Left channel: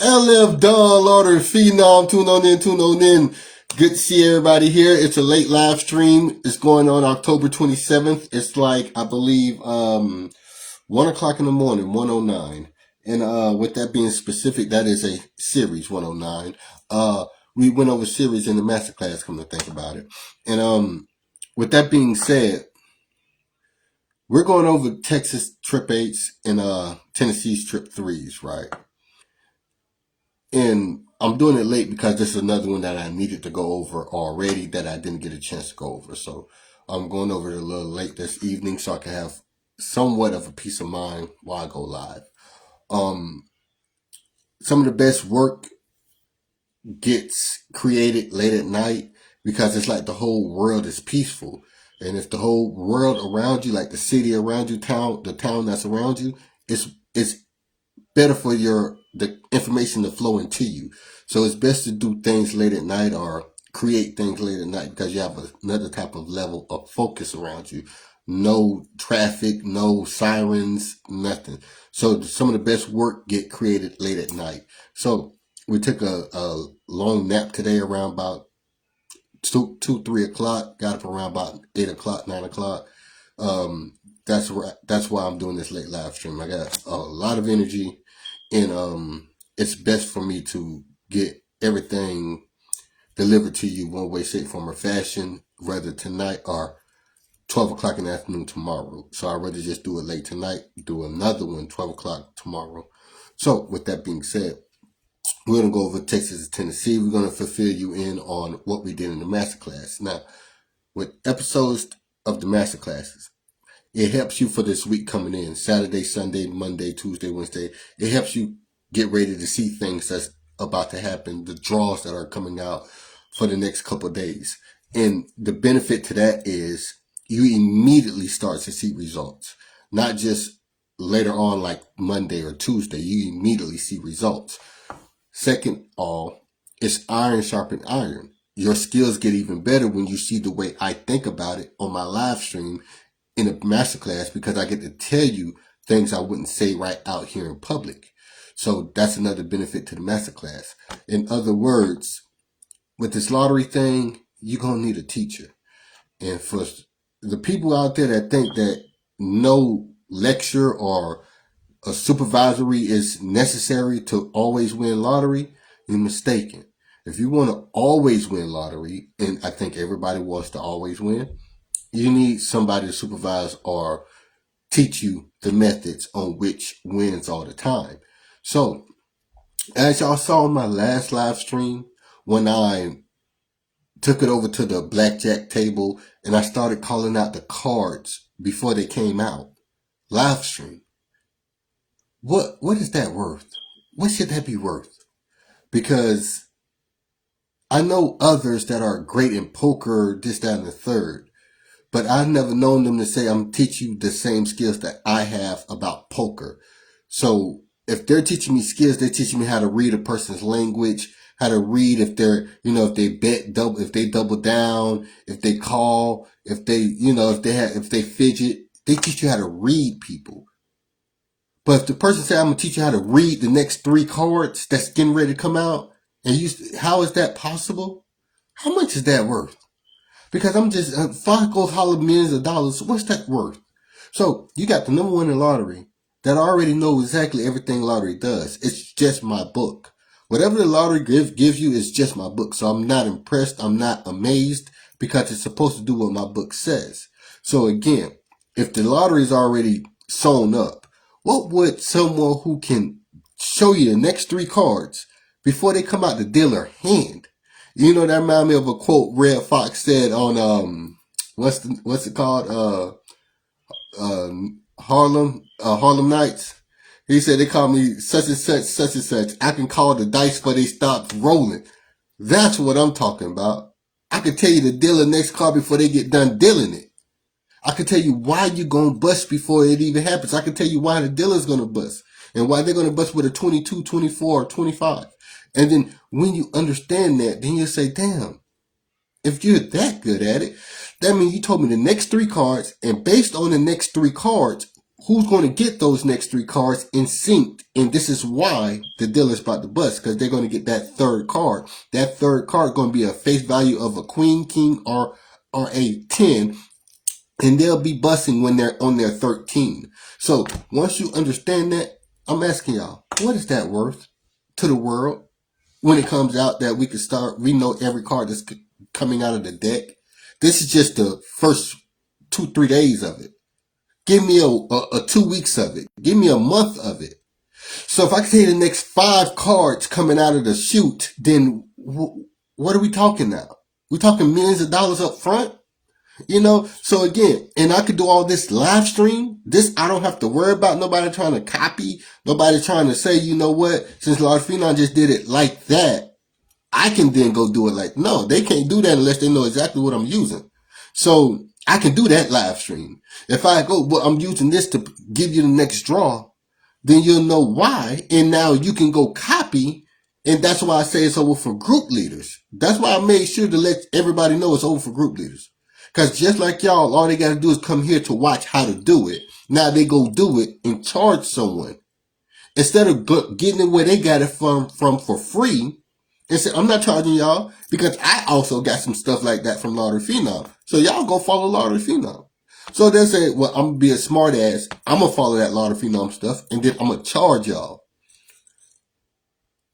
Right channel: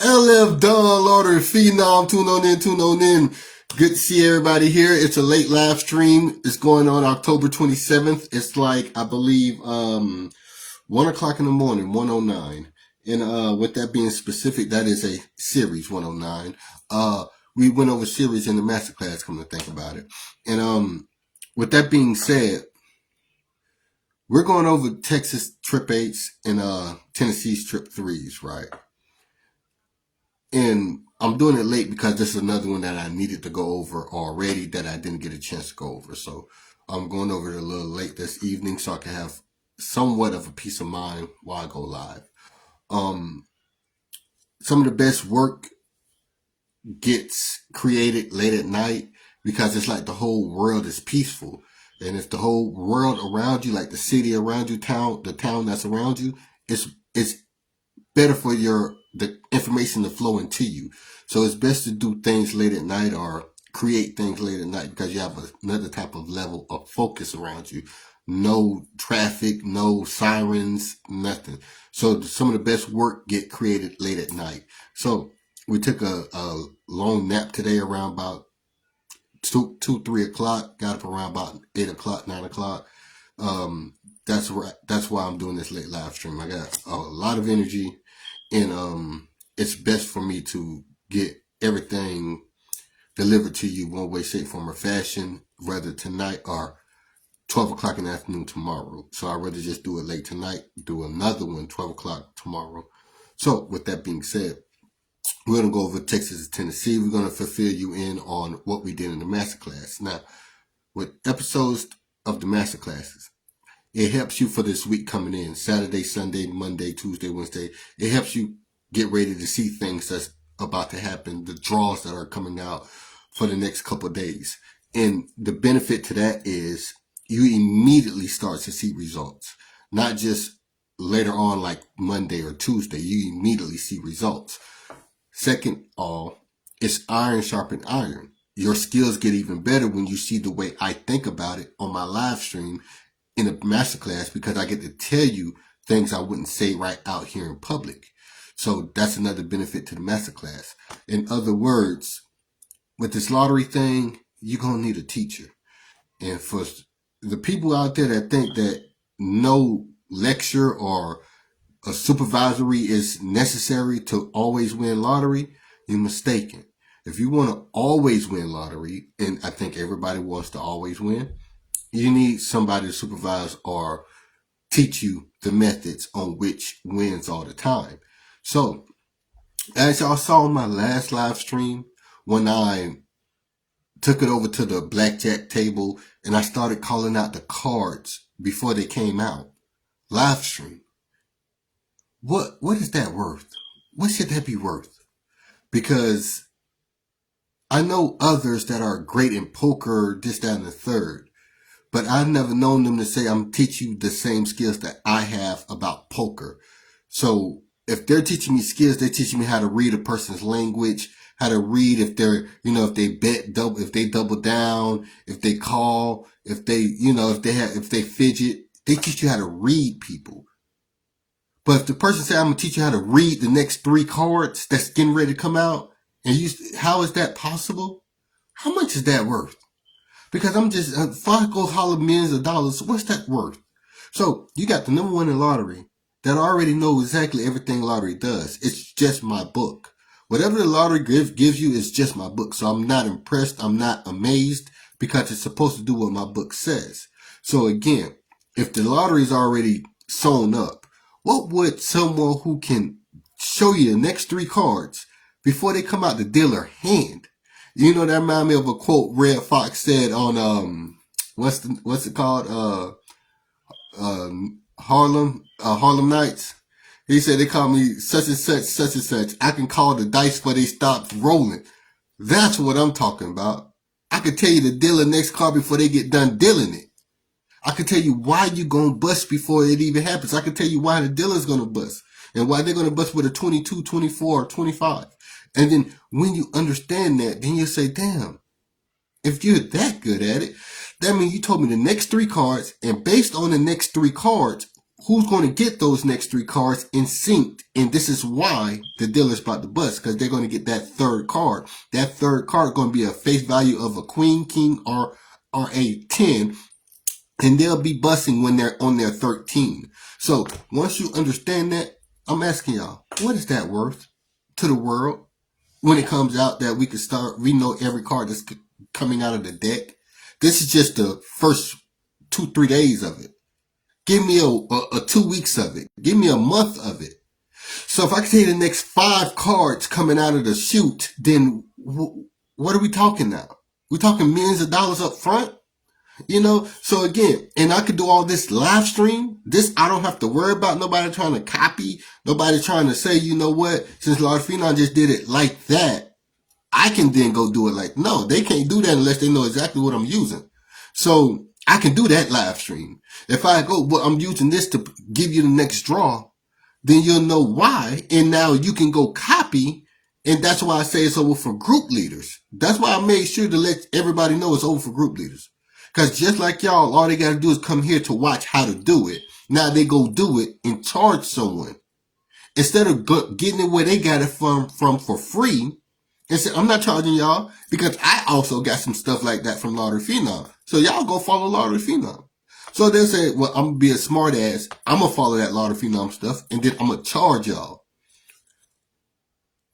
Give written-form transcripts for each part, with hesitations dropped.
LF Don, lotteryfenom, tune on in. Good to see everybody here. It's a late live stream. It's going on October 27th. It's like, I believe, 1 o'clock in the morning, 109. And with that being specific, that is a series 109. We went over series in the masterclass, come to think about it. And with that being said, we're going over Texas trip 8s and Tennessee's trip 3s, right? And I'm doing it late because this is another one that I needed to go over already that I didn't get a chance to go over. So I'm going over it a little late this evening so I can have somewhat of a peace of mind while I go live. Some of the best work gets created late at night because it's like the whole world is peaceful. And if the whole world around you, like the city around you, the town that's around you, it's better for the information to flow into you. So it's best to do things late at night or create things late at night because you have another type of level of focus around you. No traffic, no sirens, nothing. So some of the best work get created late at night. So we took a long nap today around about 3 o'clock. Got up around about 8 o'clock, 9 o'clock. That's why I'm doing this late live stream. I got a lot of energy. And it's best for me to get everything delivered to you one way, shape, form, or fashion, whether tonight or 12 o'clock in the afternoon tomorrow. So I'd rather just do it late tonight, do another one 12 o'clock tomorrow. So with that being said, we're going to go over Texas and Tennessee. We're going to fulfill you in on what we did in the masterclass. Now, with episodes of the masterclasses, it helps you for this week coming in. Saturday, Sunday, Monday, Tuesday, Wednesday. It helps you get ready to see things that's about to happen, the draws that are coming out for the next couple of days. And the benefit to that is you immediately start to see results. Not just later on like Monday or Tuesday. You immediately see results. Second all, it's iron sharpened iron. Your skills get even better when you see the way I think about it on my live stream in a masterclass because I get to tell you things I wouldn't say right out here in public. So that's another benefit to the masterclass. In other words, with this lottery thing, you're going to need a teacher. And for the people out there that think that no lecture or a supervisory is necessary to always win lottery, you're mistaken. If you want to always win lottery, and I think everybody wants to always win, you need somebody to supervise or teach you the methods on which wins all the time. So, as y'all saw in my last live stream, when I took it over to the blackjack table and I started calling out the cards before they came out, live stream, what is that worth? What should that be worth? Because I know others that are great in poker, this, that, and the third. But I've never known them to say, I'm teaching you the same skills that I have about poker. So if they're teaching me skills, they're teaching me how to read a person's language, how to read if they're, if they bet double, if they double down, if they call, if they, if they fidget, they teach you how to read people. But if the person say, I'm going to teach you how to read the next 3 cards that's getting ready to come out, and how is that possible? How much is that worth? Because I'm just, Fox goes holler millions of dollars. What's that worth? So you got the number one in lottery that already know exactly everything lottery does. It's just my book. Whatever the lottery gives you is just my book. So I'm not impressed. I'm not amazed because it's supposed to do what my book says. So again, if the lottery is already sewn up, what would someone who can show you the next 3 cards before they come out the dealer hand? That reminds me of a quote Red Fox said on, what's it called? Harlem Nights. He said, they call me such and such, such and such. I can call the dice before they stop rolling. That's what I'm talking about. I can tell you the dealer next card before they get done dealing it. I can tell you why you're going to bust before it even happens. I can tell you why the dealer's going to bust and why they're going to bust with a 22, 24, or 25. And then when you understand that, then you say, damn, if you're that good at it, that means you told me the next 3 cards, and based on the next 3 cards, who's going to get those next 3 cards in sync? And this is why the dealer's about to bust, because they're going to get that third card. That third card going to be a face value of a queen, king, or a 10. And they'll be busting when they're on their 13. So once you understand that, I'm asking y'all, what is that worth to the world when it comes out that we know every card that's coming out of the deck? This is just the first 2-3 days of it. Give me a 2 weeks of it. Give me a month of it. So if I can see the next 5 cards coming out of the chute, then what are we talking now? We're talking millions of dollars up front? So again, and I could do all this live stream. This, I don't have to worry about nobody trying to copy, nobody trying to say, you know what, since lotteryfenom just did it like that, I can then go do it like, no, they can't do that unless they know exactly what I'm using. So I can do that live stream. If I go, well, I'm using this to give you the next draw, then you'll know why. And now you can go copy. And that's why I say it's over for group leaders. That's why I made sure to let everybody know it's over for group leaders. Because just like y'all, all they got to do is come here to watch how to do it. Now they go do it and charge someone. Instead of getting it where they got it from for free, and say, I'm not charging y'all, because I also got some stuff like that from lotteryfenom. So y'all go follow lotteryfenom. So they say, well, I'm going to be a smart ass. I'm going to follow that lotteryfenom stuff, and then I'm going to charge y'all.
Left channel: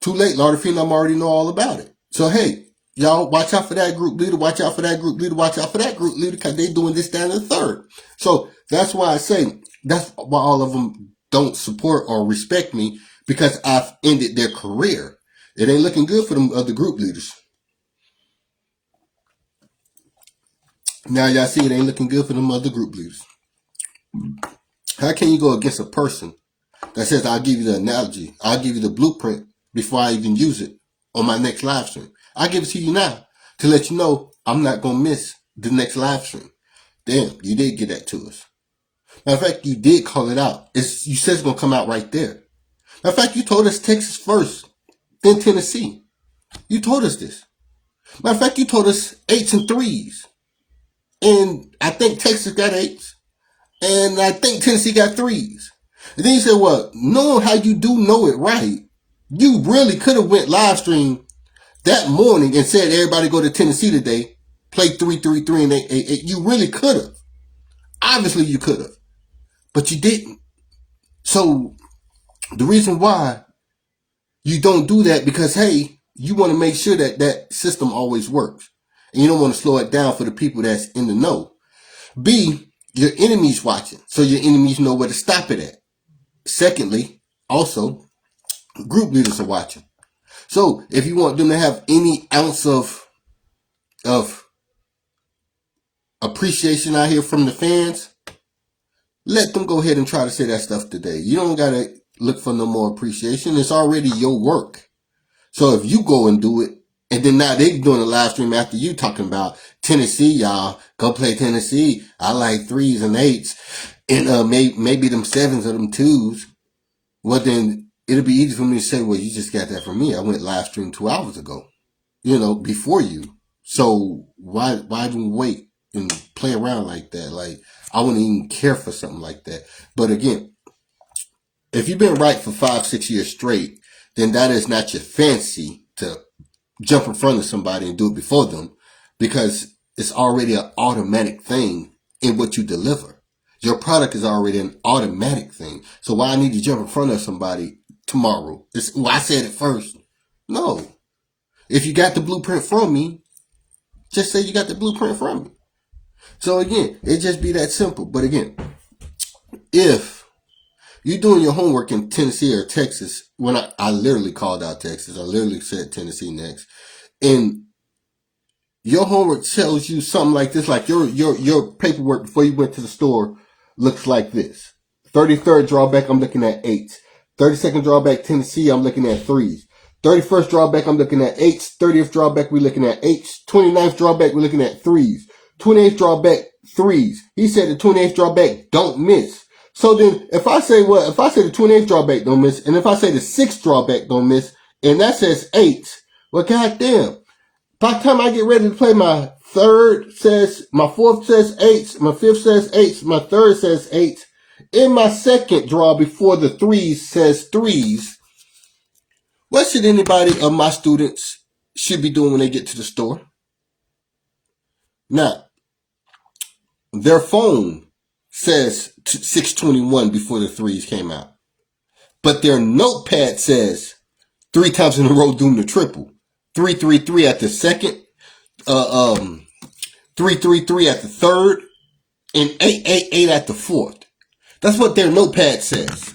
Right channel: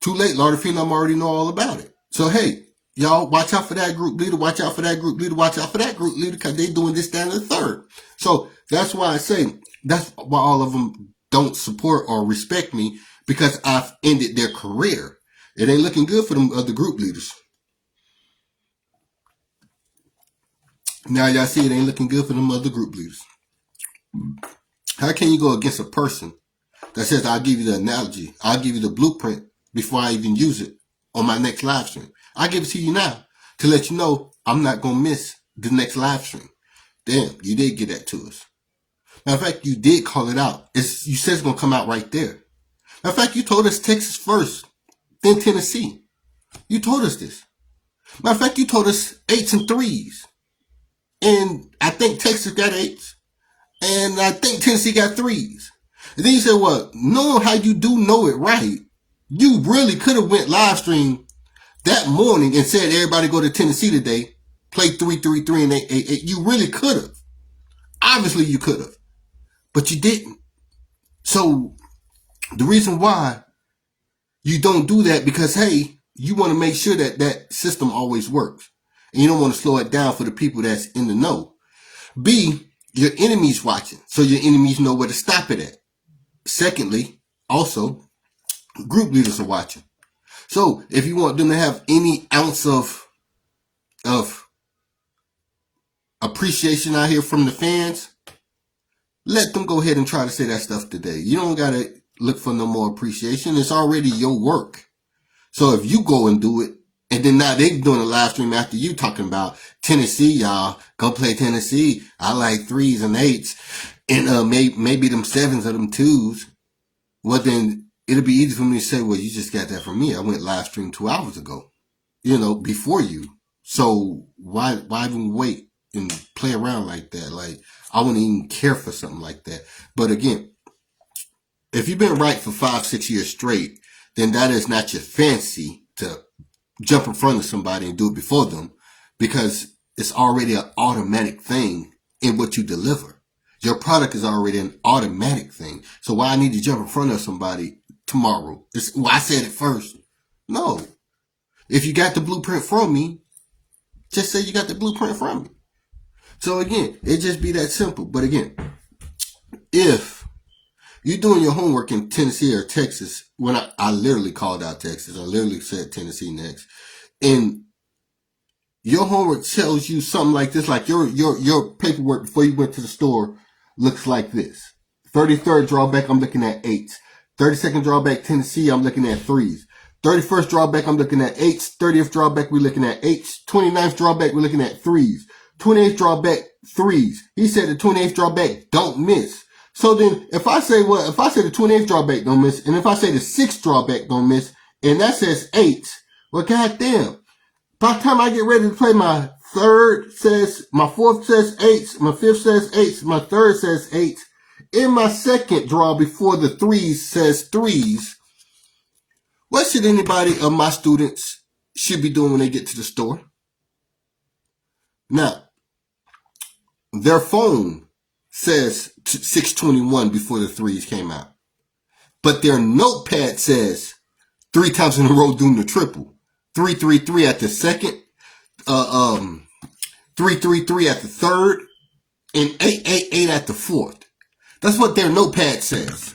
Too late, lotteryfenom already know all about it. So hey, y'all, watch out for that group leader, watch out for that group leader, watch out for that group leader, because they doing this, that, and the third. So that's why I say, that's why all of them don't support or respect me, because I've ended their career. It ain't looking good for them other group leaders. Now y'all see it ain't looking good for them other group leaders. How can you go against a person that says, I'll give you the analogy, I'll give you the blueprint before I even use it on my next live stream? I'll give it to you now to let you know I'm not going to miss the next live stream. Damn, you did get that to us. Matter of fact, you did call it out. You said it's going to come out right there. Matter of fact, you told us Texas first, then Tennessee. You told us this. Matter of fact, you told us 8s and 3s. And I think Texas got 8s. And I think Tennessee got 3s. And then you said, well, knowing how you do know it right, you really could have went live stream that morning and said, everybody go to Tennessee today, play 3, 3, 3, and 8, 8, 8. You really could have. Obviously you could have. But you didn't. So the reason why you don't do that, because, hey, you want to make sure that that system always works. And you don't want to slow it down for the people that's in the know. B, your enemies watching, so your enemies know where to stop it at. Secondly, also, group leaders are watching. So if you want them to have any ounce of appreciation out here from the fans, let them go ahead and try to say that stuff today. You don't got to look for no more appreciation. It's already your work. So if you go and do it, and then now they doing a live stream after you talking about Tennessee, y'all, go play Tennessee. I like 3s and 8s, and maybe them 7s or them 2s. Well, then it'll be easy for me to say, well, you just got that from me. I went live stream 2 hours ago, before you. So why even wait and play around like that? Like, I wouldn't even care for something like that. But again, if you've been right for 5-6 years straight, then that is not your fancy to jump in front of somebody and do it before them, because it's already an automatic thing in what you deliver. Your product is already an automatic thing. So why I need to jump in front of somebody tomorrow? I said it first. No. If you got the blueprint from me, just say you got the blueprint from me. So again, it just be that simple. But again, if you're doing your homework in Tennessee or Texas, when I literally called out Texas, I literally said Tennessee next, and your homework tells you something like this, like your paperwork before you went to the store looks like this. 33rd drawback, I'm looking at 8s. 32nd drawback, Tennessee, I'm looking at 3s. 31st drawback, I'm looking at 8s. 30th drawback, we're looking at 8s. 29th drawback, we're looking at 3s. 28th drawback, 3s. He said the 28th drawback don't miss. So then, if I say the 28th drawback don't miss, and if I say the 6th drawback don't miss, and that says 8s, well, goddamn. By the time I get ready to play, my 4th says 8s, my 5th says 8s, my 3rd says 8s, in my second draw before the threes says threes, what should anybody of my students should be doing when they get to the store? Now, their phone says 621 before the threes came out. But their notepad says 3 times in a row doing the triple. 333 at the second, 333 at the third, and 888 at the fourth. That's what their notepad says.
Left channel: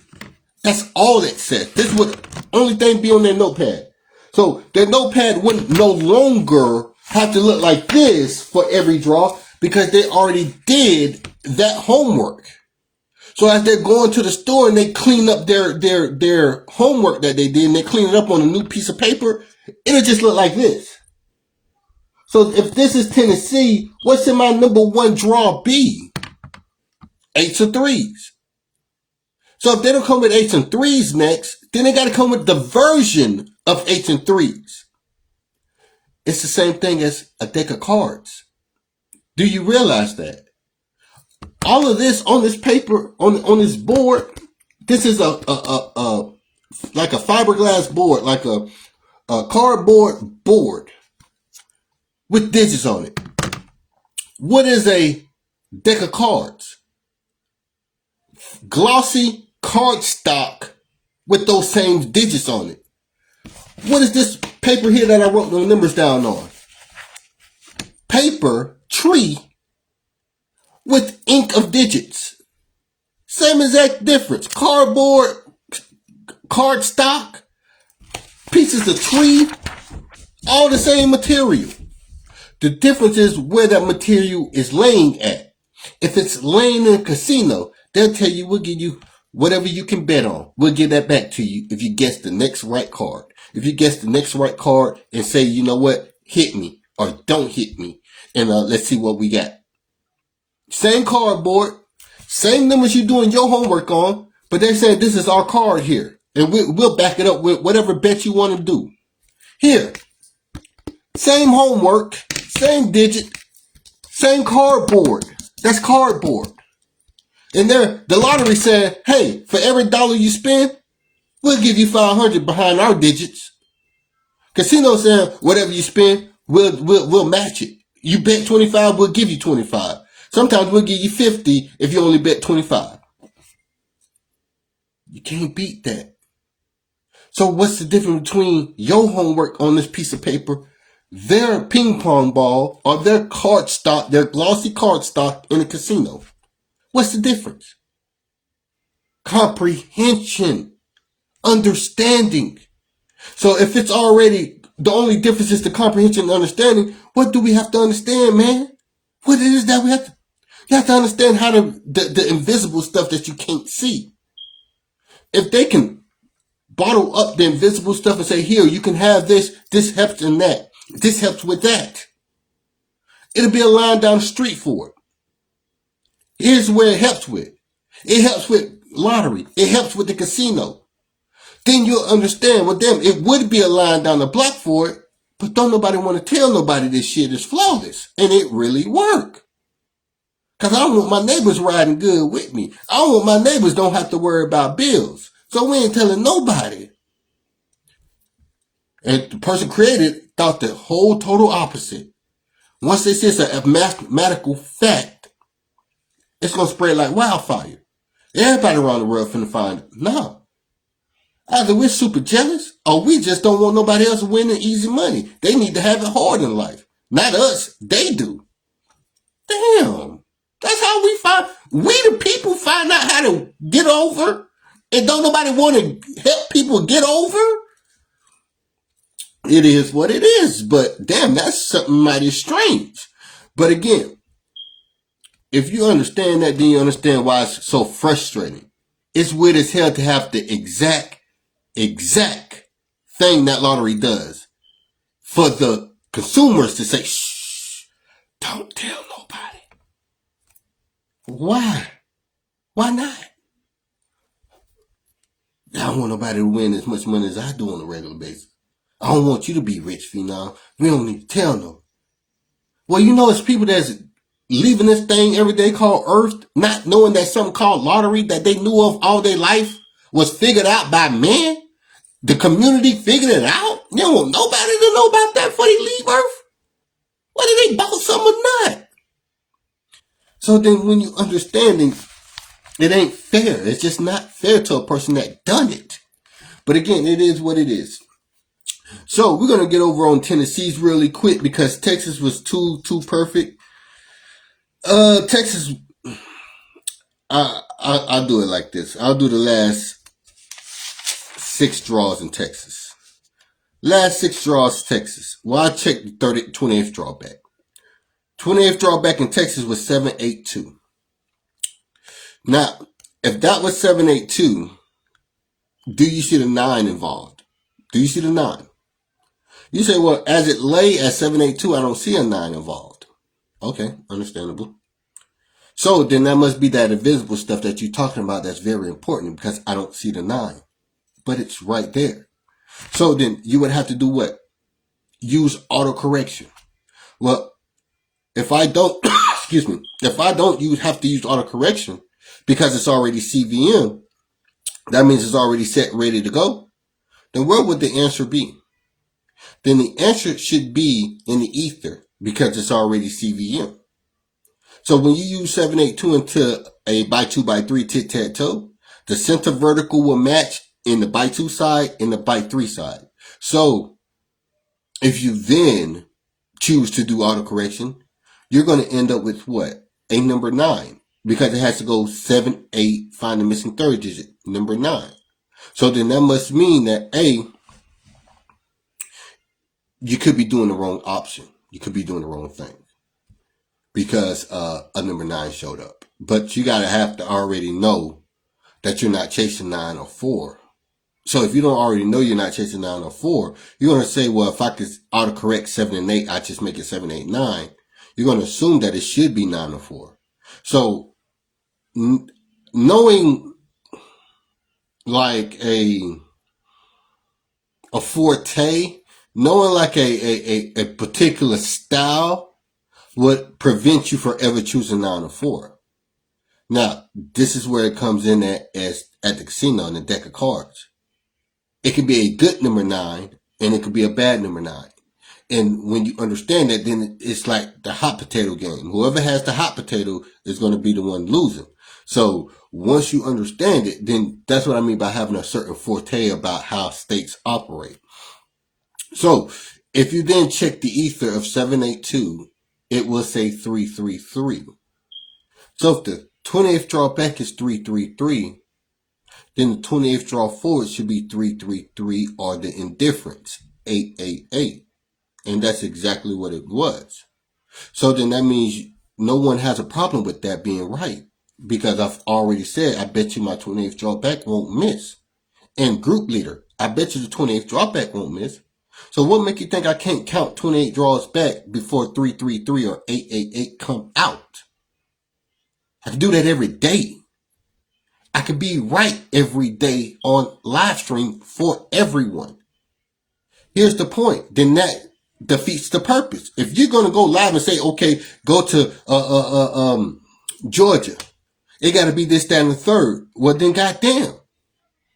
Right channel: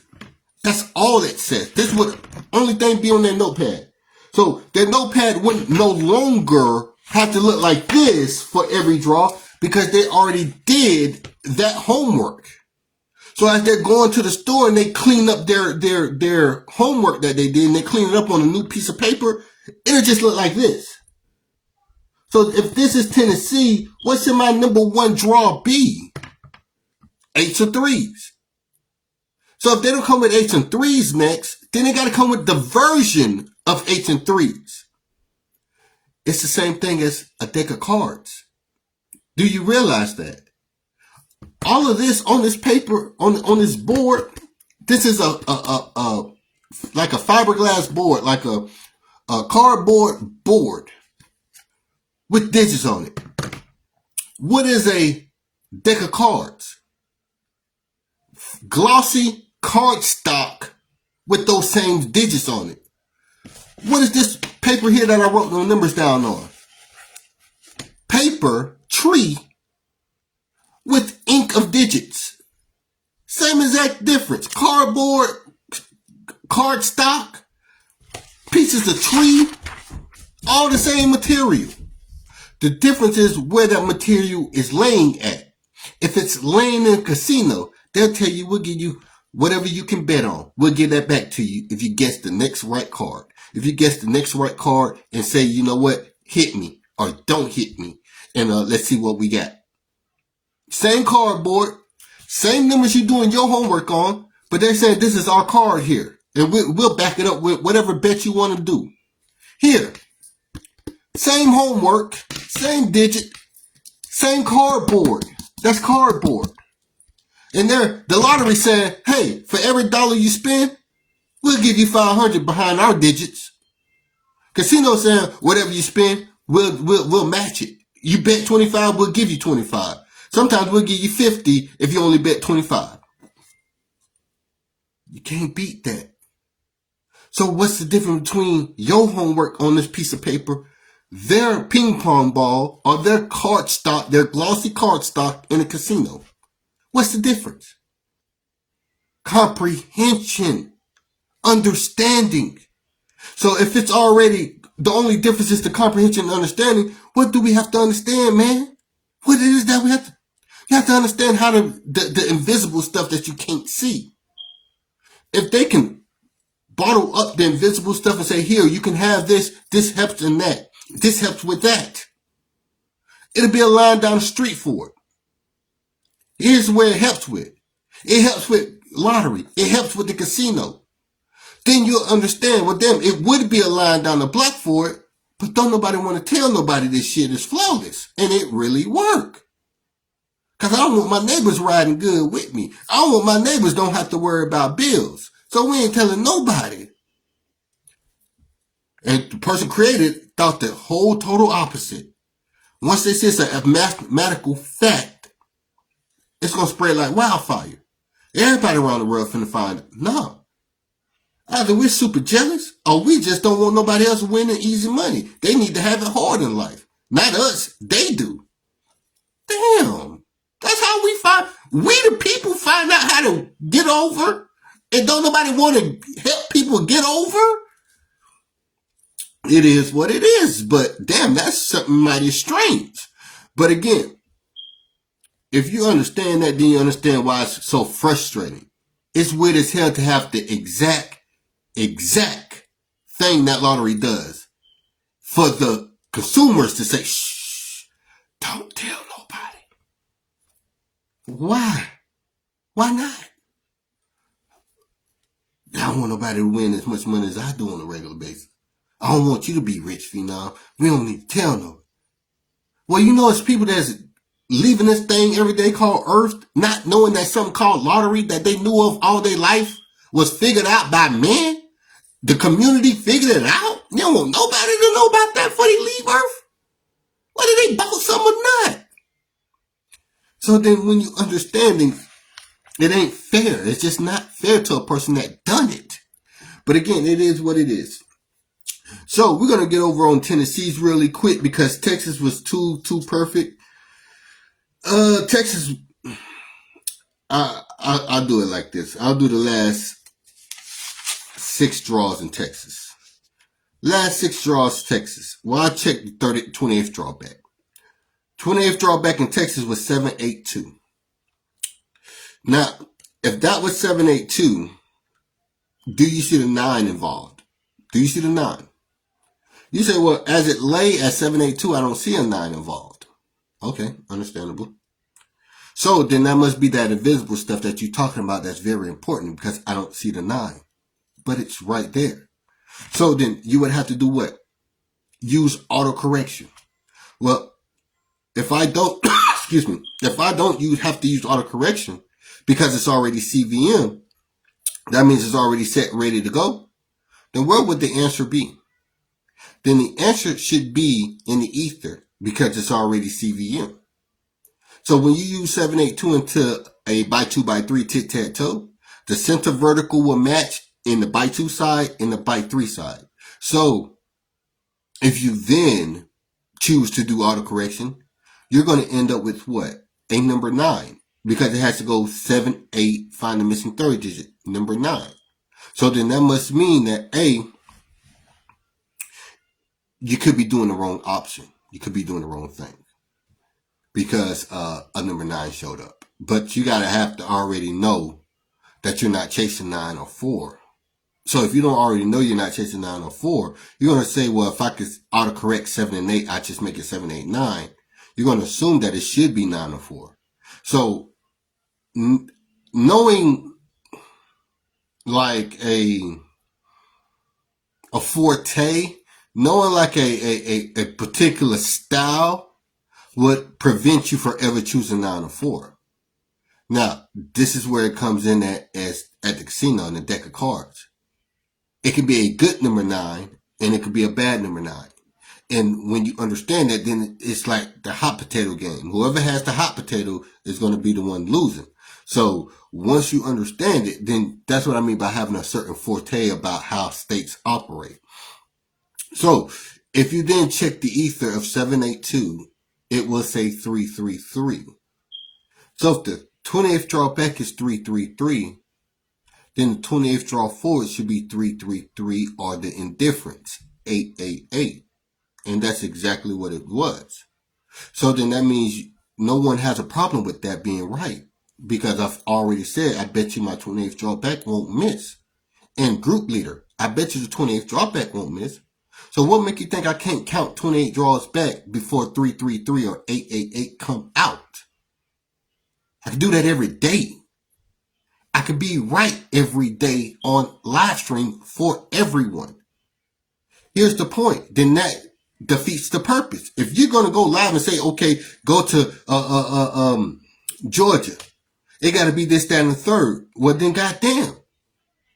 That's all it says. This would only thing be on their notepad. So their notepad wouldn't no longer have to look like this for every draw because they already did that homework. So as they're going to the store and they clean up their homework that they did and they clean it up on a new piece of paper, it'll just look like this. So if this is Tennessee, what should my number one draw be? 8s or 3s. So if they don't come with 8s and 3s next, then they got to come with the version of 8s and 3s. It's the same thing as a deck of cards. Do you realize that? All of this on this paper, on this board, this is like a fiberglass board, like a cardboard board with digits on it. What is a deck of cards? Glossy cardstock with those same digits on it. What is this paper here that I wrote the numbers down on? Paper tree with ink of digits. Same exact difference. Cardboard, cardstock, pieces of tree, all the same material. The difference is where that material is laying at. If it's laying in a casino, they'll tell you, we'll give you whatever you can bet on. We'll give that back to you if you guess the next right card. If you guess the next right card and say, you know what, hit me or don't hit me. And let's see what we got. Same cardboard, same numbers you're doing your homework on, but they're saying this is our card here. And we'll back it up with whatever bet you want to do. Here, same homework, same digit, same cardboard. That's cardboard. And the lottery saying, hey, for every dollar you spend, we'll give you 500 behind our digits. Casino saying, whatever you spend, we'll match it. You bet 25, we'll give you 25. Sometimes we'll give you 50 if you only bet 25. You can't beat that. So what's the difference between your homework on this piece of paper, their ping pong ball, or their card stock, their glossy card stock in a casino? What's the difference? Comprehension. Understanding. So if it's already, the only difference is the comprehension and understanding, what do we have to understand, man? What it is that we have to, you have to understand how the invisible stuff that you can't see. If they can bottle up the invisible stuff and say, here, you can have this helps in that, this helps with that. It'll be a line down the street for it. Here's where it helps with. It helps with lottery. It helps with the casino. Then you'll understand with them, it would be a line down the block for it, but don't nobody want to tell nobody this shit is flawless. And it really work. Because I don't want my neighbors riding good with me. I don't want my neighbors don't have to worry about bills. So we ain't telling nobody. And the person created thought the whole total opposite. Once they say it's a mathematical fact, it's going to spread like wildfire. Everybody around the world finna find it. No. Either we're super jealous or we just don't want nobody else winning easy money. They need to have it hard in life. Not us. They do. Damn. That's how we the people find out how to get over and don't nobody want to help people get over. It is what it is, but damn, that's something mighty strange. But again, if you understand that, then you understand why it's so frustrating. It's weird as hell to have the exact thing that lottery does for the consumers to say, shh, don't tell nobody. Why? Why not? I don't want nobody to win as much money as I do on a regular basis. I don't want you to be rich, Fenom. We don't need to tell nobody. Well, you know, it's people that's leaving this thing every day called Earth, not knowing that something called lottery that they knew of all their life was figured out by men? The community figured it out? You don't want nobody to know about that before they leave Earth? Why did they bought something or not? So then when you understanding, it ain't fair. It's just not fair to a person that done it. But again, it is what it is. So we're going to get over on Tennessee's really quick because Texas was too perfect. Texas, I'll do it like this. I'll do the last 6 draws in Texas. Last 6 draws, Texas. Well, I checked the 28th draw back. 28th draw back in Texas was 782. Now, if that was 782, do you see the 9 involved? Do you see the 9? You say, well, as it lay at 782, I don't see a 9 involved. Okay, understandable. So then that must be that invisible stuff that you're talking about that's very important because I don't see the 9. But it's right there. So then you would have to do what? Use autocorrection. Well, if I don't, excuse me, if I don't have to use autocorrection because it's already CVM, that means it's already set, ready to go, then what would the answer be? Then the answer should be in the ether because it's already CVM. So when you use 782 into a by 2 by 3 tic-tac-toe, the center vertical will match in the by 2 side and the by 3 side. So if you then choose to do autocorrection, you're going to end up with what? A number 9 because it has to go 7, 8, find the missing third digit, number 9. So then that must mean that A, you could be doing the wrong option. You could be doing the wrong thing because a number 9 showed up. But you got to have to already know that you're not chasing 9 or 4. So if you don't already know you're not chasing 9 or 4, you're going to say, well, if I could autocorrect 7 and 8, I just make it 7, 8, 9. You're going to assume that it should be 9 or 4. So knowing like a forte, knowing like a particular style would prevent you from ever choosing 9 or 4. Now, this is where it comes in at the casino in the deck of cards. It can be a good number 9 and it could be a bad number 9. And when you understand that, then it's like the hot potato game. Whoever has the hot potato is going to be the one losing. So once you understand it, then that's what I mean by having a certain forte about how states operate. So if you then check the ether of 782, it will say 333. So if the 28th draw back is 333, then the 28th draw forward should be 333 or the indifference, 888. And that's exactly what it was. So then that means no one has a problem with that being right. Because I've already said, I bet you my 28th draw back won't miss. And group leader, I bet you the 28th draw back won't miss. So what make you think I can't count 28 draws back before 333 or 888 come out? I can do that every day. I can be right every day on live stream for everyone. Here's the point. Then that defeats the purpose. If you're going to go live and say, okay, go to Georgia, it got to be this, that, and the third. Well, then goddamn,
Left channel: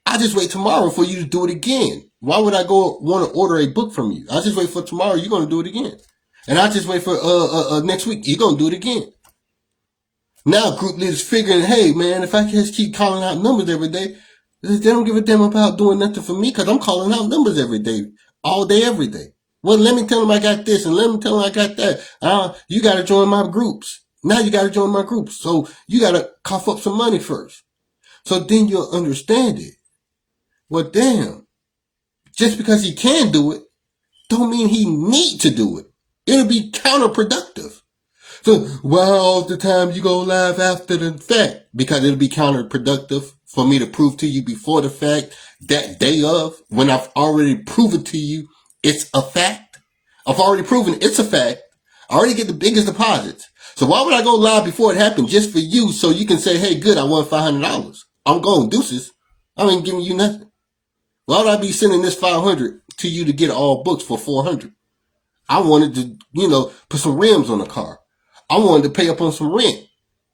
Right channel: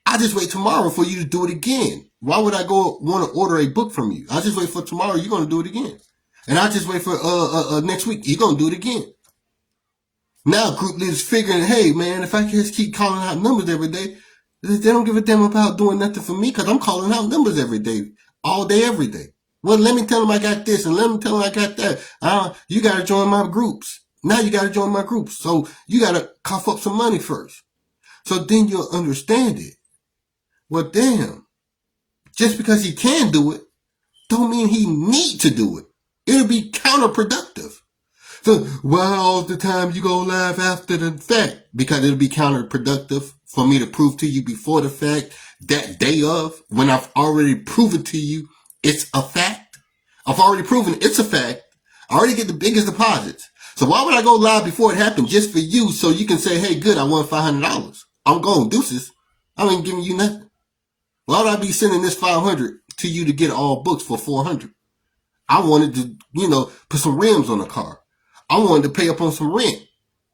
I just wait tomorrow for you to do it again. Why would I go want to order a book from you? I just wait for tomorrow. You're going to do it again. And I just wait for next week. You're going to do it again. Now group leaders figuring, hey man, if I just keep calling out numbers every day, they don't give a damn about doing nothing for me because I'm calling out numbers every day, all day, every day. Well, let me tell them I got this and let me tell them I got that. You got to join my groups. Now you got to join my groups. So you got to cough up some money first. So then you'll understand it. Well, damn, just because he can do it, don't mean he need to do it. It'll be counterproductive. So why all the time you go live after the fact? Because it'll be counterproductive for me to prove to you before the fact that day of when I've already proven to you it's a fact. I've already proven it's a fact. I already get the biggest deposits. So why would I go live before it happened just for you so you can say, hey, good, I won $500. I'm going deuces. I ain't giving you nothing. Why would I be sending this 500 to you to get all books for 400? I wanted to, put some rims on the car. I wanted to pay up on some rent.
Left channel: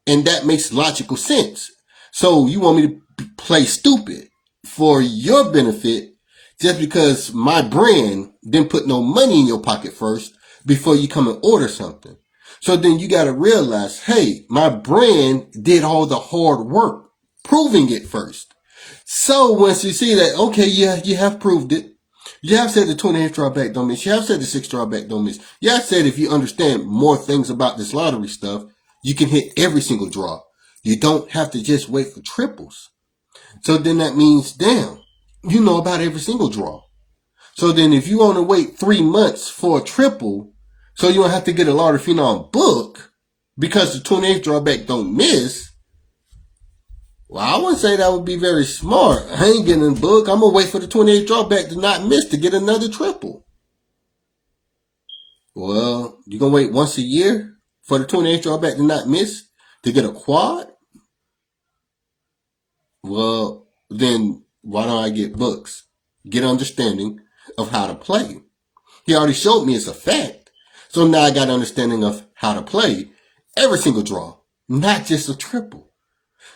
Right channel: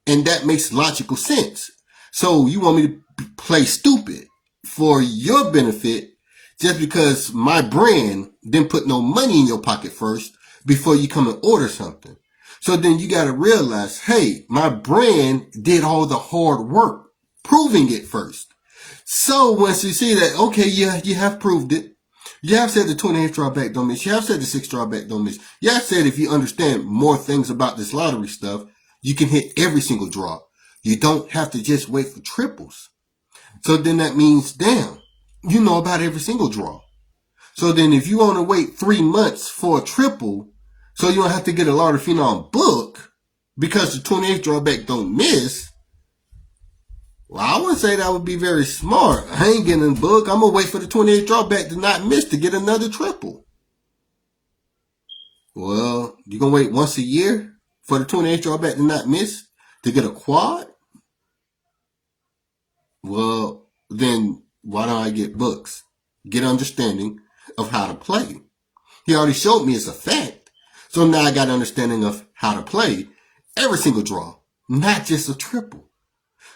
And that makes logical sense. So you want me to play stupid for your benefit just because my brand didn't put no money in your pocket first before you come and order something. So then you got to realize, hey, my brand did all the hard work proving it first. So once you see that, okay, yeah, you have proved it. You have said the 20th drawback don't miss. You have said the 6th drawback don't miss. You have said if you understand more things about this lottery stuff, you can hit every single draw. You don't have to just wait for triples. So then that means, damn, you know about every single draw. So then if you want to wait 3 months for a triple, so you don't have to get a lottery phenom book because the 28th drawback don't miss, well, I wouldn't say that would be very smart. I ain't getting a book. I'm going to wait for the 28th drawback to not miss to get another triple. Well, you're going to wait once a year for the 28th drawback to not miss to get a quad? Well, then why don't I get books? Get understanding of how to play. He already showed me it's a fact. So now I got understanding of how to play every single draw, not just a triple.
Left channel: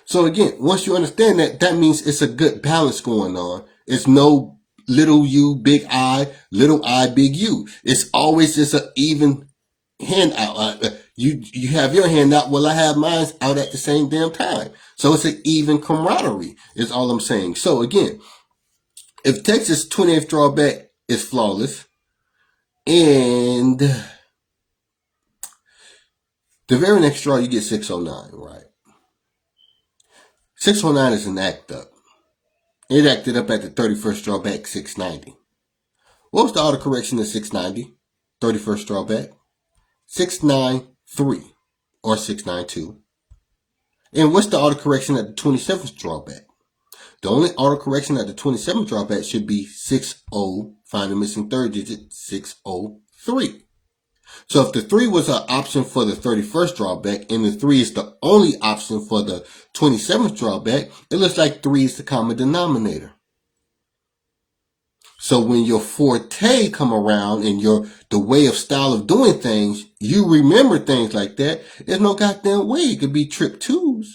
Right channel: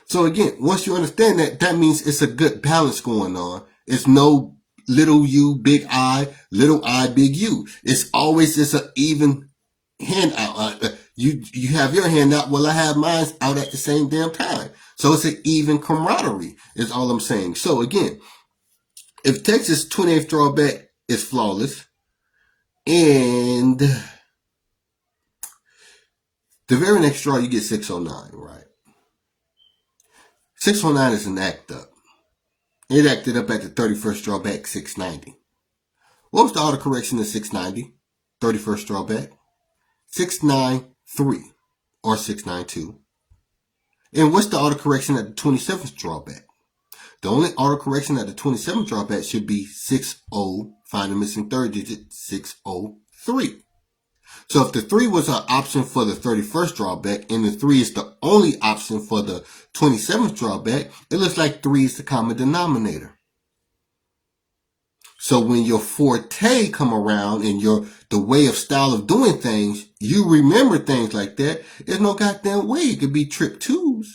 So again, once you understand that, that means it's a good balance going on. It's no little U, big I, little I, big U. It's always just an even hand out. You have your hand out, well, I have mine out at the same damn time. So it's an even camaraderie, is all I'm saying. So again, if Texas 20th drawback is flawless, and the very next draw you get 609, right? 609 is an act up. It acted up at the 31st drawback, 690. What was the autocorrection of 690? 31st drawback? 693 or 692. And what's the autocorrection at the 27th drawback? The only autocorrection at the 27th drawback should be 60, find the missing third digit, 603. So if the 3 was an option for the 31st drawback and the 3 is the only option for the 27th drawback, it looks like 3 is the common denominator. So when your forte come around and the way of style of doing things, you remember things like that. There's no goddamn way it could be trip 2s.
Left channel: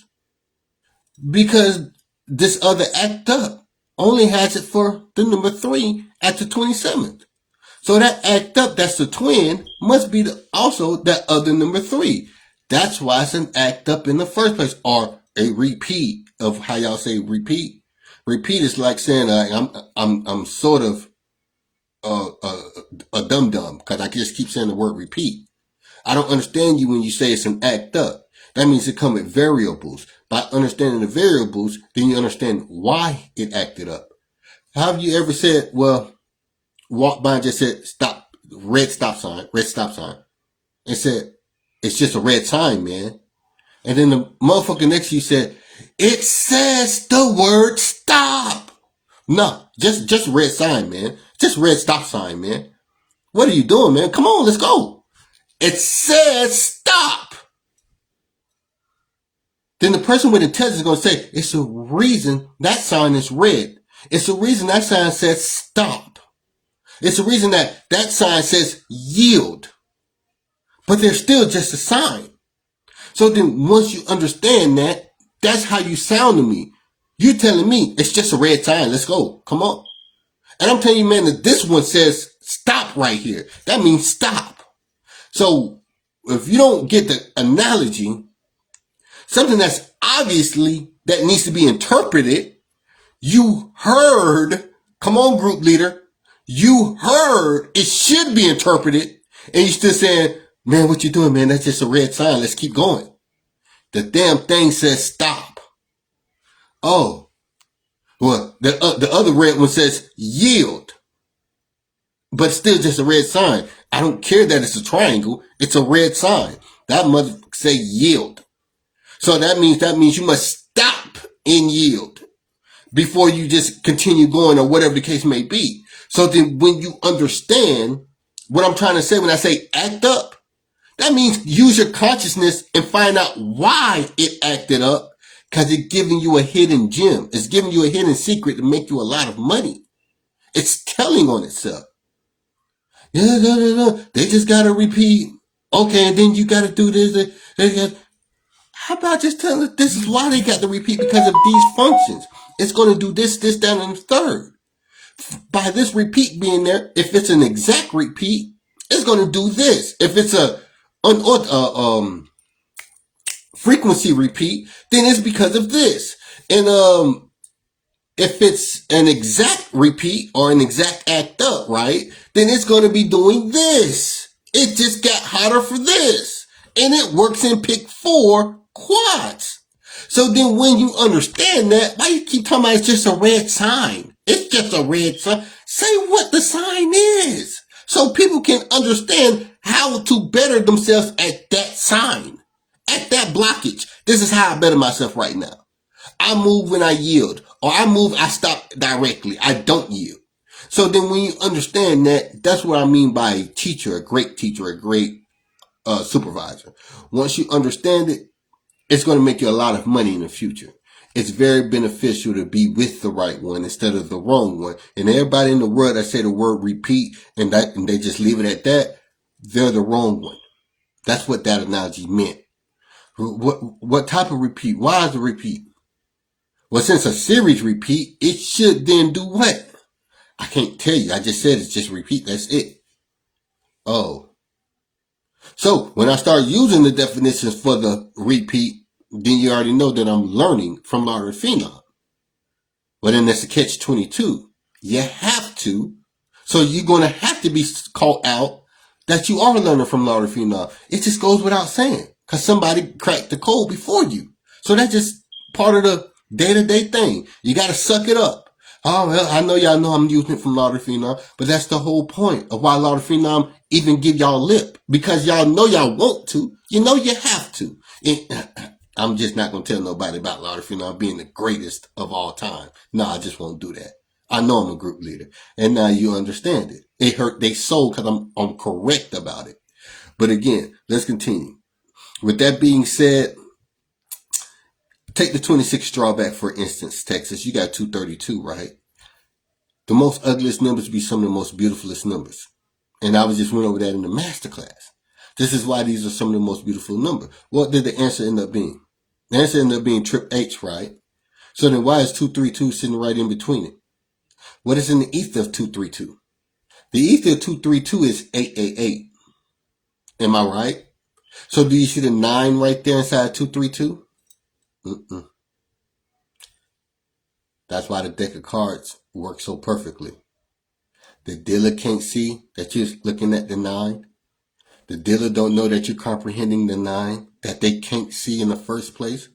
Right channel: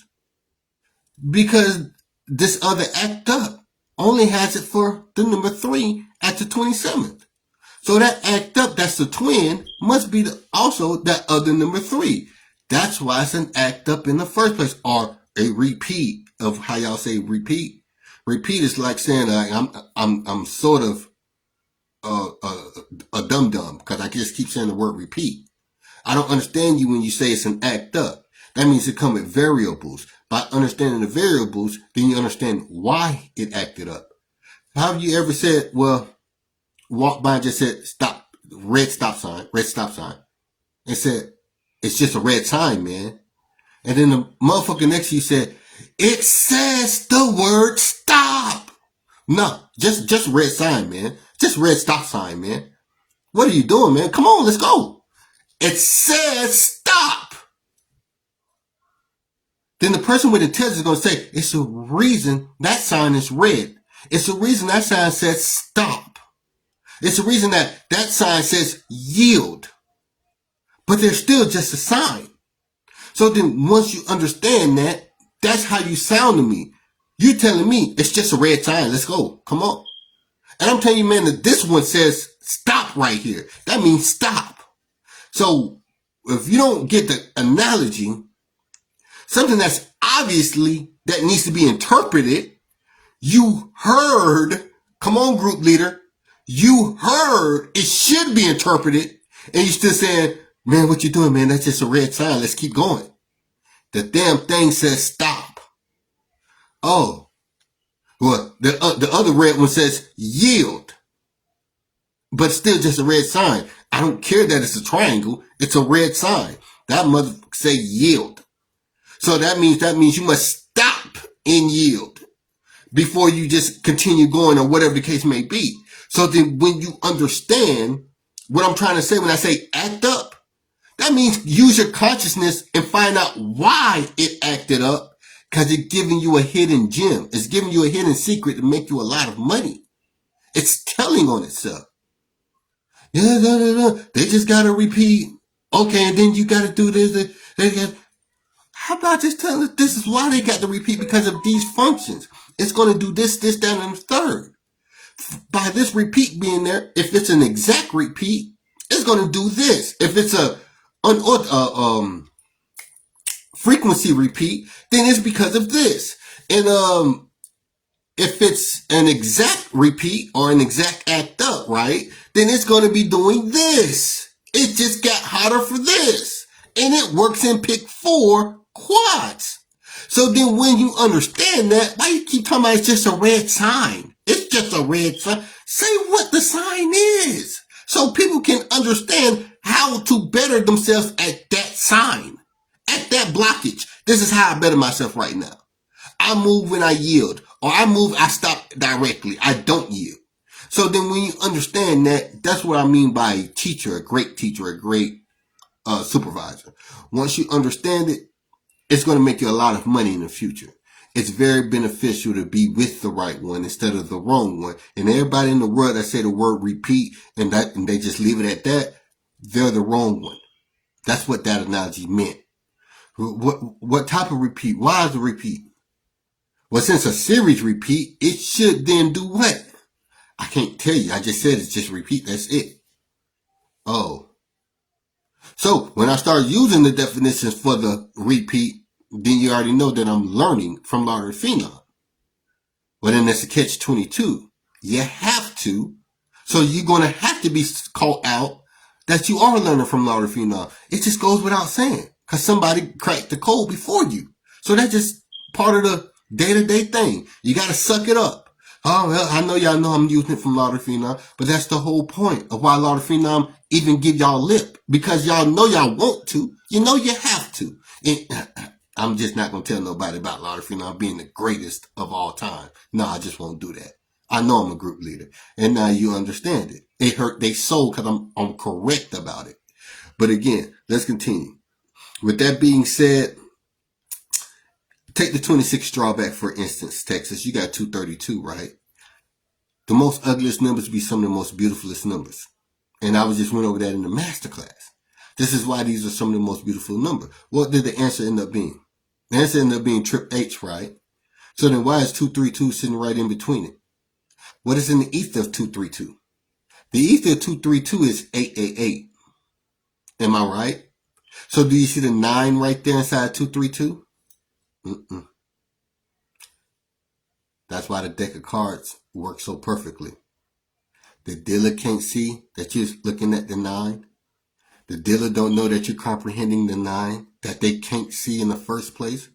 Because this other act up only has it for the number 3 at the 27th. So that act up, that's the twin, must be also that other number 3. That's why it's an act up in the first place, or a repeat of how y'all say repeat. Repeat is like saying I'm sort of a dum-dum because I just keep saying the word repeat. I don't understand you when you say it's an act up. That means it comes with variables. By understanding the variables, then you understand why it acted up. Have you ever said, well, walked by and just said, stop, red stop sign, and said, it's just a red sign, man. And then the motherfucker next to you said, it says the word stop. No, just red sign, man. Just red stop sign, man. What are you doing, man? Come on, let's go. It says stop. Then the person with intelligence is going to say, it's a reason that sign is red. It's a reason that sign says stop. It's a reason that sign says yield. But they're still just a sign. So then once you understand that, that's how you sound to me. You're telling me it's just a red sign. Let's go. Come on. And I'm telling you, man, that this one says stop right here. That means stop. So if you don't get the analogy, something that's obviously that needs to be interpreted, you heard, come on, group leader, you heard it should be interpreted, and you're still saying, man, what you doing, man? That's just a red sign. Let's keep going. The damn thing says stop. Oh, well, the other red one says yield, but still just a red sign. I don't care that it's a triangle. It's a red sign. That motherfucker say yield. So that means you must stop and yield before you just continue going or whatever the case may be. So then when you understand what I'm trying to say when I say act up, that means use your consciousness and find out why it acted up, because it's giving you a hidden gem. It's giving you a hidden secret to make you a lot of money. It's telling on itself. Yeah, they just got to repeat. Okay, and then you got to do this. How about just telling us this is why they got to repeat because of these functions? It's going to do this, this, that, and the third. By this repeat being there, if it's an exact repeat, it's going to do this. If it's a frequency repeat, then it's because of this. And if it's an exact repeat or an exact act up, right, then it's going to be doing this. It just got hotter for this. And it works in pick 4 quads. So then when you understand that, why you keep talking about it's just a red sign? It's just a red sign. Say what the sign is. So people can understand how to better themselves at that sign. At that blockage. This is how I better myself right now. I move when I yield. Or I move, I stop directly. I don't yield. So then when you understand that, that's what I mean by a teacher, a great supervisor. Once you understand it, it's going to make you a lot of money in the future. It's very beneficial to be with the right one instead of the wrong one. And everybody in the world that say the word repeat and they just leave it at that, they're the wrong one. That's what that analogy meant. What type of repeat? Why is a repeat? Well, since a series repeat, it should then do what? I can't tell you. I just said it's just repeat. That's it. Oh. So when I start using the definitions for the repeat, then you already know that I'm learning from lotteryfenom. But then that's a catch-22. You have to. So you're going to have to be called out that you are learning from lotteryfenom. It just goes without saying because somebody cracked the code before you. So that's just part of the day-to-day thing. You got to suck it up. Oh, well, I know y'all know I'm using it from lotteryfenom, but that's the whole point of why lotteryfenom even give y'all lip. Because y'all know y'all want to. You know you have to. And I'm just not going to tell nobody about lotteryfenom being the greatest of all time. No, I just won't do that. I know I'm a group leader. And now you understand it. It hurt their soul because I'm correct about it. But again, let's continue. With that being said, take the 26 drawback, for instance, Texas. You got 232, right? The most ugliest numbers be some of the most beautifulest numbers. And I just went over that in the masterclass. This is why these are some of the most beautiful numbers. What did the answer end up being? The answer ended up being trip H, right? So then why is 232 sitting right in between it? What is in the ether of 232? The ether of 232 is 888. Am I right? So do you see the 9 right there inside 232? That's why the deck of cards works so perfectly. The dealer can't see that you're looking at the 9. The dealer don't know that you're comprehending the 9 that they can't see in the first place.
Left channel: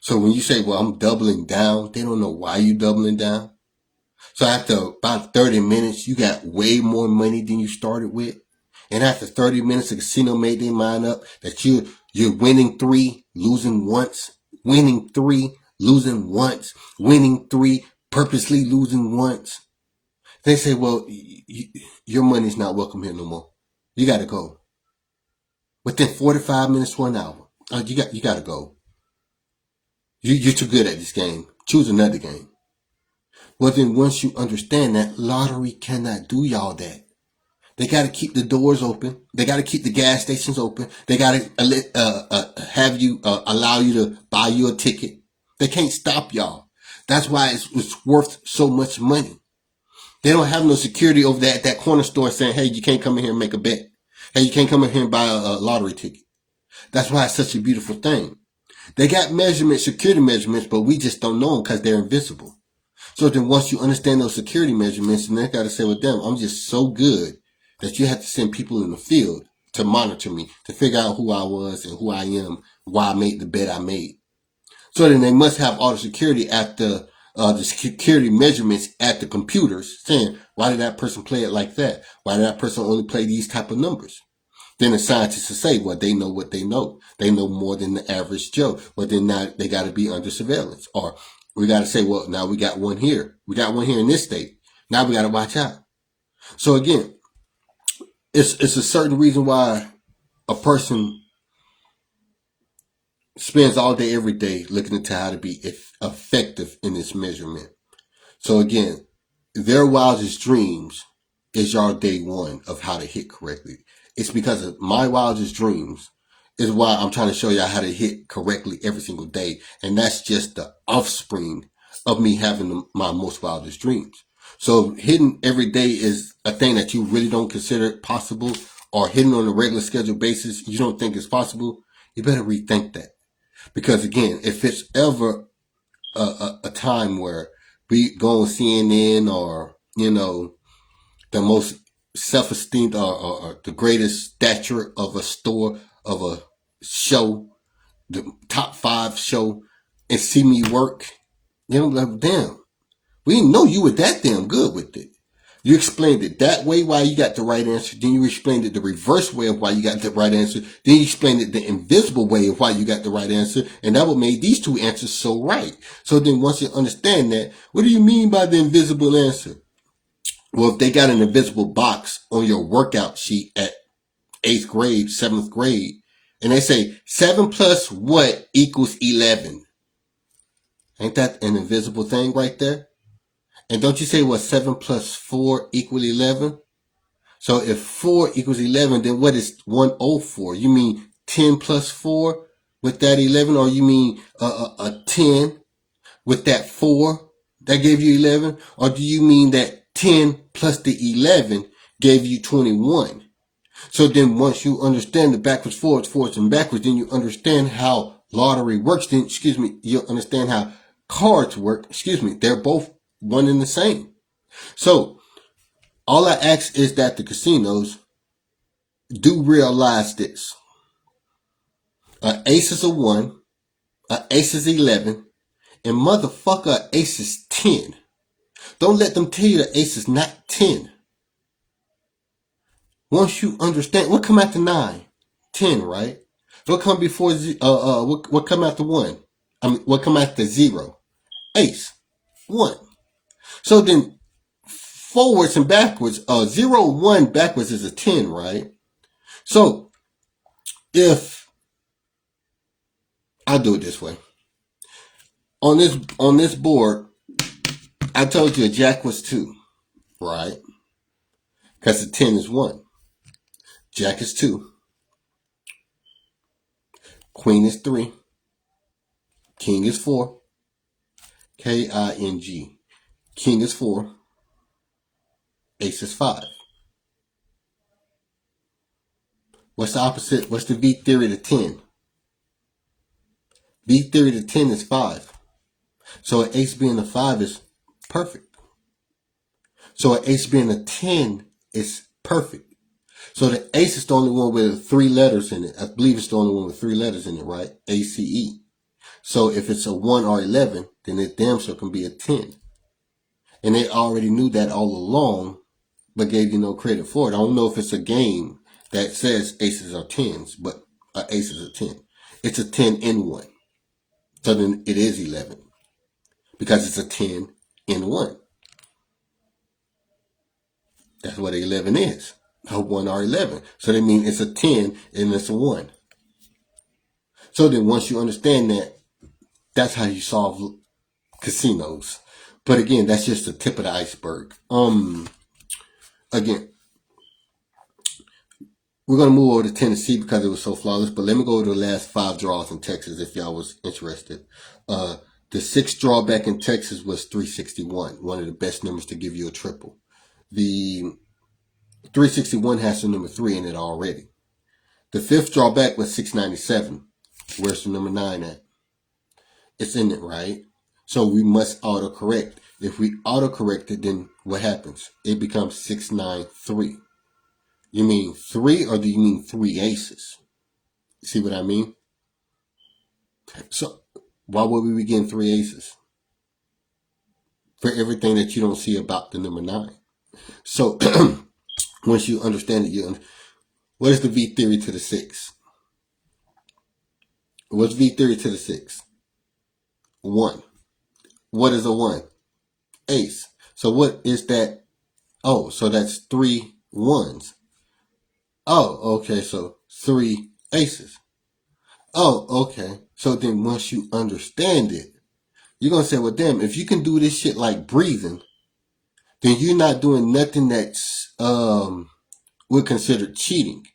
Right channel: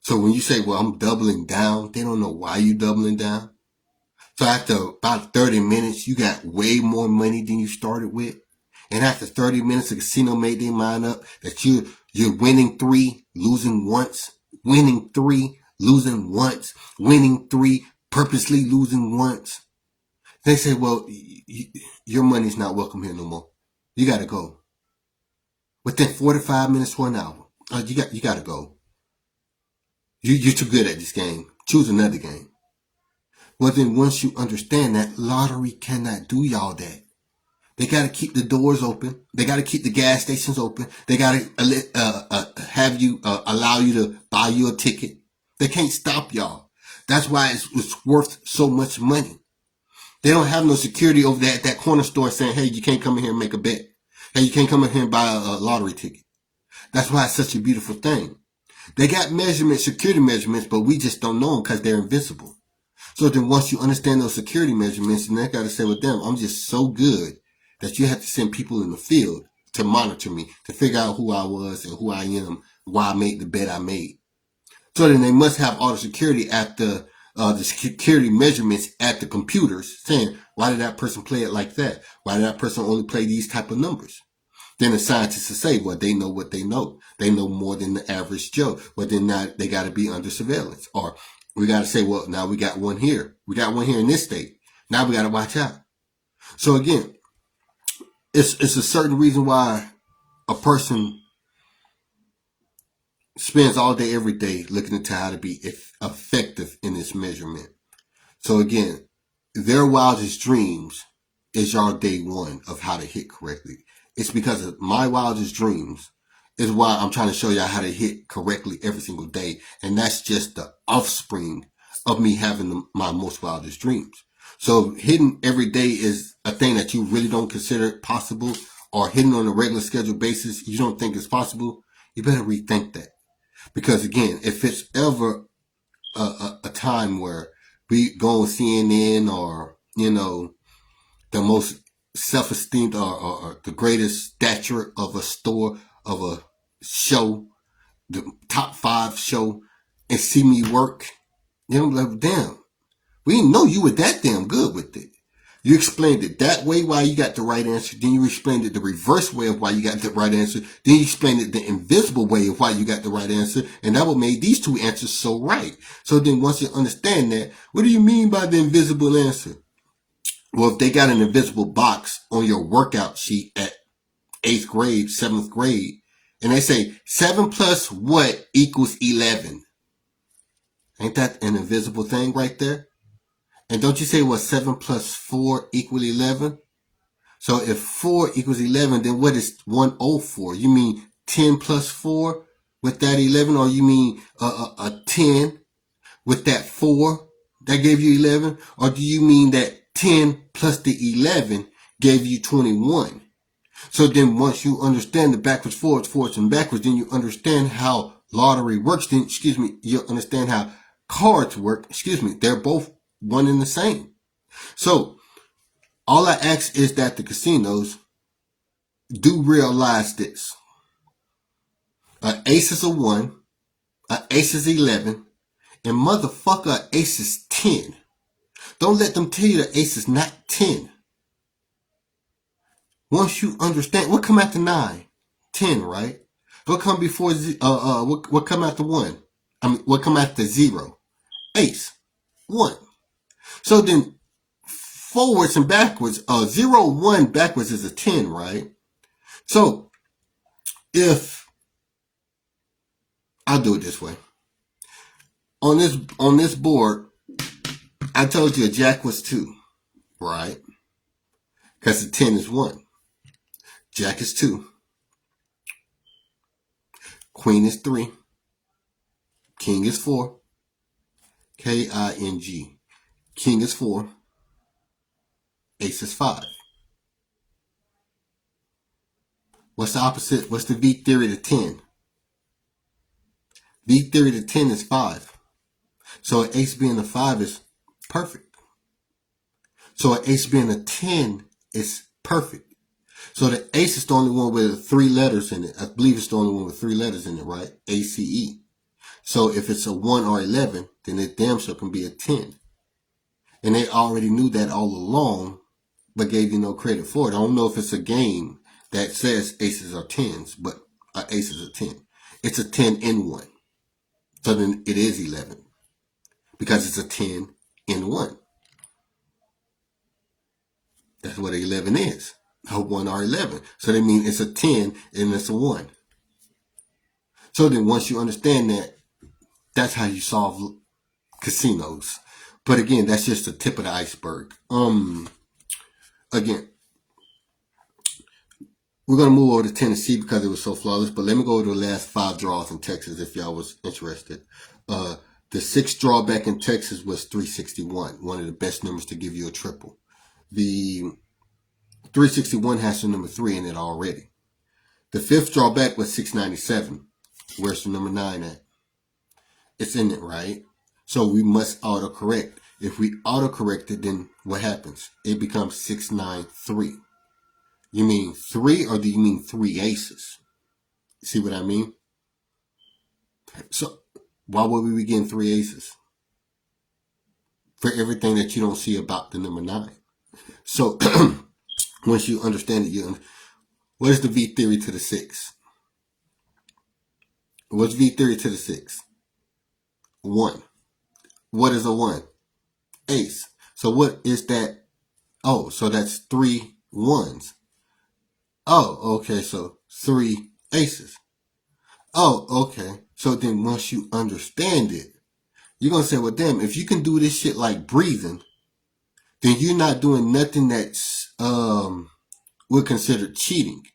So when you say, well, I'm doubling down, they don't know why you're doubling down. So after about 30 minutes, you got way more money than you started with. And after 30 minutes, the casino made their mind up that you're winning 3, losing once, winning 3, losing once, winning 3, purposely losing once. They say, well, your money's not welcome here no more. You got to go. Within 45 minutes to an hour, you got to go. You're too good at this game. Choose another game. Well, then once you understand that, lottery cannot do y'all that. They got to keep the doors open. They got to keep the gas stations open. They got to have you allow you to buy you a ticket. They can't stop y'all. That's why it's worth so much money. They don't have no security over there at that corner store saying, hey, you can't come in here and make a bet. Hey, you can't come in here and buy a lottery ticket. That's why it's such a beautiful thing. They got security measurements, but we just don't know them because they're invisible. So then once you understand those security measurements, and they got to say, well, damn, I'm just so good that you have to send people in the field to monitor me, to figure out who I was and who I am, why I made the bet I made. So then they must have all the security after the security measurements at the computers saying, why did that person play it like that? Why did that person only play these type of numbers? Then the scientists will say, well, they know what they know. They know more than the average Joe. But then now they got to be under surveillance. Or we got to say, well, now we got one here. We got one here in this state. Now we got to watch out. So again, it's a certain reason why a person spends all day, every day looking into how to be effective in this measurement. So again, their wildest dreams is your day one of how to hit correctly. It's because of my wildest dreams is why I'm trying to show y'all how to hit correctly every single day. And that's just the offspring of me having my most wildest dreams. So hitting every day is a thing that you really don't consider possible, or hitting on a regular scheduled basis you don't think is possible. You better rethink that. Because again, if it's ever a time where we go on CNN or, the most self-esteemed or the greatest stature of a store, of a show, the top 5 show, and see me work, like, damn, we didn't know you were that damn good with it. You explained it that way why you got the right answer. Then you explained it the reverse way of why you got the right answer. Then you explained it the invisible way of why you got the right answer. And that what made these 2 answers so right. So then once you understand that, what do you mean by the invisible answer? Well, if they got an invisible box on your workout sheet at 8th grade, 7th grade, and they say 7 plus what equals 11? Ain't that an invisible thing right there? And don't you say, well, 7 plus 4 equal 11? So if 4 equals 11, then what is 104? You mean 10 plus 4 with that 11? Or you mean a 10 with that 4 that gave you 11? Or do you mean that 10 plus the 11 gave you 21? So then once you understand the backwards, forwards, and backwards, then you understand how lottery works. Then, you understand how cards work. They're both one and the same. So all I ask is that the casinos do realize this. An ace is a 1, an ace is 11, and motherfucker, an ace is 10. Don't let them tell you the ace is not 10. Once you understand, what come after 9? 10, right? What come before, what come after 1? What come after 0? Ace. 1. So then, forwards and backwards, 0, 1 backwards is a 10, right? So, if, I'll do it this way. On this board, I told you a jack was 2, right? Because the 10 is 1. Jack is 2. Queen is 3. King is 4. King. King is 4. Ace is 5. What's the opposite? What's the V theory to 10? V theory to 10 is 5. So an ace being a 5 is perfect. So an ace being a 10 is perfect. So the ace is the only one with 3 letters in it. I believe it's the only one with 3 letters in it, right? ACE. So if it's a 1 or 11, then it damn sure can be a 10. And they already knew that all along, but gave you no credit for it. I don't know if it's a game that says aces are 10s, but an ace is a 10. It's a 10 in 1. So then it is 11. Because it's a 10 in 1. That's what 11 is. A 1 or 11. So that means it's a 10 and it's a 1. So then once you understand that, that's how you solve casinos. But again, that's just the tip of the iceberg. Again, we're going to move over to Tennessee because it was so flawless. But let me go over the last 5 draws in Texas if y'all was interested. The 6th draw back in Texas was 361. One of the best numbers to give you a triple. The 361 has the number 3 in it already. The 5th draw back was 697. Where's the number 9 at? It's in it, right? So we must autocorrect. If we autocorrect it, then what happens? It becomes 693. You mean 3 or do you mean 3 aces? See what I mean? So why would we be getting 3 aces? For everything that you don't see about the number 9. So once you understand it, what is the V theory to the 6? What's V theory to the 6? 1. What is a 1? Ace. So what is that? Oh, so that's 3 1s. Oh, okay, so 3 aces. Oh, okay. So then once you understand it, you're going to say, well, damn, if you can do this shit like breathing, then you're not doing nothing that's we're considered cheating.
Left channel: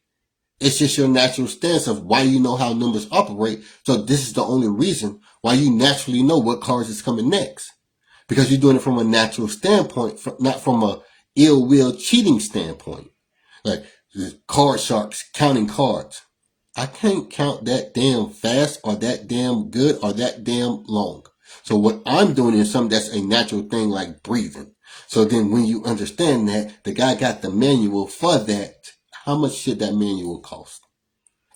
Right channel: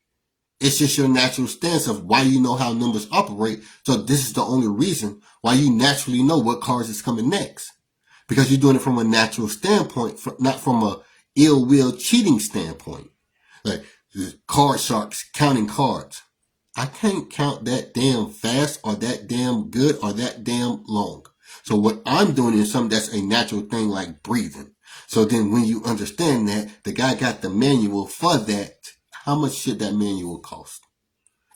It's just your natural stance of why you know how numbers operate. So this is the only reason why you naturally know what cards is coming next. Because you're doing it from a natural standpoint, not from a ill will cheating standpoint. Like card sharks counting cards. I can't count that damn fast or that damn good or that damn long. So what I'm doing is something that's a natural thing like breathing. So then when you understand that, the guy got the manual for that, how much should that manual cost?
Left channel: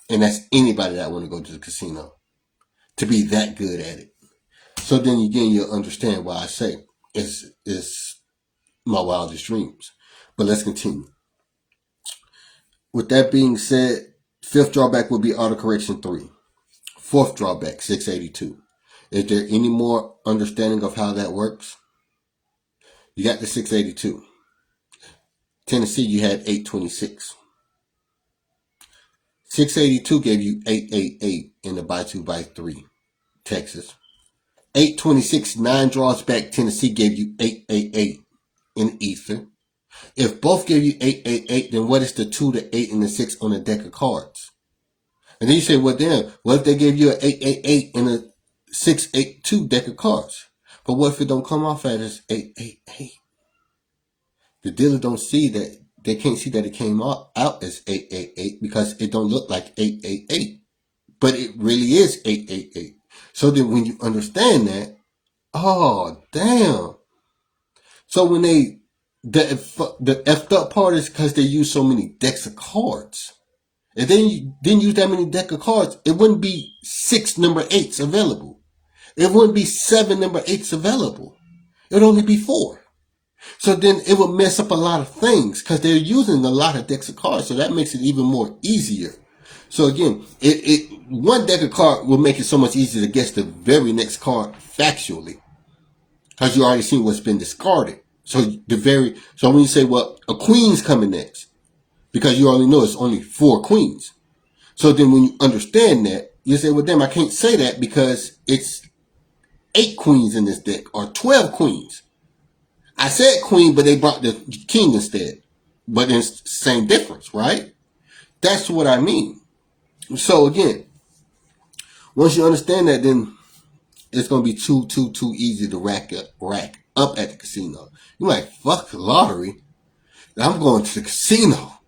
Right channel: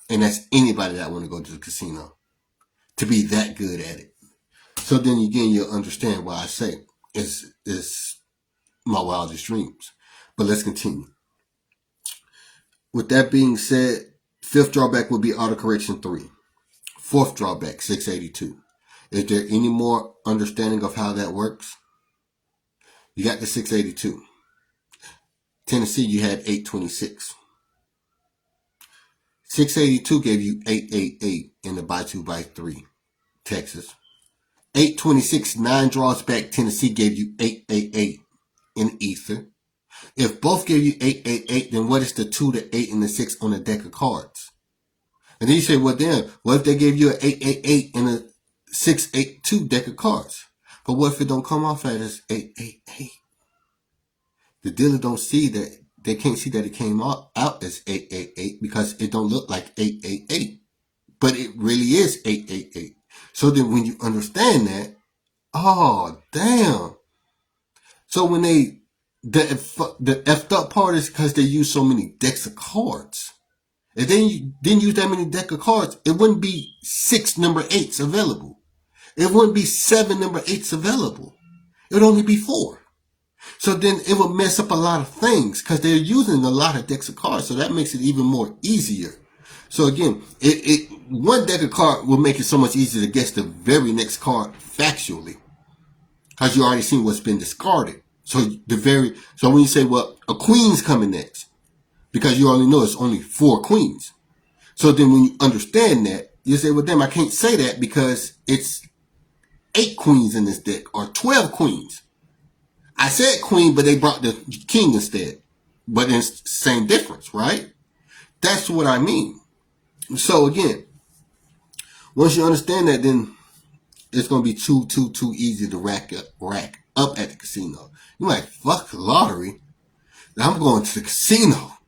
And that's anybody that want to go to the casino to be that good at it. So then again, you'll understand why I say it's my wildest dreams. But let's continue. With that being said, fifth drawback will be autocorrection 3. Fourth drawback, 682. Is there any more understanding of how that works? You got the 682. Tennessee, you had 826. 682 gave you 888 in the by 2 by 3. Texas. 826, 9 draws back, Tennessee gave you 888 in Ether. If both gave you 888, then what is the 2, the 8, and the 6 on the deck of cards? And then you say, well, then, what if they gave you an 888 and a 682 deck of cards? But what if it don't come off as 888? The dealer don't see that, they can't see that it came out as 888 because it don't look like 888. But it really is 888. So then when you understand that, oh, damn. So when the effed up part is because they use so many decks of cards. If they didn't use that many deck of cards, it wouldn't be 6 number 8s available. It wouldn't be 7 number 8s available. It would only be 4. So then it would mess up a lot of things because they're using a lot of decks of cards. So that makes it even more easier. So again, one deck of cards will make it so much easier to guess the very next card factually. Because you already seen what's been discarded. So when you say, well, a queen's coming next, because you already know it's only 4 queens. So then when you understand that, you say, well, damn, I can't say that because it's 8 queens in this deck or 12 queens. I said queen, but they brought the king instead. But it's the same difference, right? That's what I mean. So again, once you understand that, then it's going to be too easy to rack up at the casino. You're like, fuck the lottery. I'm going to the casino.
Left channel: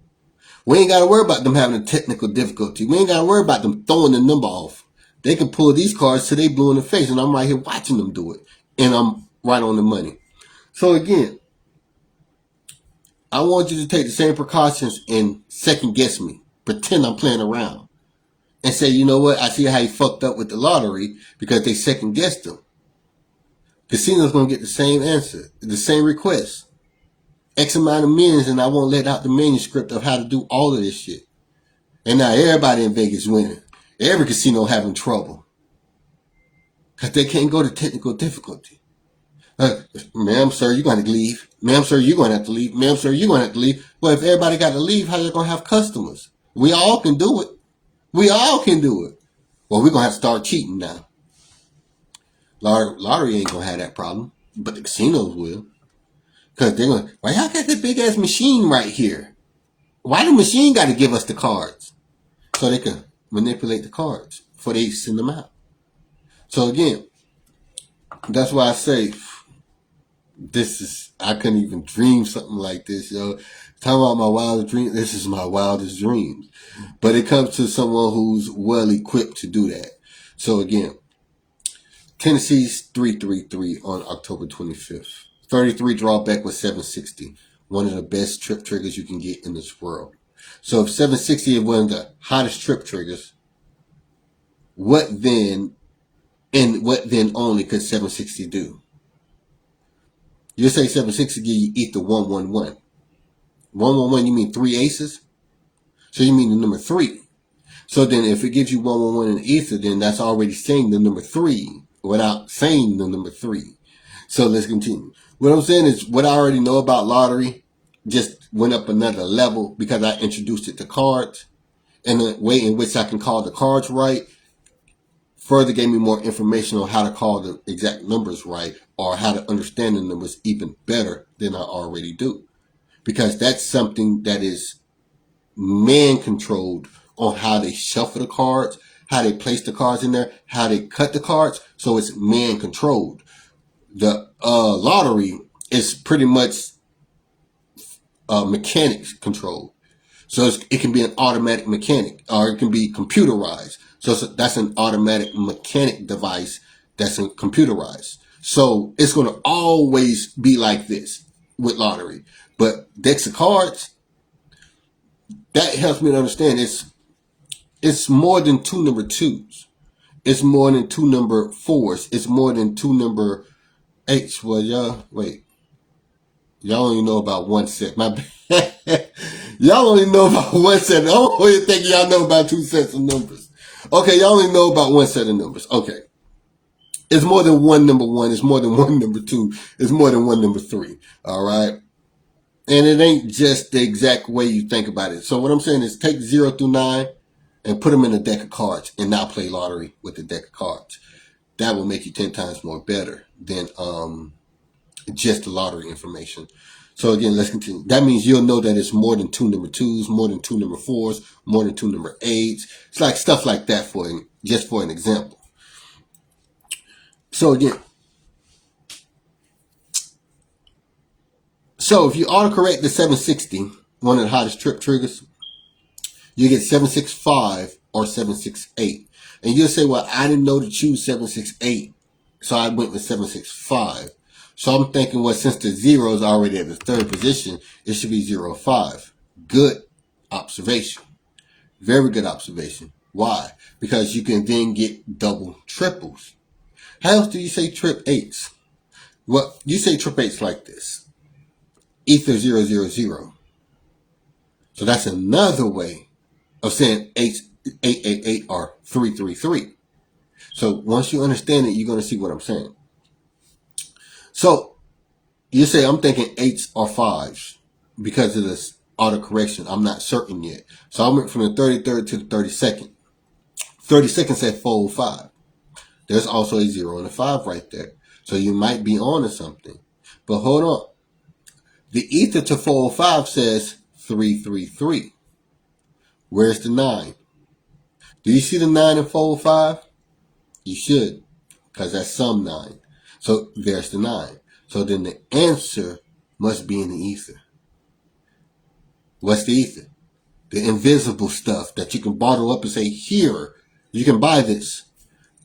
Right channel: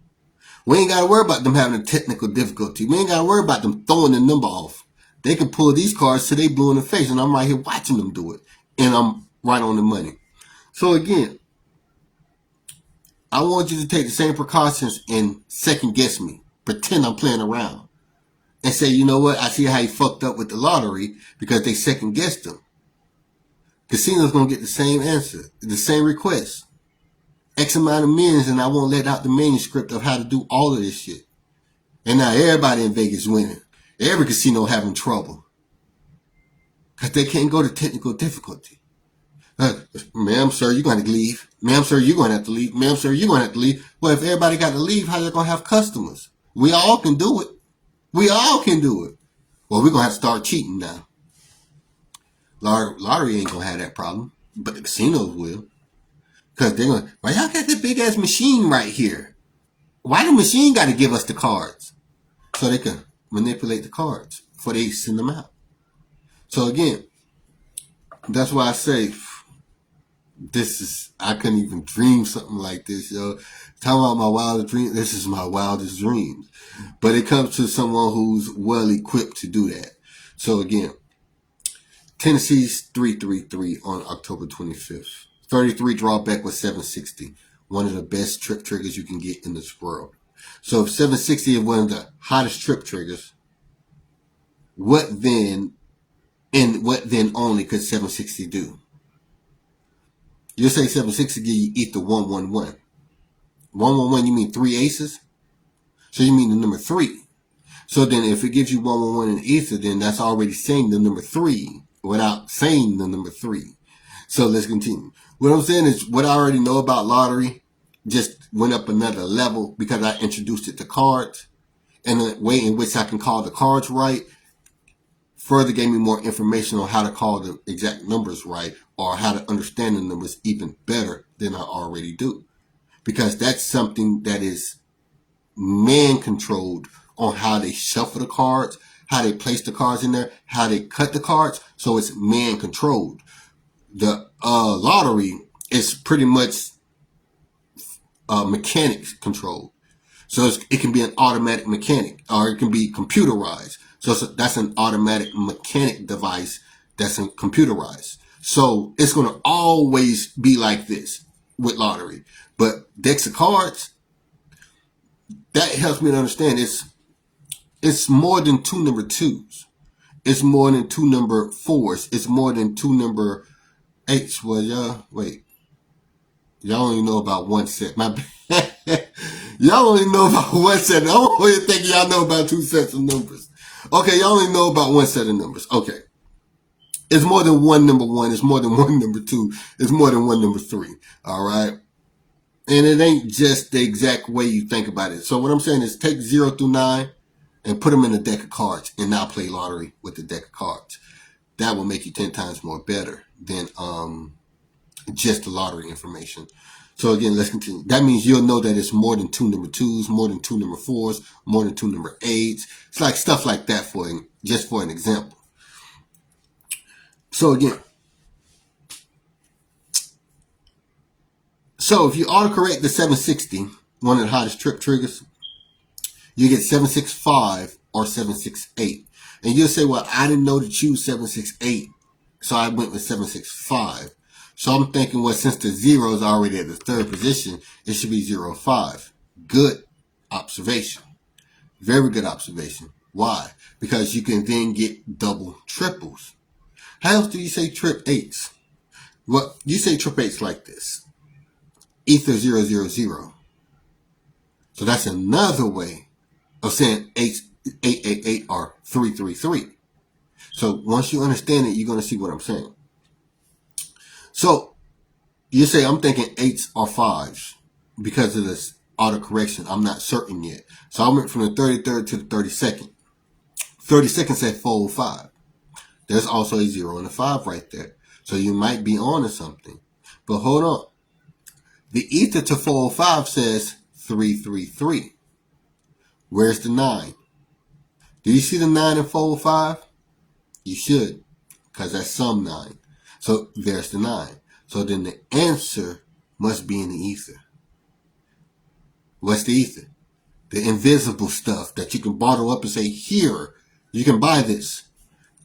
We ain't got to worry about them having a technical difficulty. We ain't got to worry about them throwing the number off. They can pull these cards till they blue in the face, and I'm right here watching them do it. And I'm right on the money. So again, I want you to take the same precautions and second guess me. Pretend I'm playing around. And say, you know what? I see how you fucked up with the lottery because they second guessed them. Casino's going to get the same answer, the same request. X amount of millions, and I won't let out the manuscript of how to do all of this shit. And now everybody in Vegas winning. Every casino having trouble. Because they can't go to technical difficulty. Ma'am, sir, you're going to leave. Ma'am, sir, you're going to have to leave. Ma'am, sir, you're going to have to leave. Well, if everybody got to leave, how you going to have customers? We all can do it. We all can do it. Well, we're going to have to start cheating now. Lottery ain't going to have that problem, but the casinos will. Because they're going to, why y'all got this big ass machine right here? Why the machine got to give us the cards? So they can manipulate the cards before they send them out. So again, that's why I say, I couldn't even dream something like this, yo. Talking about my wildest dream, this is my wildest dreams. But it comes to someone who's well equipped to do that. So again, Tennessee's 333 on October 25th. 33 drawback was 760. One of the best trip triggers you can get in this world. So if 760 is one of the hottest trip triggers, what then only could 760 do? You say 760 give you ether 111. 111, you mean 3 aces? So you mean the number 3. So then if it gives you 111 in ether, then that's already saying the number 3 without saying the number 3. So let's continue. What I'm saying is what I already know about lottery just went up another level because I introduced it to cards. And the way in which I can call the cards right further gave me more information on how to call the exact numbers right or how to understand the numbers even better than I already do. Because that's something that is man controlled on how they shuffle the cards, how they place the cards in there, how they cut the cards. So it's man controlled. The lottery is pretty much mechanics controlled. So it can be an automatic mechanic, or it can be computerized. So that's an automatic mechanic device that's computerized. So it's going to always be like this with lottery. But decks of cards, that helps me to understand it's more than two number twos. It's more than two number fours. It's more than two number eights. Well, y'all only know about one set. My bad. Y'all only know about one set. I don't really think y'all know about two sets of numbers. Okay, y'all only know about one set of numbers. Okay. It's more than one number one. It's more than one number two. It's more than one number three. All right. And it ain't just the exact way you think about it. So what I'm saying is take 0 through 9 and put them in a deck of cards and not play lottery with the deck of cards. That will make you 10 times more better than just the lottery information. So again, let's continue. That means you'll know that it's more than two number twos, more than two number fours, more than two number eights. It's like stuff like that just for an example. So again, so if you autocorrect the 760, one of the hottest trip triggers, you get 765 or 768. And you'll say, well, I didn't know to choose 768, so I went with 765. So I'm thinking, well, since the 0 is already at the third position, it should be 05. Good observation. Very good observation. Why? Because you can then get double triples. How else do you say trip eights? Well, you say trip eights like this. Ether 000. So that's another way of saying 888 or 333. So once you understand it, you're going to see what I'm saying. So you say, I'm thinking 8s or 5s because of this autocorrection. I'm not certain yet. So I went from the 33rd to the 32nd. 32nd said 405. There's also a 0 and a 5 right there. So you might be on to something. But hold on. The ether to 405 says 333. Where's the 9? Do you see the 9 in 405? You should, because that's some 9. So there's the 9. So then the answer must be in the ether. What's the ether? The invisible stuff that you can bottle up and say, here, you can buy this.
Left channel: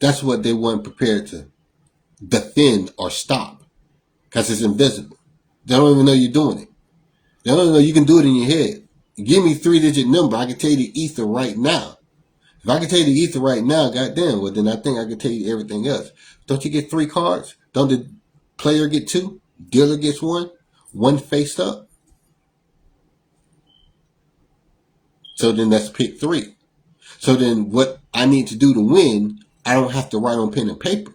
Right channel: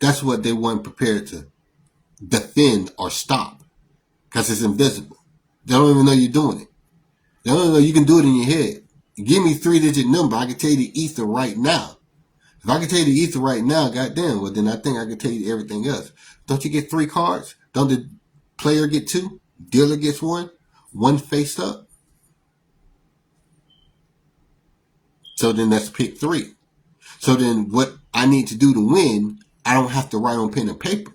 That's what they weren't prepared to defend or stop, because it's invisible. They don't even know you're doing it. They don't even know you can do it in your head. Give me 3-digit number, I can tell you the ether right now. If I can tell you the ether right now, goddamn, well then I think I can tell you everything else. Don't you get 3 cards? Don't the player get 2? Dealer gets 1? 1 face up? So then that's pick 3. So then what I need to do to win, I don't have to write on pen and paper,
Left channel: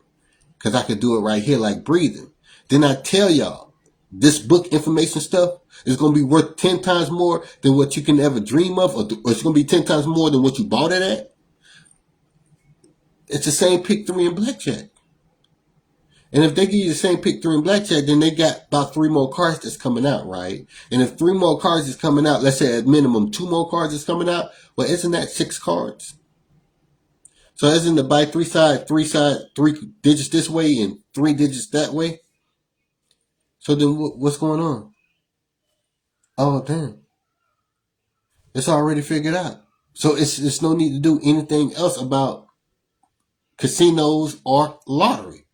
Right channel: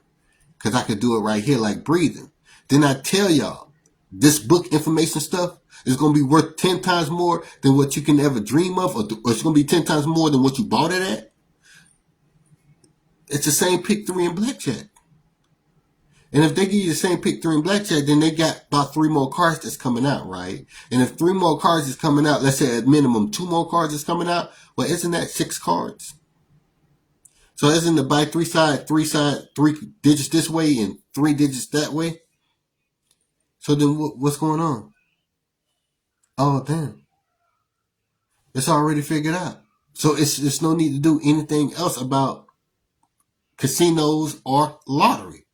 because I could do it right here like breathing. Then I tell y'all, this book information stuff is going to be worth 10 times more than what you can ever dream of, or it's going to be 10 times more than what you bought it at. It's the same pick 3 in blackjack. And if they give you the same pick 3 in blackjack, then they got about 3 more cards that's coming out, right? And if 3 more cards is coming out, let's say at minimum 2 more cards is coming out, well, isn't that 6 cards? So isn't it by 3 digits this way and 3 digits that way? So then what's going on? Oh, damn. It's already figured out. So it's no need to do anything else about casinos or lottery.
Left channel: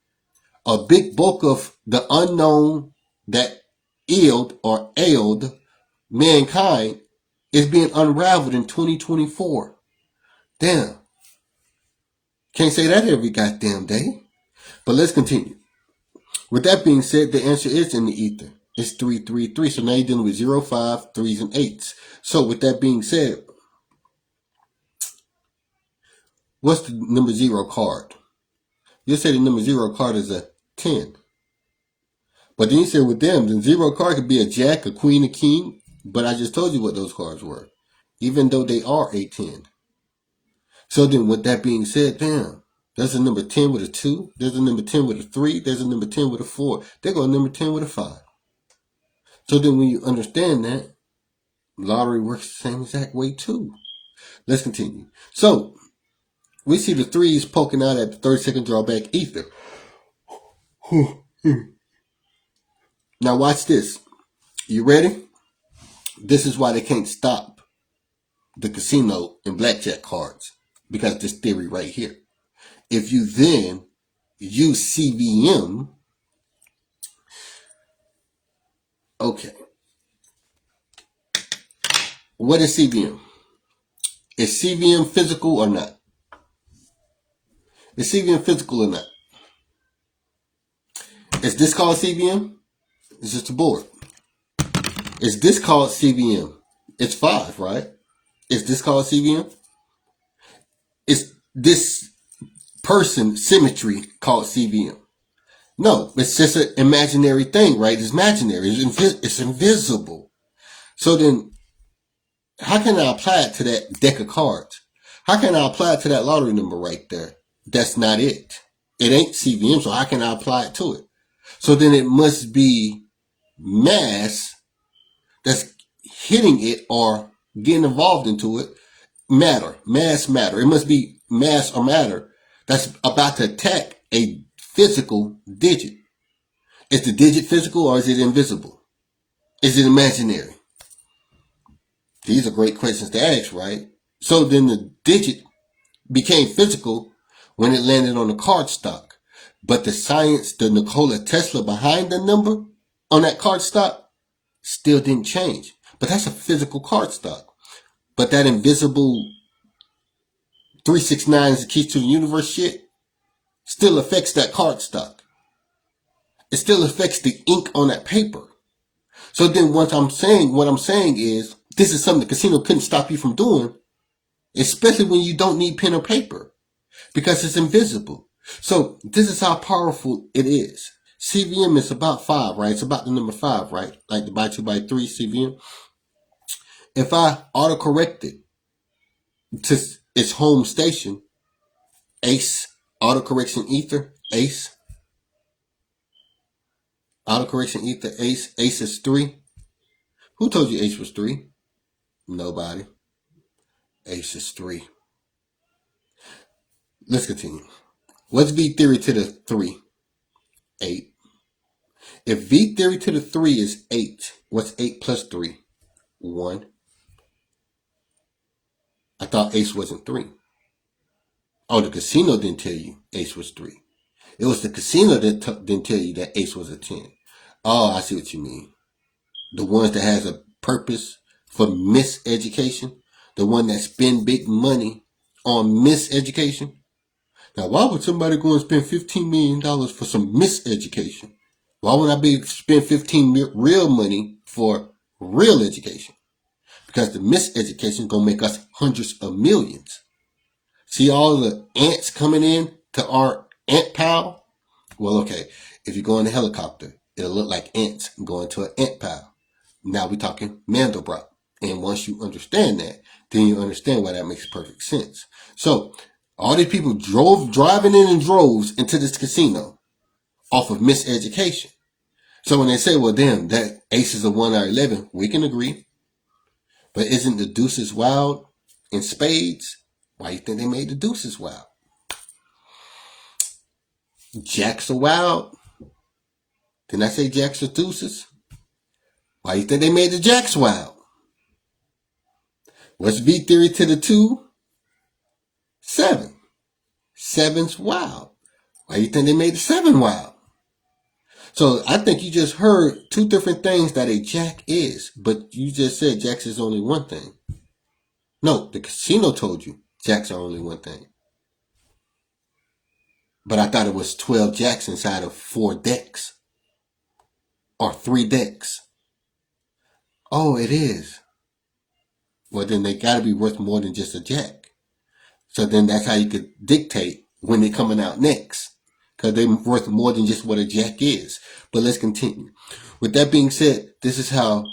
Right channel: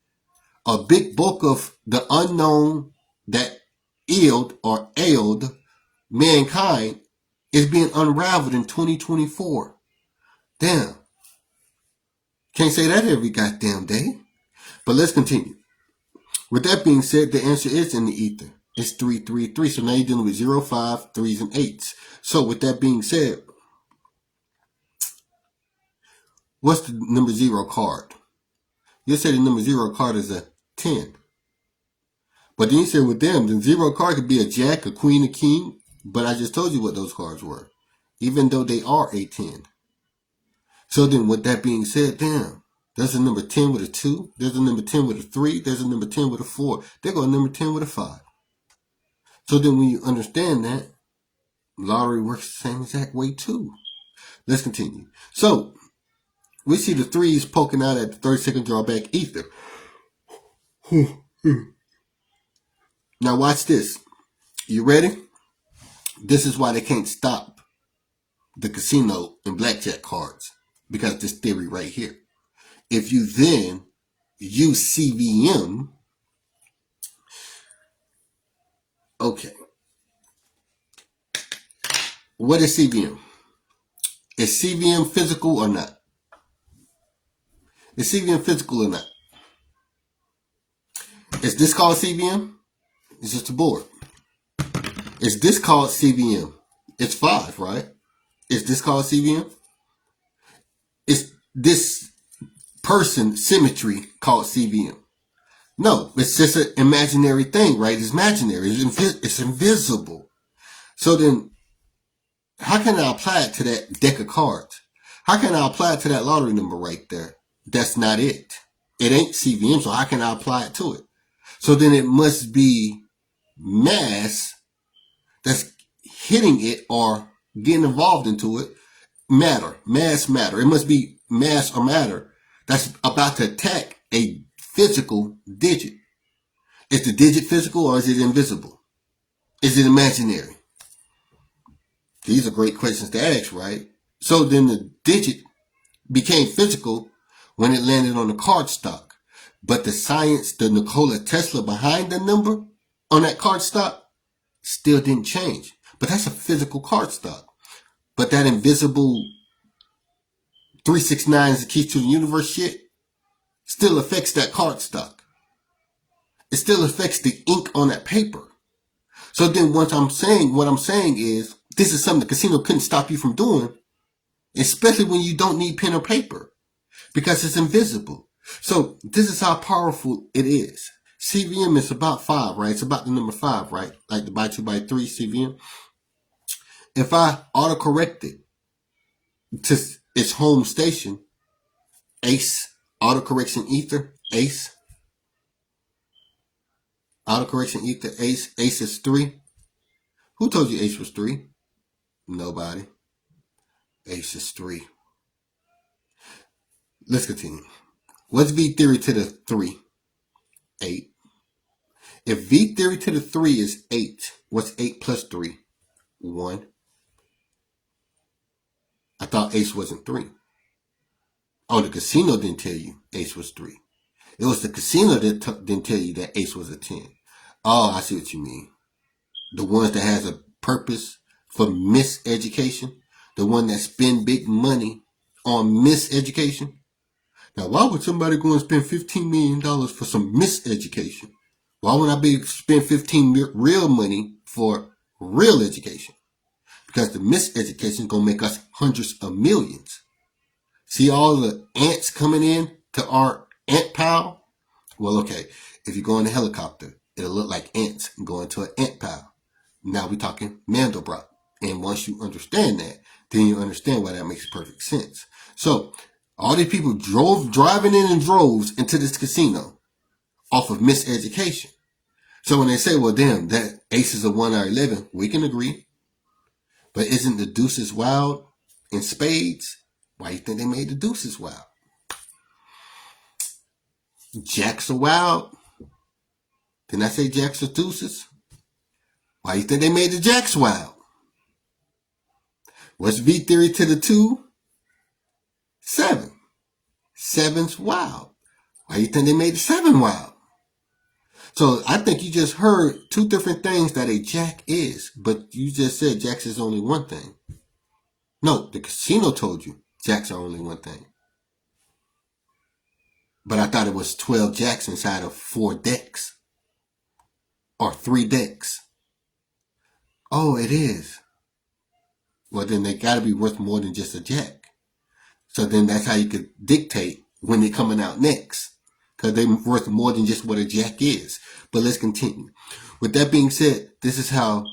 A big bulk of the unknown that ailed mankind is being unraveled in 2024. Damn. Can't say that every goddamn day. But let's continue. With that being said, the answer is in the ether. It's 333. So now you're dealing with 0, 5, 3s, and 8s. So with that being said, what's the number 0 card? You'll say the number 0 card is a 10. But then you say with them, the 0 card could be a jack, a queen, a king. But I just told you what those cards were, even though they are a 10. So then with that being said, damn, there's a number 10 with a 2. There's a number 10 with a 3. There's a number 10 with a 4. They go a number 10 with a 5. So then when you understand that, lottery works the same exact way too. Let's continue. So we see the threes poking out at the 30-second drawback ether. Now watch this. You ready? This is why they can't stop the casino and blackjack cards, because this theory right here. If you then use CVM, okay. What is CVM? Is CVM physical or not? Is CVM physical or not? Is this called CVM? It's just a board. Is this called CVM? It's 5, right? Is this called CVM? Is this person symmetry called CVM? No, it's just an imaginary thing, right? It's imaginary. It's invisible. So then, how can I apply it to that deck of cards? How can I apply it to that lottery number right there? That's not it. It ain't CVM, so how can I apply it to it? So then it must be mass that's hitting it or getting involved into it. Mass matter. It must be mass or matter that's about to attack a physical digit. Is the digit physical or is it invisible? Is it imaginary? These are great questions to ask, right? So then the digit became physical when it landed on the card stock. But the science, the Nikola Tesla behind the number on that card stock still didn't change. But that's a physical card stock. But that invisible 369 is the key to the universe shit still affects that card stock. It still affects the ink on that paper. So then what I'm saying is, this is something the casino couldn't stop you from doing, especially when you don't need pen or paper, because it's invisible. So this is how powerful it is. CVM is about 5, right? It's about the number 5, right? Like the by 2 by 3 CVM. If I autocorrect it to its home station, ACE, autocorrection ether, ACE, autocorrection ether, ACE, ACE is 3. Who told you ACE was 3? Nobody. ACE is 3. Let's continue. What's V theory to the 3? 8. If V theory to the 3 is 8, what's 8 plus 3? 1. I thought ACE wasn't 3. Oh, the casino didn't tell you ACE was 3. It was the casino that didn't tell you that ACE was a 10. Oh, I see what you mean. The ones that has a purpose for miseducation, the one that spend big money on miseducation. Now, why would somebody go and spend $15 million for some miseducation? Why would I spend 15 real money for real education? Because the miseducation is going to make us hundreds of millions. See all the ants coming in to our ant pile? Well, okay, if you go in a helicopter, it'll look like ants going to an ant pile. Now we're talking Mandelbrot. And once you understand that, then you understand why that makes perfect sense. So all these people driving in droves into this casino off of miseducation. So when they say, well, damn, that ace is a 1 or 11, we can agree. But isn't the deuces wild in spades? Why do you think they made the deuces wild? Jacks are wild. Didn't I say jacks are deuces? Why do you think they made the jacks wild? What's V theory to the 2? 7. 7's wild. Why do you think they made the 7 wild? So I think you just heard 2 different things that a jack is, but you just said jacks is only one thing. No, the casino told you jacks are only one thing. But I thought it was 12 jacks inside of 4 decks. Or 3 decks. Oh, it is. Well, then they got to be worth more than just a jack. So then that's how you could dictate when they're coming out next. Because they're worth more than just what a jack is. But let's continue. With that being said, this is how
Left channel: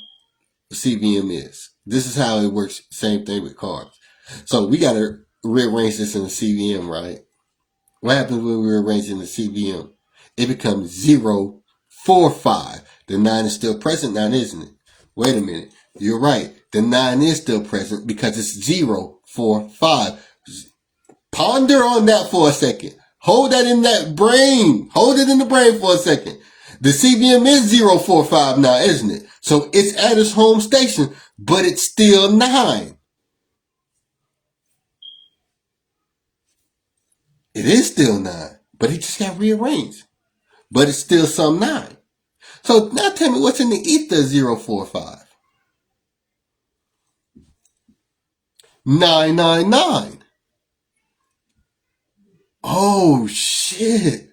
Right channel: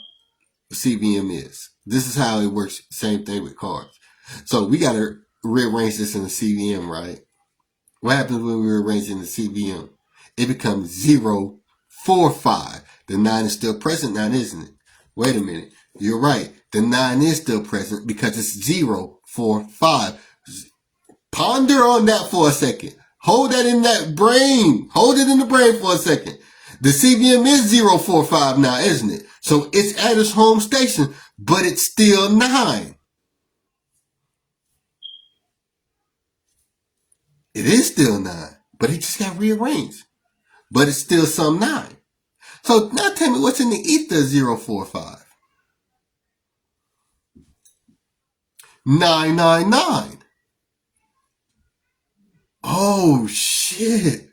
CVM is. This is how it works. Same thing with cards. So we got to rearrange this in the CVM, right? What happens when we rearrange it in the CVM? It becomes 0, 4, 5. The 9 is still present now, isn't it? Wait a minute. You're right. The 9 is still present because it's 0, 4, 5. Ponder on that for a second. Hold that in that brain. Hold it in the brain for a second. The CVM is 0, 4, 5 now, isn't it? So it's at its home station, but it's still 9. It is still 9, but it just got rearranged. But it's still some 9. So now tell me what's in the ether 0, 4, 5. 999. Oh, shit.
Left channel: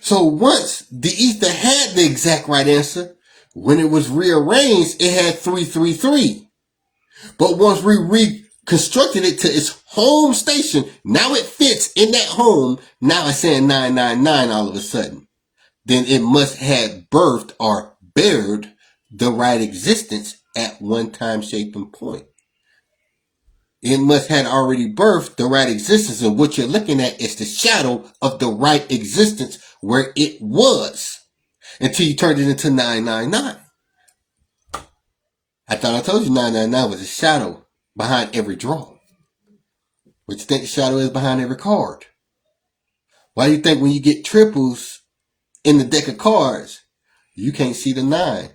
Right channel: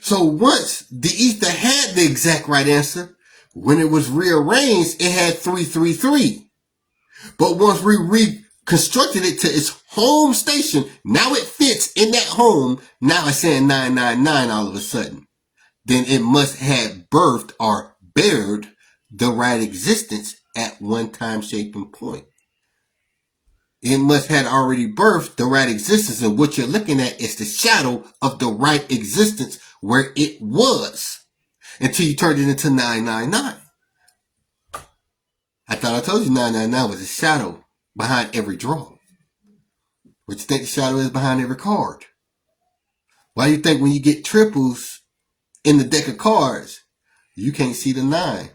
So once the ether had the exact right answer, when it was rearranged, it had 333. But once we reconstructed it to its home station, now it fits in that home. Now it's saying 999 all of a sudden. Then it must have birthed or bared the right existence at one time, shape, and point. It must have already birthed the right existence, and what you're looking at is the shadow of the right existence where it was until you turned it into 999. I thought I told you 999 was a shadow behind every draw. What you think the shadow is behind every card? Why do you think when you get triples in the deck of cards, you can't see the 9?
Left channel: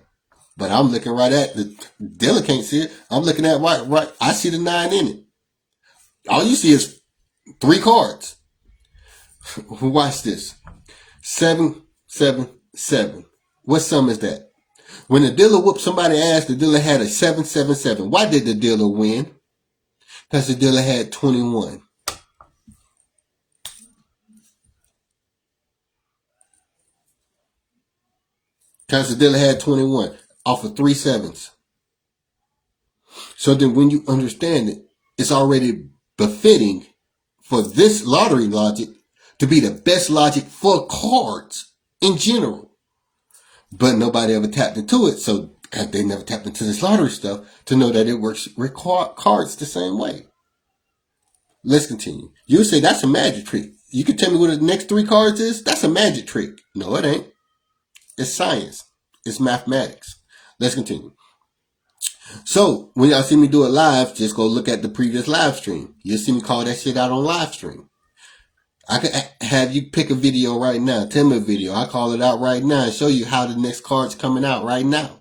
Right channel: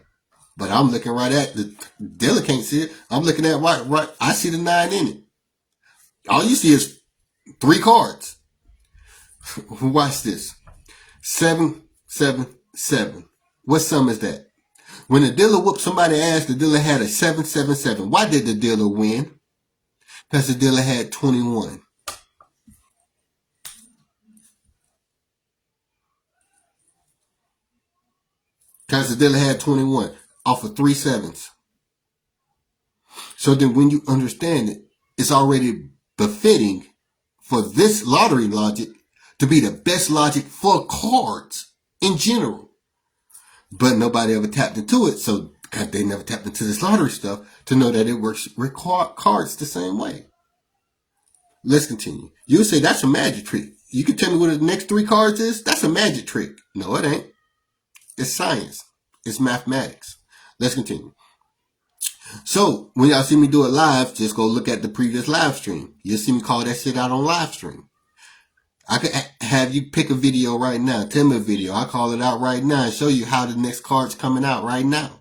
But I'm looking right at the dealer can't see it. I'm looking at right. I see the 9 in it. All you see is 3 cards. Watch this. 7, 7, 7. What sum is that? When the dealer whooped somebody's ass, the dealer had a 7, 7, 7. Why did the dealer win? Because the dealer had 21. Because the dealer had 21 off of 3 7s. So then when you understand it, it's already befitting for this lottery logic to be the best logic for cards in general. But nobody ever tapped into it, so because they never tapped into this lottery stuff to know that it works with cards the same way. Let's continue. You say that's a magic trick. You can tell me what the next 3 cards is? That's a magic trick. No, it ain't. It's science. It's mathematics. Let's continue. So, when y'all see me do it live, just go look at the previous live stream. You'll see me call that shit out on live stream. I could have you pick a video right now. Tell me a video. I call it out right now and show you how the next card's coming out right now.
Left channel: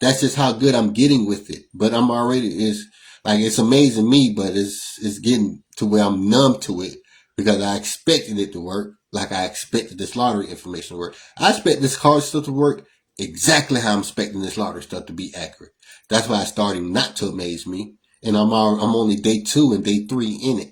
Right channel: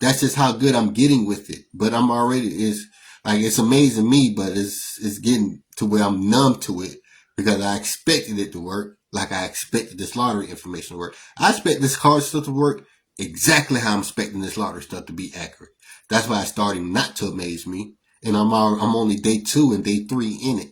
That's just how good I'm getting with it. But I'm already, it's amazing me, but it's getting to where I'm numb to it because I expected it to work like I expected this lottery information to work. I expect this card stuff to work exactly how I'm expecting this lottery stuff to be accurate. That's why it's starting not to amaze me. And I'm only day 2 and day 3 in it.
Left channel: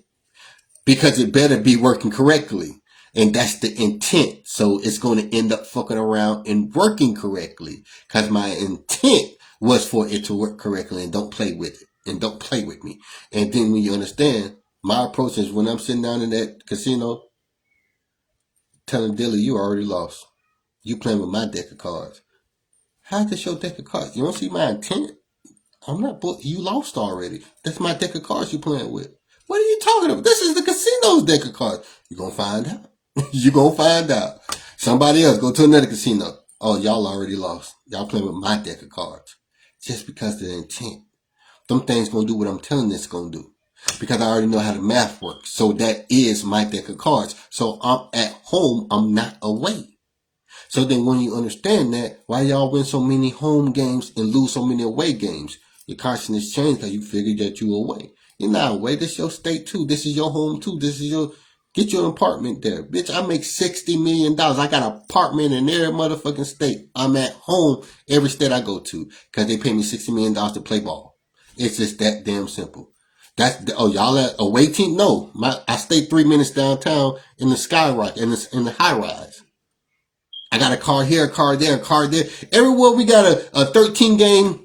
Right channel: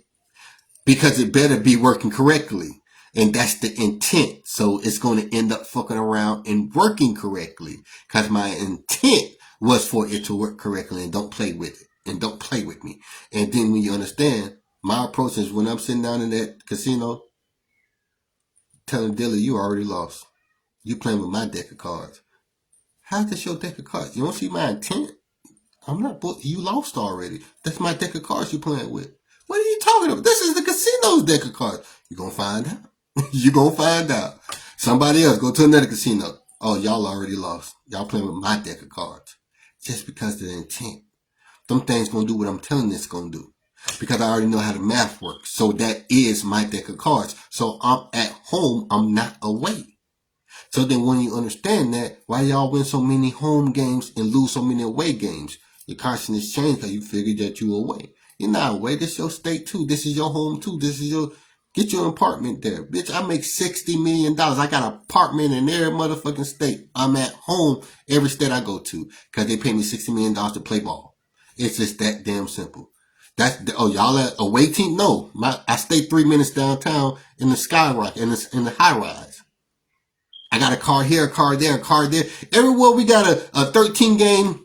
Because it better be working correctly. And that's the intent. So it's going to end up fucking around and working correctly. Because my intent was for it to work correctly and don't play with it. And don't play with me. And then when you understand, my approach is when I'm sitting down in that casino, telling the dealer, you already lost. You playing with my deck of cards. How's this your deck of cards? You don't see my intent? I'm not, you lost already. That's my deck of cards you playing with. What are you talking about? This is the casino's deck of cards. You're going to find out. You're going to find out. Somebody else, go to another casino. Oh, y'all already lost. Y'all playing with my deck of cards. Just because of the intent. Them things going to do what I'm telling this going to do. Because I already know how the math works. So that is my deck of cards. So I'm at home. I'm not away. So then when you understand that, why y'all win so many home games and lose so many away games? Your consciousness changed because you figured that you were away. You're not away. This is your state too. This is your home too. Get your apartment there. Bitch, I make $60 million. I got an apartment in every motherfucking state. I'm at home every state I go to because they pay me $60 million to play ball. It's just that damn simple. Y'all at away team? No. I stay 3 minutes downtown in the skyrock, in the high rise. I got a car here, a car there, a car there. Everywhere we got a 13 game,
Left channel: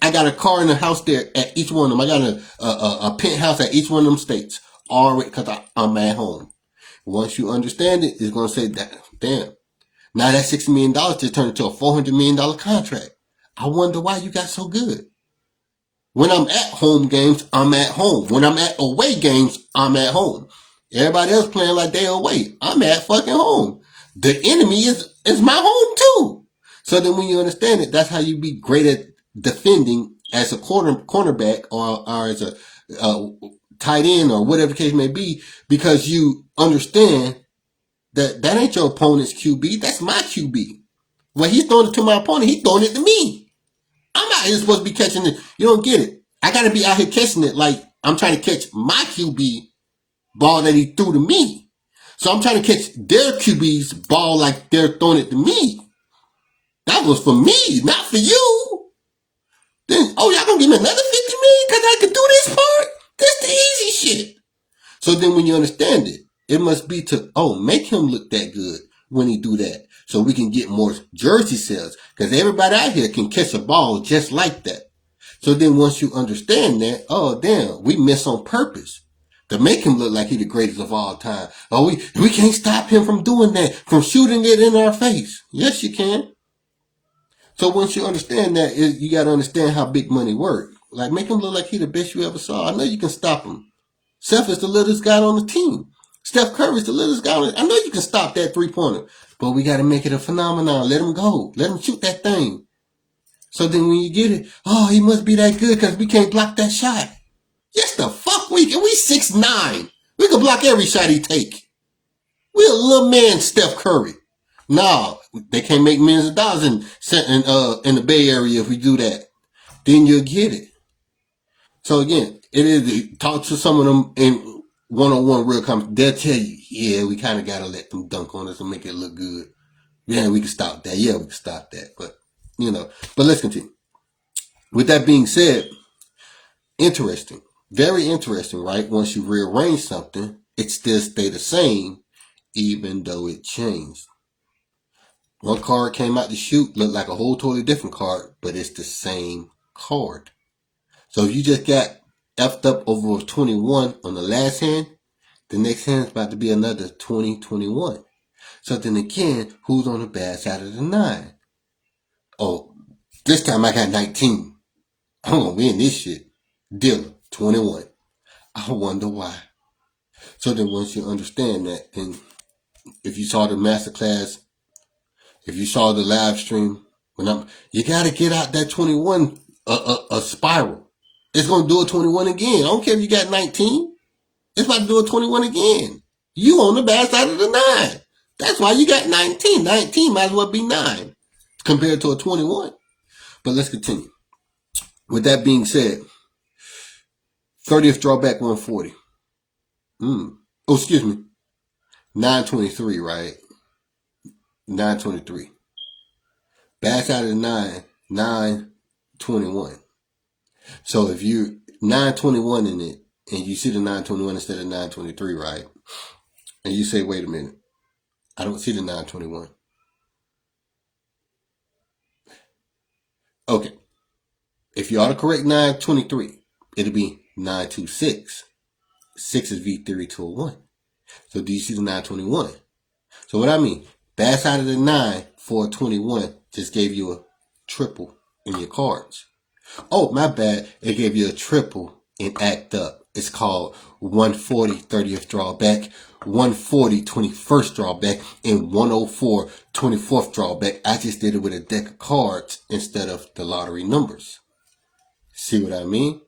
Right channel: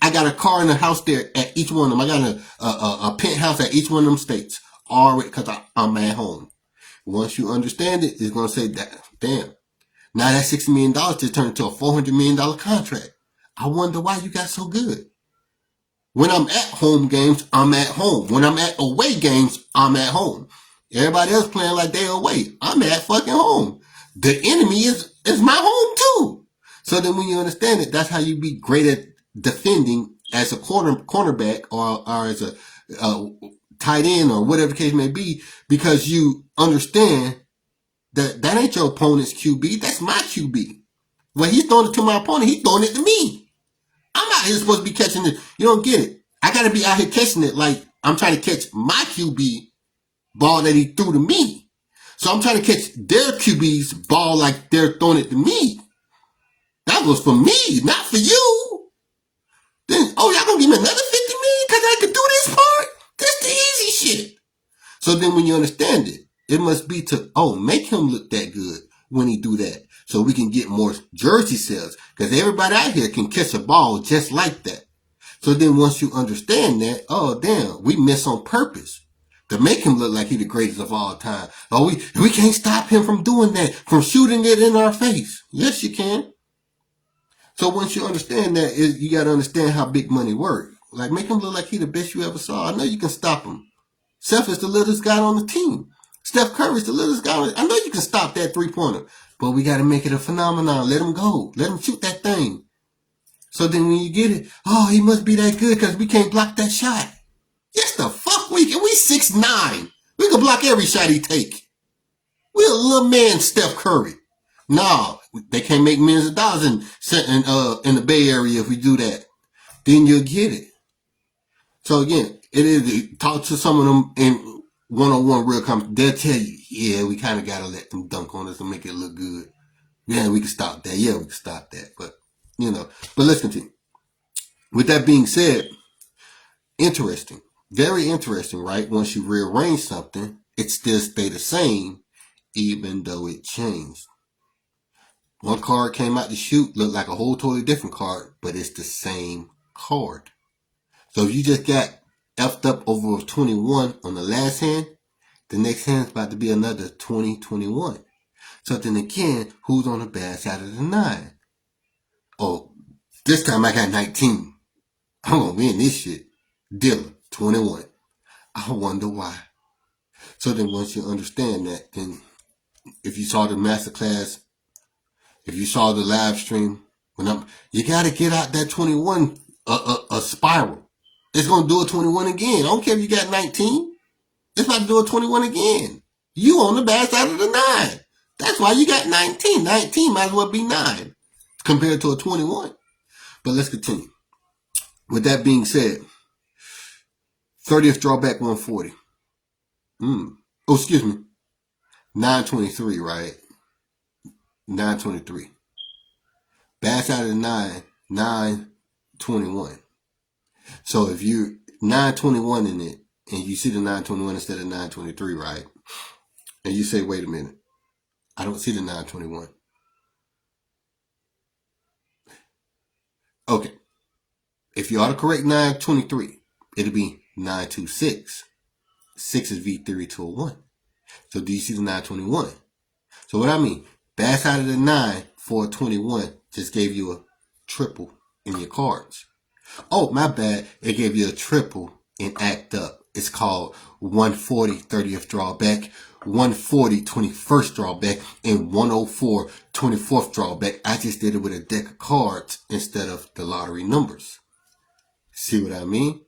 I got a car in a house there at each one of them. I got a penthouse at each one of them states. Already, because I'm at home. Once you understand it, it's going to say that, damn. Now that $60 million just turned into a $400 million contract. I wonder why you got so good. When I'm at home games, I'm at home. When I'm at away games, I'm at home. Everybody else playing like they're away. I'm at fucking home. The enemy is my home too. So then when you understand it, that's how you be great at defending as a cornerback or as a tight end or whatever the case may be, because you understand that ain't your opponent's QB. That's my QB. When he's throwing it to my opponent, he's throwing it to me. I'm out here supposed to be catching it. You don't get it. I got to be out here catching it like I'm trying to catch my QB ball that he threw to me. So I'm trying to catch their QB's ball like they're throwing it to me. That was for me, not for you. Then, oh, y'all gonna give me another $50 million because I could do this part? That's the easy shit. So then when you understand it, it must be to, make him look that good when he do that. So we can get more jersey sales. Because everybody out here can catch a ball just like that. So then once you understand that, oh, damn, we miss on purpose to make him look like he's the greatest of all time. Oh, we can't stop him from doing that, from shooting it in our face. Yes, you can. So once you understand that, you got to understand how big money works. Like, make him look like he's the best you ever saw. I know you can stop him. Steph is the littlest guy on the team. Steph Curry's the littlest guy on the team. I know you can stop that three-pointer, but we got to make it a phenomenon. Let him go. Let him shoot that thing. So then when you get it, oh, he must be that good because we can't block that shot. Yes, the fuck we can. We 6'9". We can block every shot he take. We a little man, Steph Curry. Nah, they can't make millions of dollars in the Bay Area if we do that. Then you'll get it. So again, it is, talk to some of them in one-on-one real conversation. They'll tell you, yeah, we kind of got to let them dunk on us and make it look good. Yeah, we can stop that. Yeah, we can stop that. But let's continue. With that being said, interesting. Very interesting, right? Once you rearrange something, it still stay the same, even though it changed. One card came out to shoot, looked like a whole totally different card, but it's the same card. So if you just got effed up over 21 on the last hand, the next hand's about to be another 20-21. So then again, who's on the bad side of the 9? Oh, this time I got 19. I'm going to win this shit. Dylan, 21. I wonder why. So then once you understand that, then if you saw the masterclass, if you saw the live stream, you got to get out that 21 a spiral. It's going to do a 21 again. I don't care if you got 19. It's about to do a 21 again. You on the bad side of the 9. That's why you got 19. 19 might as well be 9 compared to a 21. But let's continue. With that being said, 30th drawback 140. Oh, excuse me. 923, right? 923. Bad side of the 9, 921. So if you 921 in it, and you see the 921 instead of 923, right? And you say, wait a minute, I don't see the 921. Okay. If you autocorrect 923, it'll be 926. 6 is V3201. So do you see the 921? So what I mean, bad side of the 9 for a 21 just gave you a triple in your cards. Oh, my bad. It gave you a triple in Act Up. It's called 140 30th drawback, 140 21st drawback, and 104 24th drawback. I just did it with a deck of cards instead of the lottery numbers. See what I mean?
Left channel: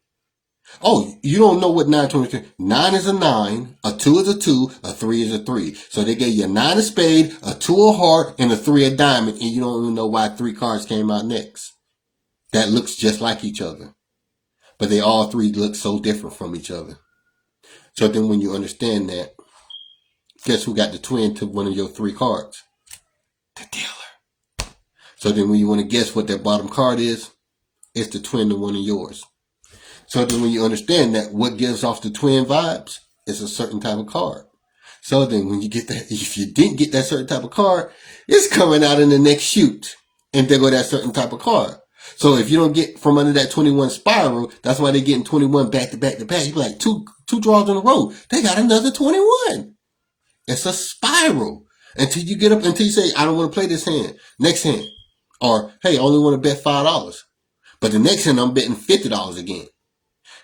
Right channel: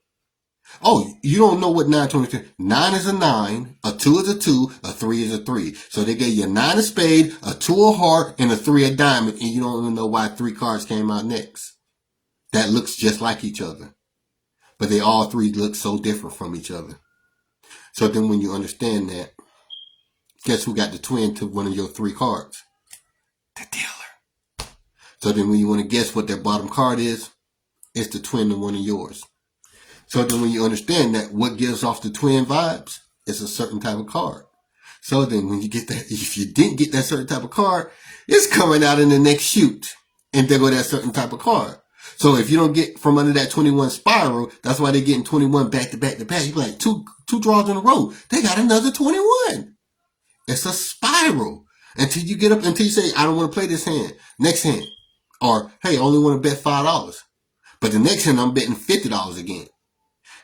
Oh, you don't know what 923. 9 is a 9, a 2 is a 2, a 3 is a 3. So they gave you a 9 of spade, a 2 of heart, and a 3 of diamond, and you don't even know why 3 cards came out next. That looks just like each other. But they all 3 look so different from each other. So then when you understand that, guess who got the twin to one of your 3 cards? The dealer. So then when you want to guess what that bottom card is, it's the twin to one of yours. So then when you understand that, what gives off the twin vibes is a certain type of card. So then when you get that, if you didn't get that certain type of card, it's coming out in the next shoot. And there go that certain type of card. So if you don't get from under that 21 spiral, that's why they're getting 21 back to back to back. You're like two draws in a row. They got another 21. It's a spiral. Until you get up, until you say, I don't want to play this hand. Next hand. Or, hey, I only want to bet $5. But the next hand, I'm betting $50 again.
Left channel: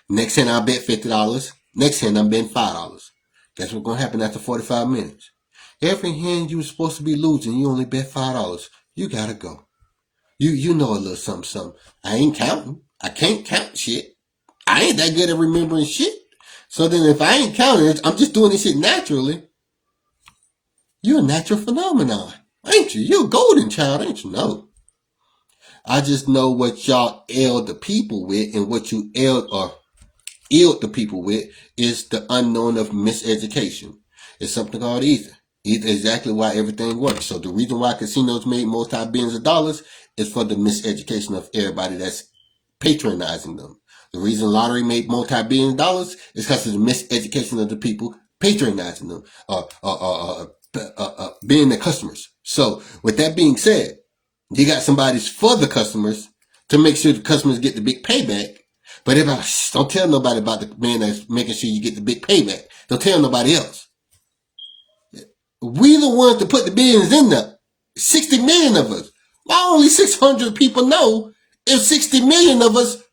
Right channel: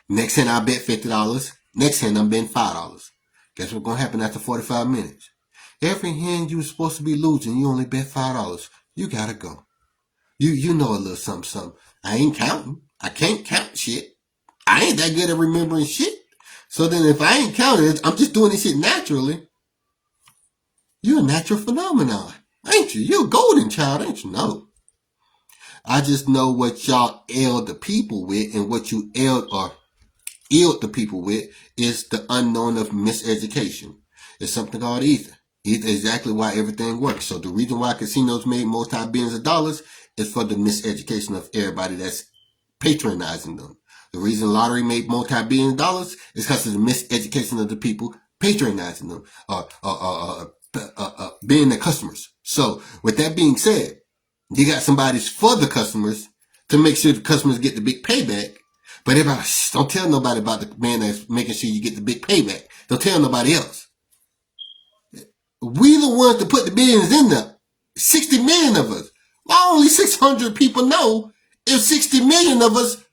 Next hand, I bet $50. Next hand, I'm betting $5. Guess what's going to happen after 45 minutes? Every hand you were supposed to be losing, you only bet $5. You got to go. You know a little something, something. I ain't counting. I can't count shit. I ain't that good at remembering shit. So then if I ain't counting, I'm just doing this shit naturally. You're a natural phenomenon, ain't you? You're a golden child, ain't you? No. I just know what y'all ailed the people with, and what you ailed or illed the people with is the unknown of miseducation. It's something called ether. Ether is exactly why everything works. So the reason why casinos made multi-billions of dollars is for the miseducation of everybody that's patronizing them. The reason lottery made multi-billion dollars is because of the miseducation of the people patronizing them, being the customers. So with that being said, you got somebody's for the customers to make sure the customers get the big payback. But everybody, don't tell nobody about the man that's making sure you get the big payback. Don't tell nobody else. We the ones that put the billions in there. 60 million of us. Why only 600 people know if 60 million of us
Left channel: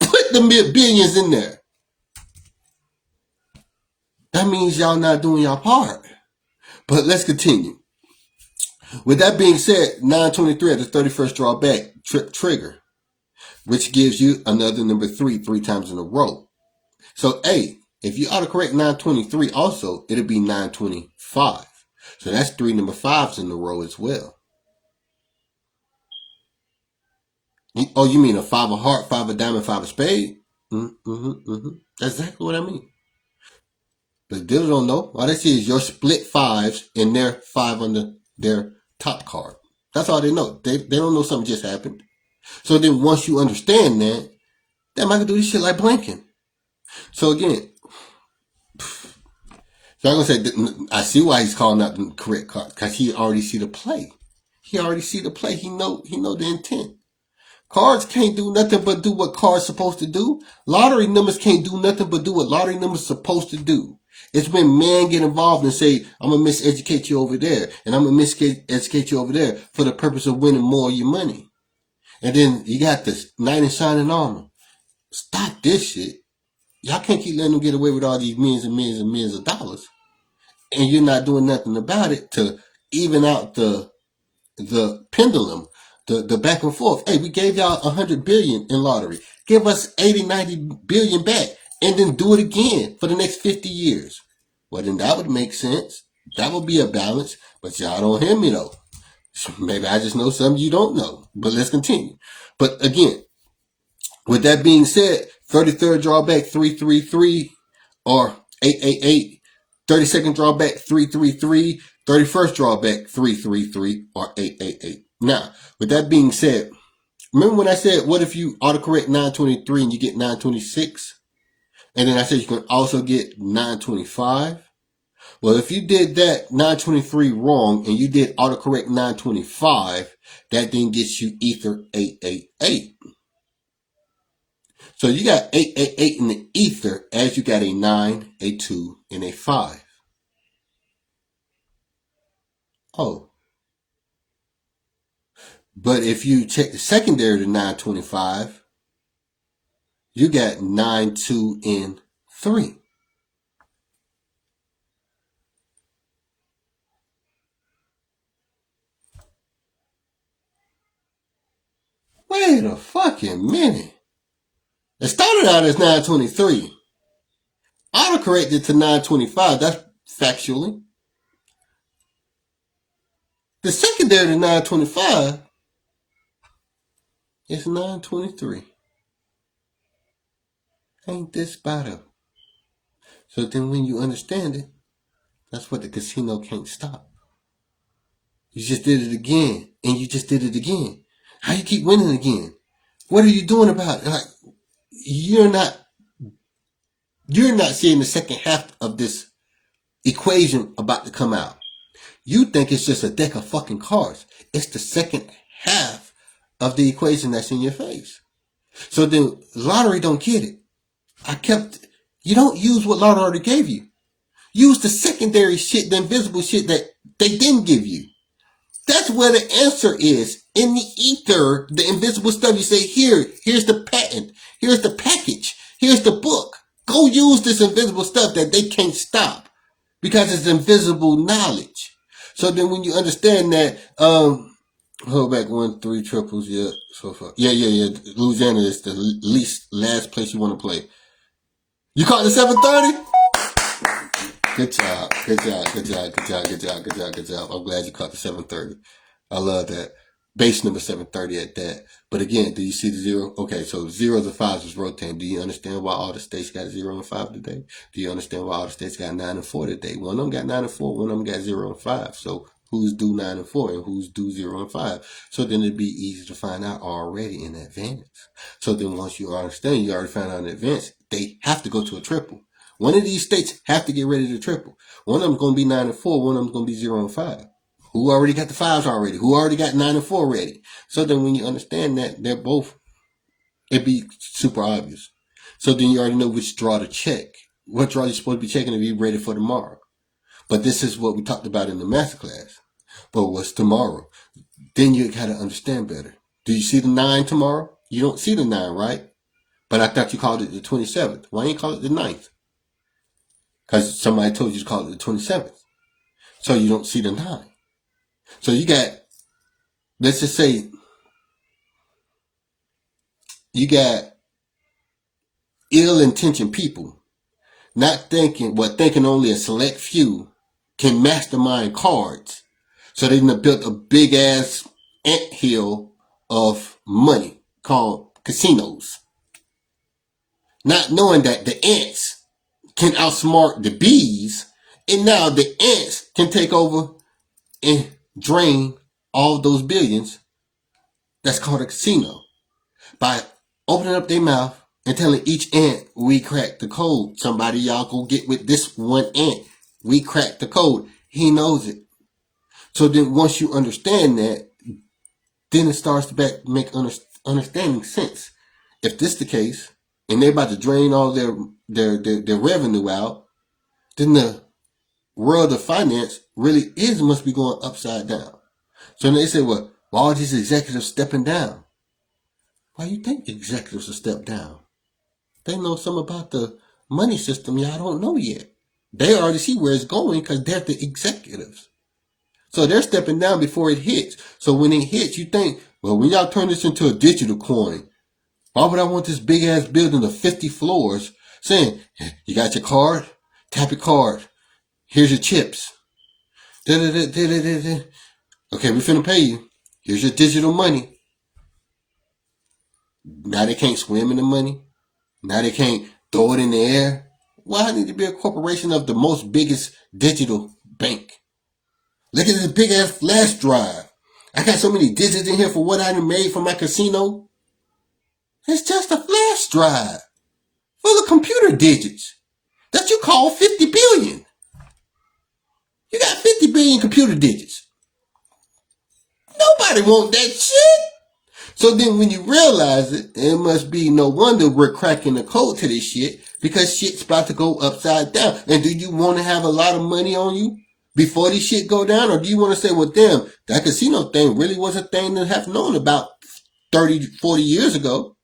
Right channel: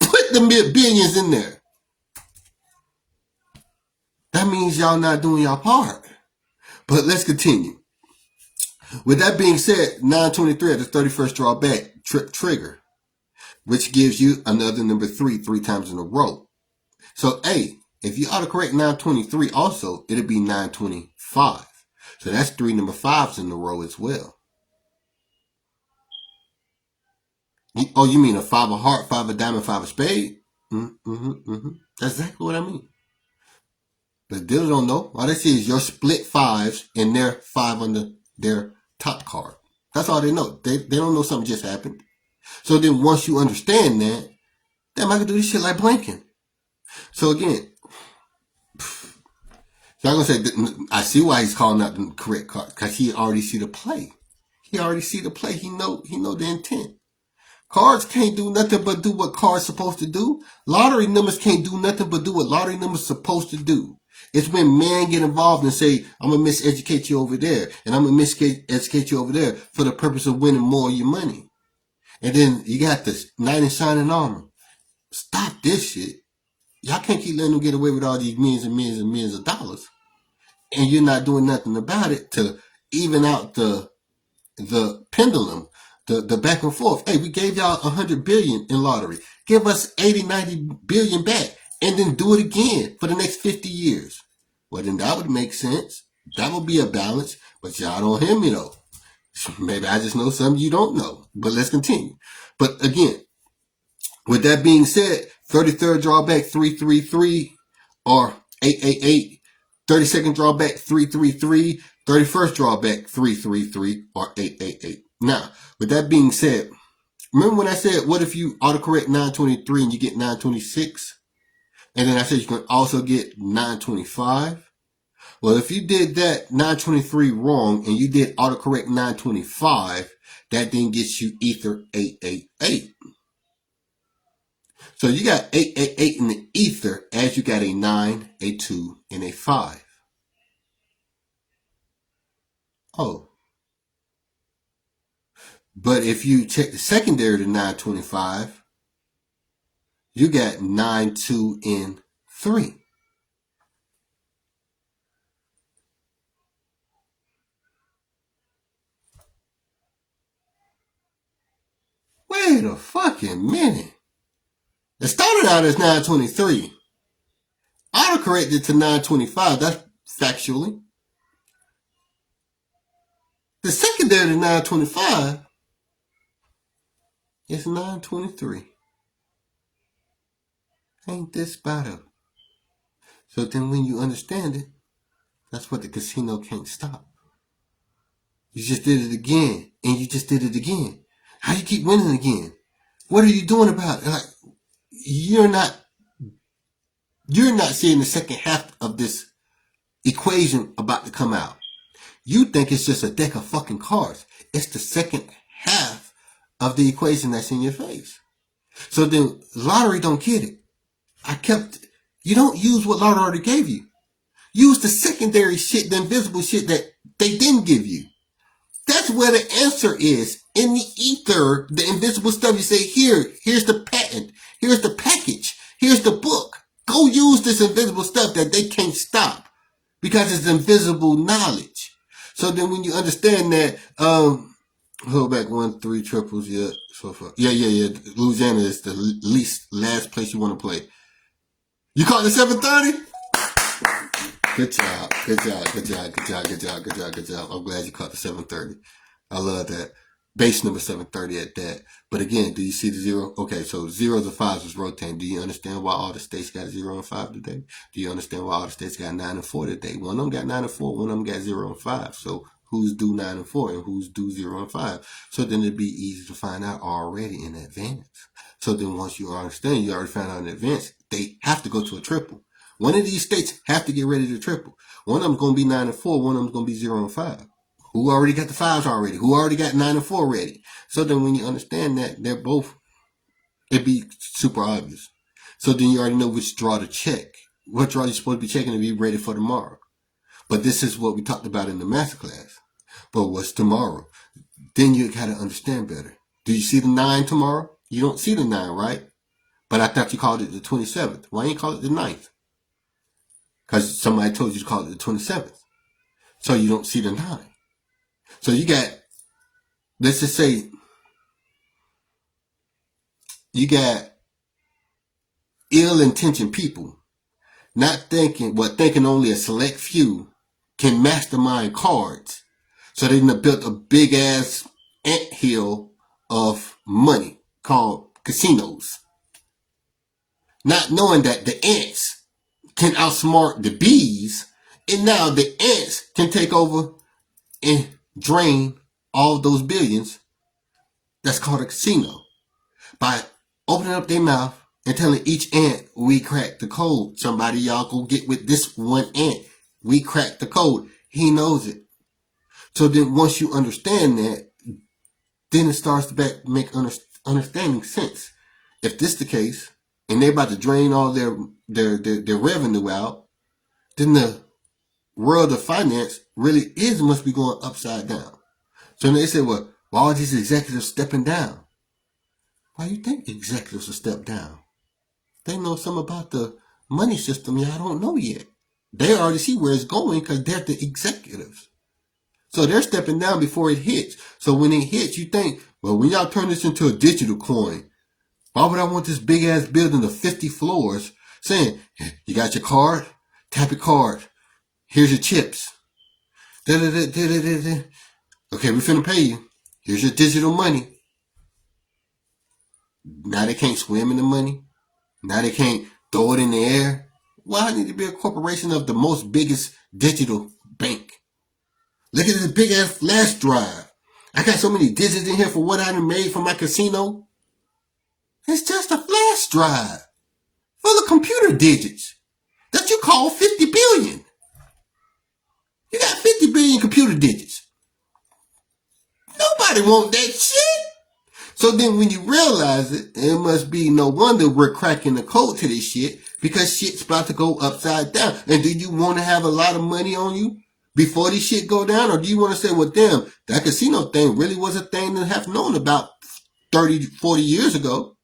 put the billions in there? That means y'all not doing your part. But let's continue. With that being said, 923 at the 31st drawback trigger, which gives you another number 3 times in a row. So, A, if you autocorrect 923 also, it'll be 925. So that's 3 number 5s in a row as well. Oh, you mean a 5 of heart, 5 of diamond, 5 of spade? That's exactly what I mean. The dealers don't know. All they see is your split 5s and their 5 under their top card. That's all they know. They don't know something just happened. So then once you understand that, damn, I can do this shit like blanking. So again, so I'm gonna say, I see why he's calling out the correct card, because he already see the play. He already see the play. He know the intent. Cards can't do nothing but do what cards supposed to do. Lottery numbers can't do nothing but do what lottery numbers supposed to do. It's when men get involved and say, I'm gonna miseducate you over there, and I'm gonna miseducate you over there for the purpose of winning more of your money. And then you got this knight in shining armor. Stop this shit. Y'all can't keep letting them get away with all these millions and millions and millions of dollars, and you're not doing nothing about it to even out the pendulum, the back and forth. Hey, we gave y'all 100 billion in lottery. Give us 80, 90 billion back, and then do it again for the next 50 years. Well, then that would make sense. That would be a balance, but y'all don't hear me though. Maybe I just know something you don't know, but let's continue. But again, with that being said, 33rd drawback 333 or 888, 32nd drawback 333, 31st drawback 333 or 888. Now, with that being said, remember when I said, what if you autocorrect 923 and you get 926? And then I said you can also get 925. Well, if you did that 923 wrong and you did autocorrect 925, that then gets you ether 888. So you got 888 in the ether as you got a 9, a 2, and a 5. Oh. But if you check the secondary to 925, you got 9, 2, and 3. Wait a fucking minute. It started out as 923. Autocorrected to 925. That's factually. The secondary to 925 is 923. Ain't this about it? So then when you understand it, that's what the casino can't stop. You just did it again, and you just did it again. How you keep winning again? What are you doing about it? Like, you're not seeing the second half of this equation about to come out. You think it's just a deck of fucking cards. It's the second half of the equation that's in your face. So then lottery don't get it. You don't use what lottery already gave you. Use the secondary shit, the invisible shit that they didn't give you. That's where the answer is. In the ether, the invisible stuff, you say, here's the patent. Here's the package. Here's the book. Go use this invisible stuff that they can't stop because it's invisible knowledge. So then when you understand that, Hold back 1-3 triples. Yeah, so far. Yeah. Louisiana is the last place you want to play. You caught the 730? Good job. I'm glad you caught the 730. I love that. Base number 730 at that. But again, do you see the zero? Okay, so zeros and fives is rotating. Do you understand why all the states got 0 and 5 today? Do you understand why all the states got 9 and 4 today? One of them got 9 and 4, one of them got 0 and 5. So who's due 9 and 4 and who's due 0 and 5? So then it'd be easy to find out already in advance. So then once you understand, you already found out in advance, they have to go to a triple. One of these states have to get ready to triple. One of them's going to be 9 and 4, one of them's going to be 0 and 5. Who already got the 5s already? Who already got 9 and 4 ready? So then when you understand that, they're both, it'd be super obvious. So then you already know which draw to check. What draw you're supposed to be checking to be ready for tomorrow. But this is what we talked about in the masterclass. But what's tomorrow? Then you got to understand better. Do you see the 9 tomorrow? You don't see the 9, right? But I thought you called it the 27th. Why ain't you call it the 9th? Because somebody told you to call it the 27th. So you don't see the 9. So you got, let's just say, you got ill-intentioned people not thinking, thinking only a select few can mastermind cards. So they done built a big-ass anthill of money called casinos. Not knowing that the ants can outsmart the bees, and now the ants can take over and drain all of those billions. That's called a casino. By opening up their mouth and telling each ant, we cracked the code. Somebody, y'all go get with this one ant. We cracked the code. He knows it. So then once you understand that, then it starts to make understanding sense. If this the case, and they're about to drain all their revenue out, then the world of finance really must be going upside down. So they say, well, all these executives stepping down. Why do you think executives will step down? They know something about the money system y'all don't know yet. They already see where it's going because they're the executives. So they're stepping down before it hits. So when it hits, you think, well, when y'all turn this into a digital coin, why would I want this big ass building of 50 floors saying, you got your card? Tap your card. Here's your chips. Da-da-da-da-da-da. Okay, we finna pay you. Here's your digital money. Now they can't swim in the money. Now they can't throw it in the air. Well, I need to be a corporation of the most biggest digital bank. Look at this big ass flash drive. I got so many digits in here for what I done made for my casino. It's just a flash drive full of computer digits that you call 50 billion. You got 50 billion computer digits. Nobody want that shit. So then when you realize it, it must be no wonder we're cracking the code to this shit because shit's about to go upside down. And do you want to have a lot of money on you before this shit go down? Or do you want to say, well, damn, that casino thing really was a thing to have known about 30, 40 years ago.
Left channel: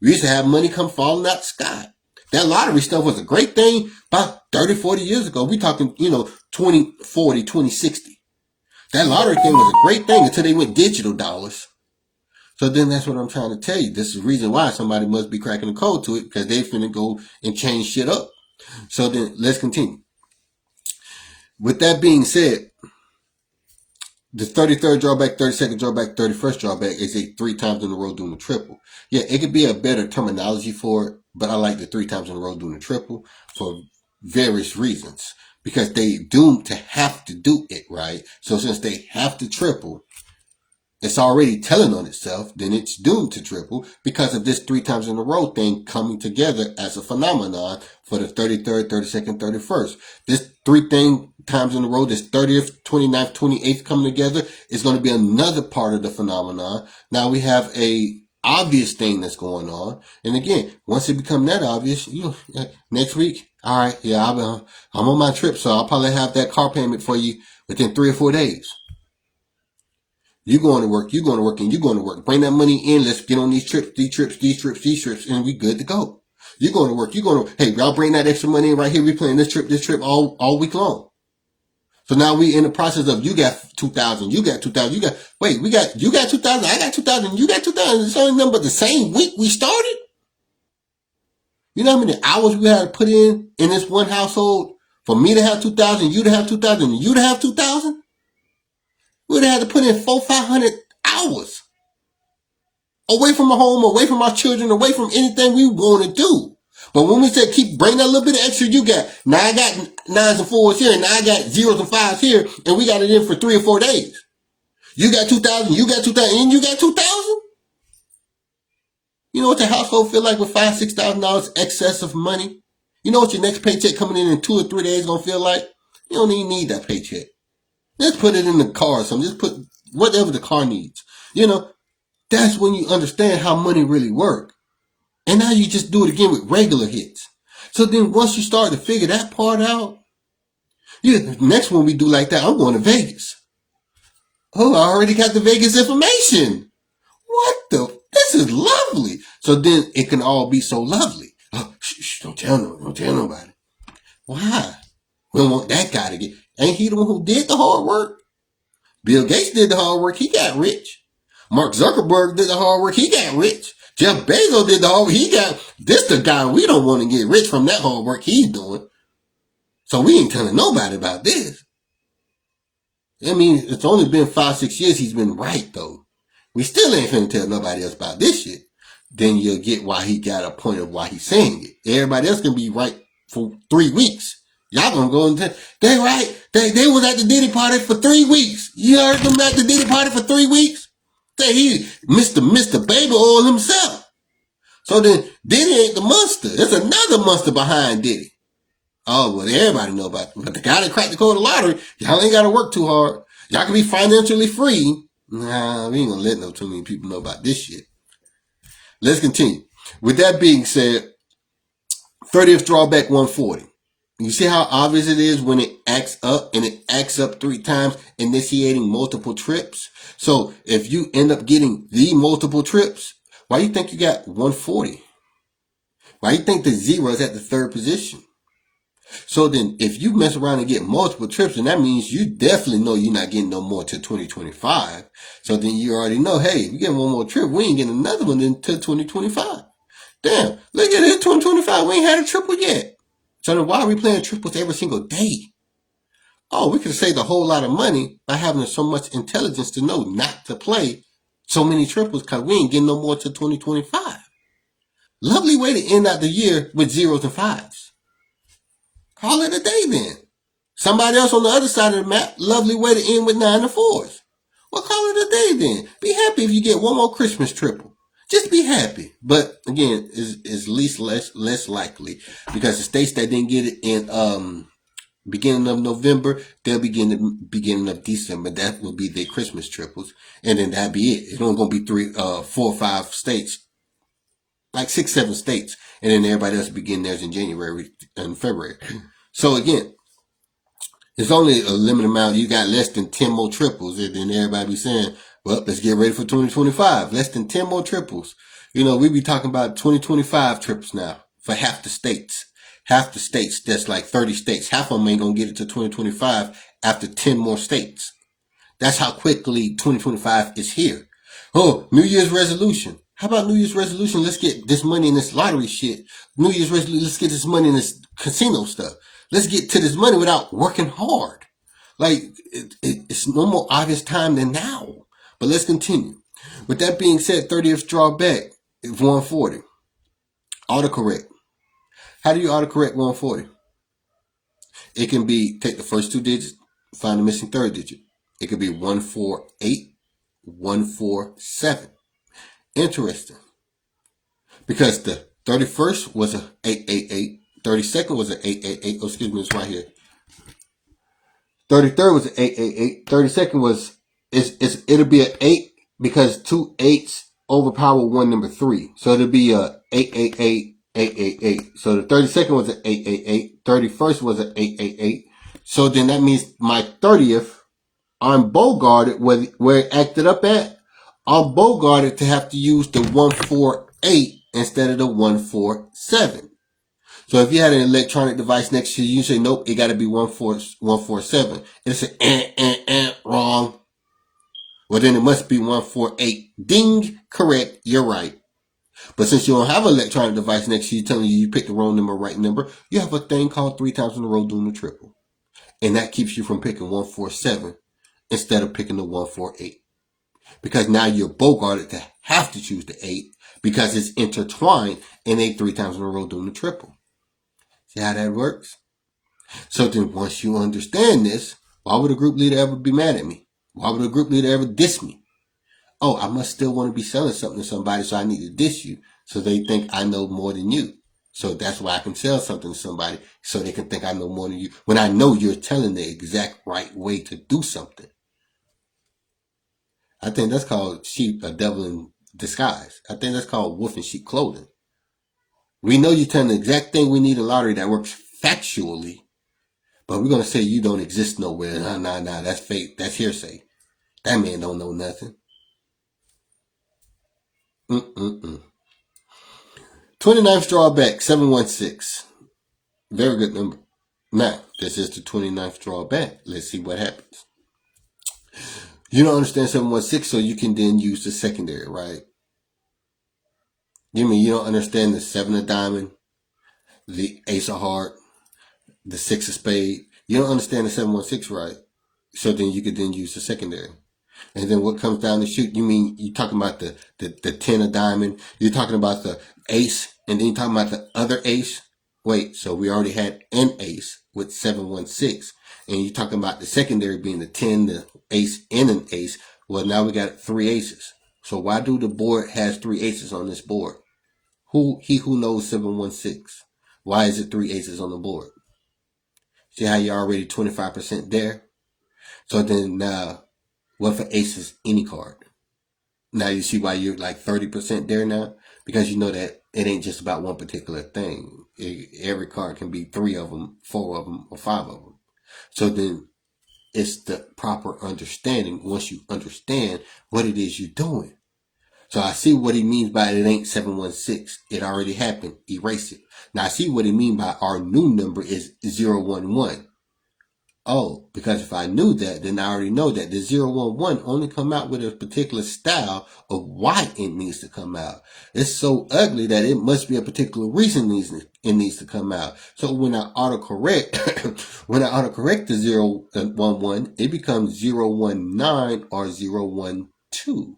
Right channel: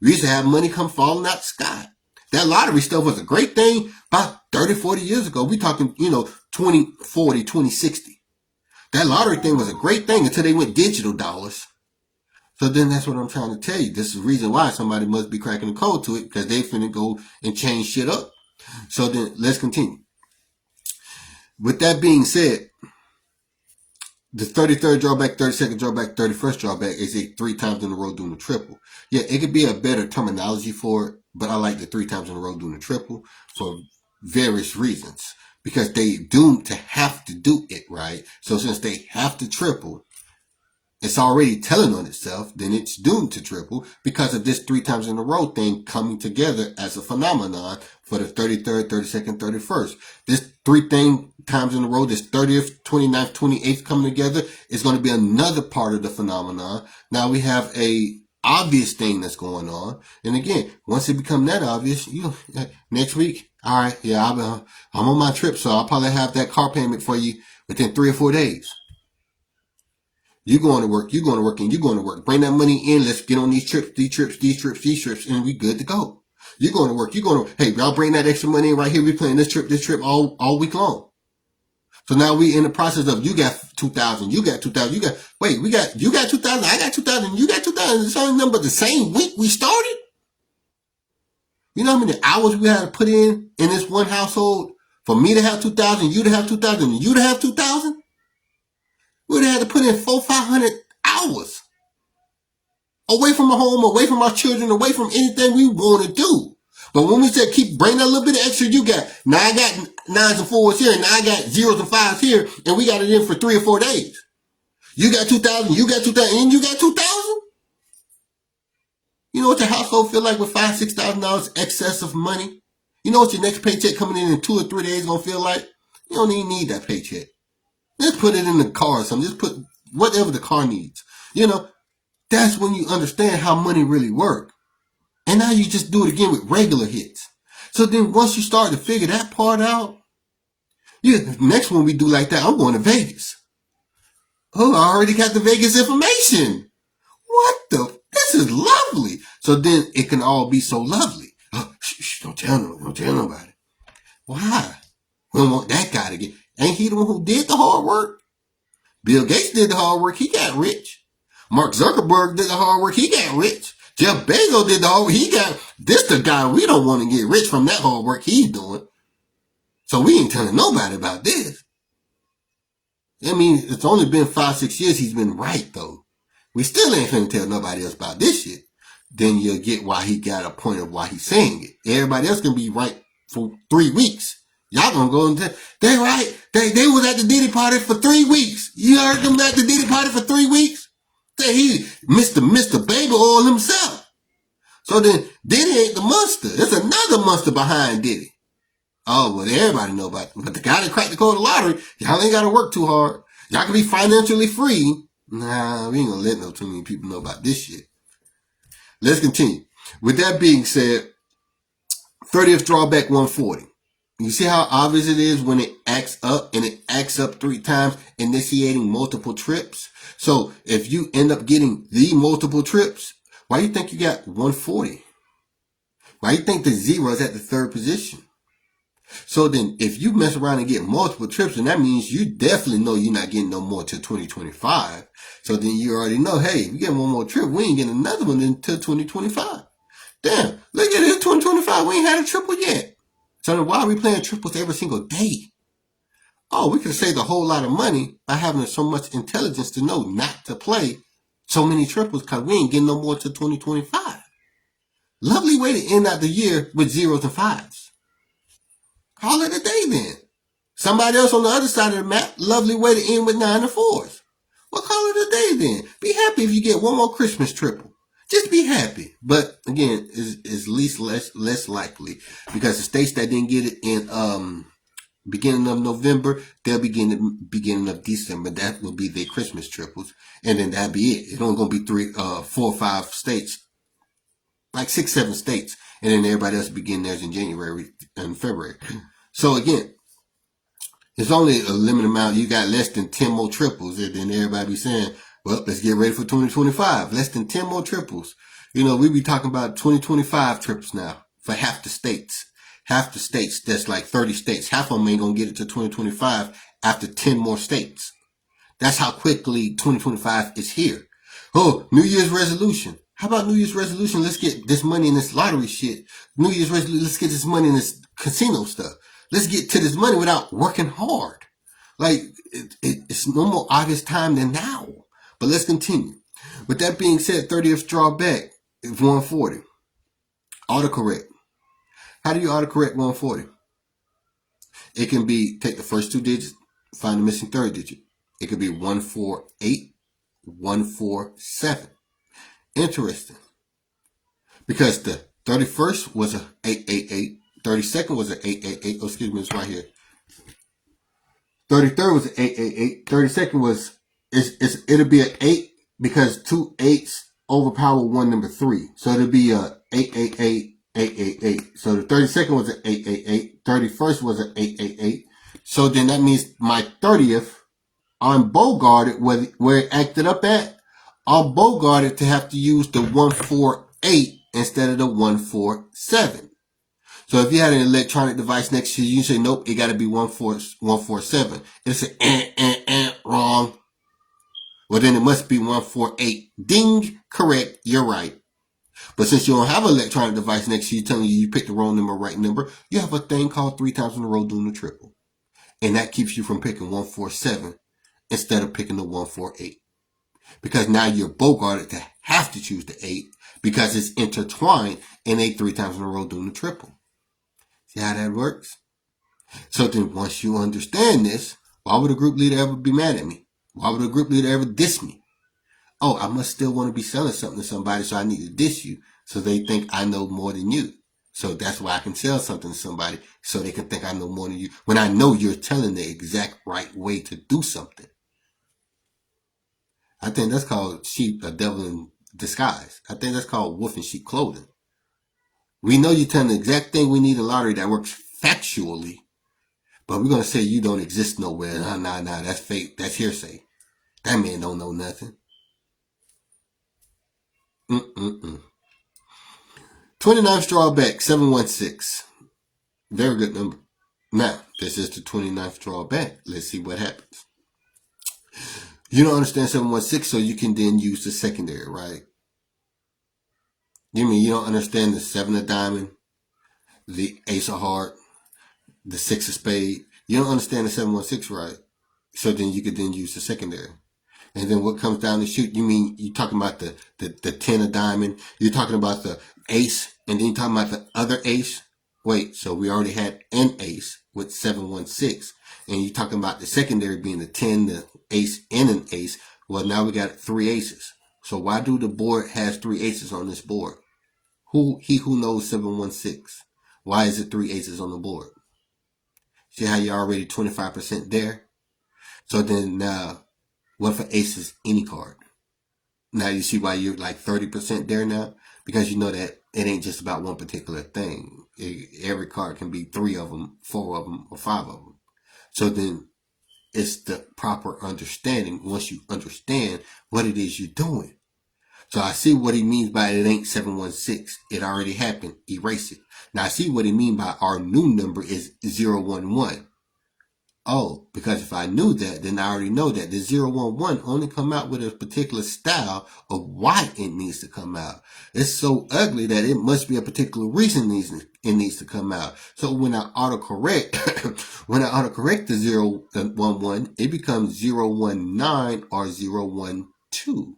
We used to have money come falling out the sky. That lottery stuff was a great thing about 30, 40 years ago. We talking, 2040, 2060. That lottery thing was a great thing until they went digital dollars. So then that's what I'm trying to tell you. This is the reason why somebody must be cracking the code to it because they finna go and change shit up. So then let's continue. With that being said, the 33rd drawback, 32nd drawback, 31st drawback is a 3 times in a row doing a triple. Yeah, it could be a better terminology for it, but I like the 3 times in a row doing a triple for various reasons. Because they doomed to have to do it, right? So since they have to triple, it's already telling on itself, then it's doomed to triple because of this 3 times in a row thing coming together as a phenomenon for the 33rd, 32nd, 31st. This 3 times in a row, this 30th, 29th, 28th coming together is going to be another part of the phenomenon. Now we have a obvious thing that's going on. And again, once it becomes that obvious, like next week, all right, yeah, I'm on my trip, so I'll probably have that car payment for you within 3 or 4 days. You're going to work, and you're going to work. Bring that money in. Let's get on these trips, and we good to go. You're going to work. Hey, y'all bring that extra money in right here. We playing this trip all week long. So now we in the process of you got 2,000, you got 2,000, you got 2,000, I got 2,000, you got 2,000. It's only number the same week we started. You know how many hours we had to put in this one household for me to have 2,000, you to have 2,000, and you to have 2,000? We'd have had to put in 400-500 hours away from our home, away from our children, away from anything we want to do. But when we said keep bringing that little bit of extra you got, now I got 9s and 4s here, and now I got 0s and 5s here, and we got it in for 3 or 4 days. You got 2,000, you got 2,000, and you got 2,000? You know what your household feel like with $5,000-$6,000 excess of money? You know what your next paycheck coming in 2 or 3 days gonna feel like? You don't even need that paycheck. Let's put it in the car or something. Just put whatever the car needs. You know, that's when you understand how money really works. And now you just do it again with regular hits. So then once you start to figure that part out, next one we do like that, I'm going to Vegas. Oh, I already got the Vegas information. What the? This is lovely. So then it can all be so lovely. Oh, don't tell nobody. Why? We don't want that guy to get. Ain't he the one who did the hard work? Bill Gates did the hard work. He got rich. Mark Zuckerberg did the hard work. He got rich. Jeff Bezos did the hard work. He got, this the guy we don't want to get rich from that hard work he's doing. So we ain't telling nobody about this. I mean, it's only been 5-6 years he's been right, though. We still ain't finna tell nobody else about this shit. Then you'll get why he got a point of why he's saying it. Everybody else can be right for 3 weeks. Y'all gonna go and tell, they right. They was at the Diddy party for 3 weeks. You heard them at the Diddy party for 3 weeks? He Mr. Baby Oil himself. So then Diddy ain't the monster. There's another monster behind Diddy. Oh, well, everybody know about it. But the guy that cracked the code of lottery, y'all ain't got to work too hard. Y'all can be financially free. Nah, we ain't gonna let no too many people know about this shit. Let's continue. With that being said, 30th drawback 140. You see how obvious it is when it acts up, and it acts up 3 times, initiating multiple trips? So if you end up getting the multiple trips, why you think you got 140? Why you think the 0 is at the 3rd position? So then if you mess around and get multiple trips, then that means you definitely know you're not getting no more till 2025. So then you already know, hey, if you get one more trip, we ain't getting another one until 2025. Damn, look at it, 2025, we ain't had a triple yet. So then why are we playing triples every single day? Oh, we could have saved a whole lot of money by having so much intelligence to know not to play so many triples because we ain't getting no more till 2025. Lovely way to end out the year with 0s and 5s. Call it a day then. Somebody else on the other side of the map, lovely way to end with 9 and 4s. Well, call it a day then. Be happy if you get one more Christmas triple. Just be happy. But again, it's less likely because the states that didn't get it in beginning of November, they'll begin at beginning of December. That will be their Christmas triples, and then that'll be it. It's only gonna be 3, 4 or 5 states, like 6, 7 states, and then everybody else begin theirs in January and February. So again, it's only a limited amount. You got less than 10 more triples, and then everybody be saying, well, let's get ready for 2025. Less than 10 more triples. You know, we be talking about 2025 triples now for half the states. Half the states, that's like 30 states. Half of them ain't gonna get it to 2025 after 10 more states. That's how quickly 2025 is here. Oh, New Year's resolution. How about New Year's resolution? Let's get this money in this lottery shit. New Year's resolution, let's get this money in this casino stuff. Let's get to this money without working hard. Like, it's no more obvious time than now. But let's continue. With that being said, 30th drawback is 140. Autocorrect. How do you autocorrect 140? It can be, take the first 2 digits, find the missing 3rd digit. It could be 148, 147. Interesting. Because the 31st was a 888, 32nd was an 888. Oh, excuse me, it's right here. 33rd was an 888. 32nd was, it'll be an 8 because 2 8s overpower one number 3. So it'll be a 888, 888. So the 32nd was an 888. 31st was an 888. So then that means my 30th, I'm bogarted where it acted up at. I'm bogarted to have to use the 148 instead of the 147. So if you had an electronic device next to you, you say, nope, it got to be 147. It'll say, wrong. Well, then it must be 148. Ding, correct, you're right. But since you don't have an electronic device next to you telling you picked the wrong number, right number, you have a thing called 3 times in a row doing the triple. And that keeps you from picking 147 instead of picking the 148. Because now you're bogarted to have to choose the 8 because it's intertwined in a 3 times in a row doing the triple. See how that works? So then once you understand this, why would a group leader ever be mad at me? Why would a group leader ever diss me? Oh, I must still want to be selling something to somebody, so I need to diss you so they think I know more than you. So that's why I can sell something to somebody so they can think I know more than you when I know you're telling the exact right way to do something. I think that's called sheep, a devil in disguise. I think that's called wolf in sheep clothing. We know you're telling the exact thing we need in lottery that works factually, but we're going to say you don't exist nowhere. Nah, that's fake. That's hearsay. That man don't know nothing. 29th straw back, 716. Very good number. Now, this is the 29th straw back. Let's see what happens. You don't understand 716, so you can then use the secondary, right? You mean you don't understand the 7 of diamond, the ace of heart, the 6 of spade? You don't understand the 716, right? So then you could then use the secondary. And then what comes down the chute, you mean you're talking about the 10 of diamond, you're talking about the ace, and then you're talking about the other ace? Wait, so we already had an ace with 716, and you're talking about the secondary being the 10, the ace, and an ace. Well, now we got 3 aces. So why do the board has 3 aces on this board? He who knows 716. Why is it 3 aces on the board? See how you're already 25% there? So then now, what for aces? Any card. Now you see why you're like 30% there now? Because you know that it ain't just about one particular thing. Every card can be 3 of them, 4 of them, or 5 of them. So then it's the proper understanding once you understand what it is you're doing. So I see what he means by it ain't 716. It already happened. Erase it. Now I see what he means by our new number is 011. Oh, because if I knew that, then I already know that the 011 only come out with a particular style of why it needs to come out. It's so ugly that it must be a particular reason it needs to come out. So when I autocorrect, the 011, it becomes 019 or 012.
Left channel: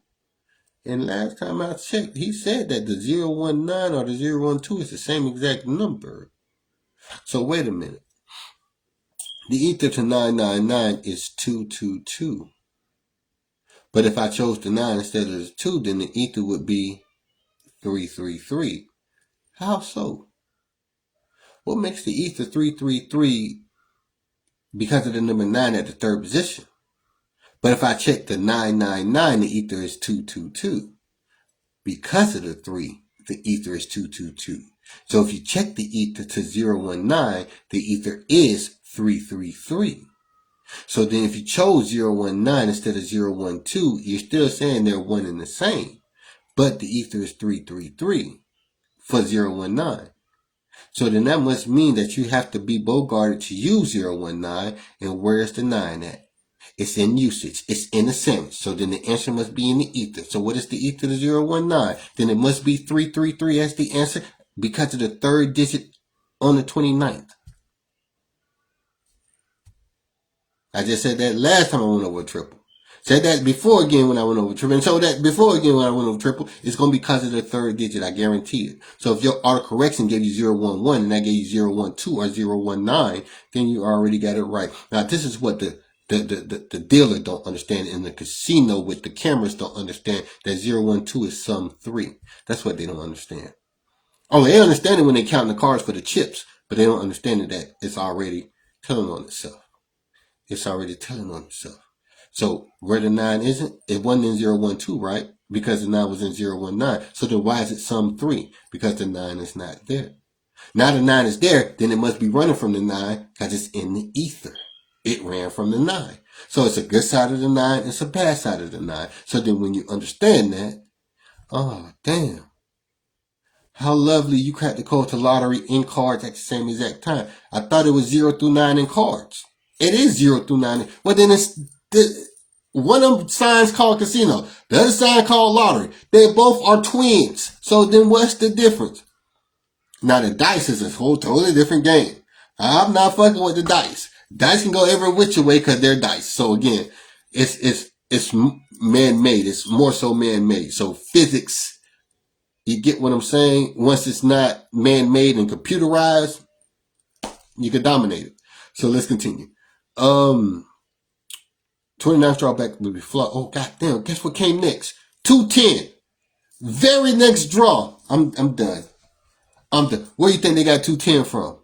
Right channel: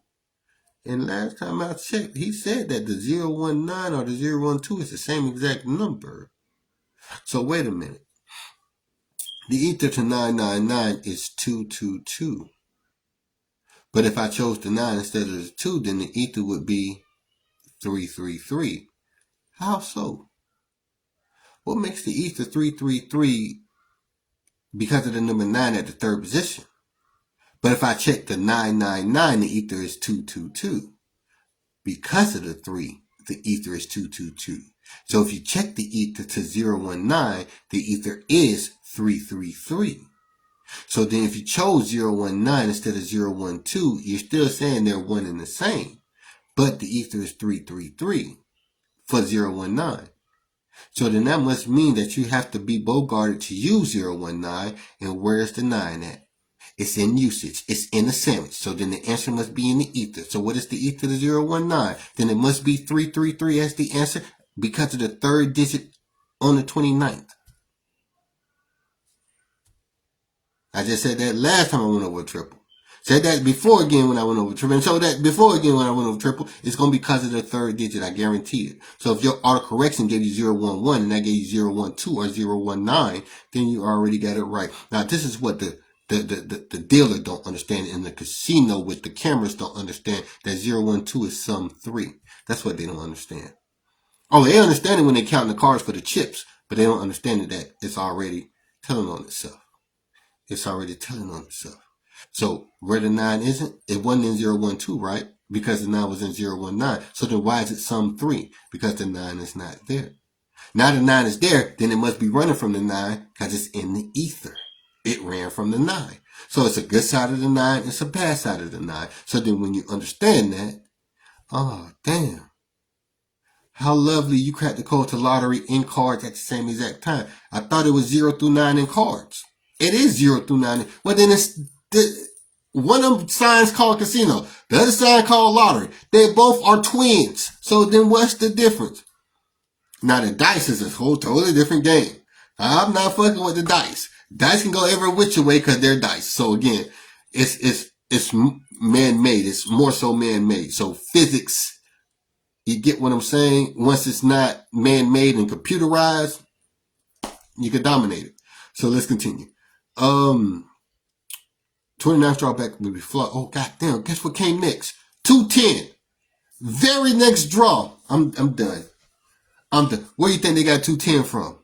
And last time I checked, he said that the 019 or the 012 is the same exact number. So wait a minute. The ether to 999 is 222. But if I chose the 9 instead of the 2, then the ether would be 333. How so? What makes the ether 333 because of the number 9 at the third position? But if I check the 999, the ether is 222. Because of the 3, the ether is 222. So if you check the ether to 019, the ether is 333. So then if you chose 019 instead of 012, you're still saying they're one and the same. But the ether is 333 for 019. So then that must mean that you have to be bogarted to use 019. And where's the 9 at? It's in usage. It's in a sandwich. So then the answer must be in the ether. So what is the ether to 019? Then it must be 333 as the answer because of the third digit on the 29th. I just said that last time I went over triple. Said that before again when I went over triple. And so that before again when I went over triple, it's going to be because of the third digit. I guarantee it. So if your autocorrection gave you 011 and I gave you 012 or 019, then you already got it right. Now this is what the dealer don't understand in the casino with the cameras don't understand that 012 is sum 3. That's what they don't understand. Oh, they understand it when they count the cards for the chips, but they don't understand it that it's already telling on itself. It's already telling on itself. So where the 9 isn't, it wasn't in 012, right? Because the 9 was in 019. So then why is it sum 3? Because the 9 is not there. Now the 9 is there, then it must be running from the 9 because it's in the ether. It ran from the 9. So it's a good side of the 9, it's a bad side of the 9. So then when you understand that, oh, damn. How lovely, you cracked the code to lottery in cards at the same exact time. I thought it was 0 through 9 in cards. It is 0 through 9. Well, then it's one of them signs called casino. The other sign called lottery. They both are twins. So then what's the difference? Now the dice is a whole totally different game. I'm not fucking with the dice. Dice can go every which way because they're dice. So again, it's man-made. It's more so man-made. So physics, you get what I'm saying? Once it's not man-made and computerized, you can dominate it. So let's continue. 29th drawback will be flawed. Oh goddamn! Guess what came next? 210. Very next draw. I'm done. Where you think they got 210 from?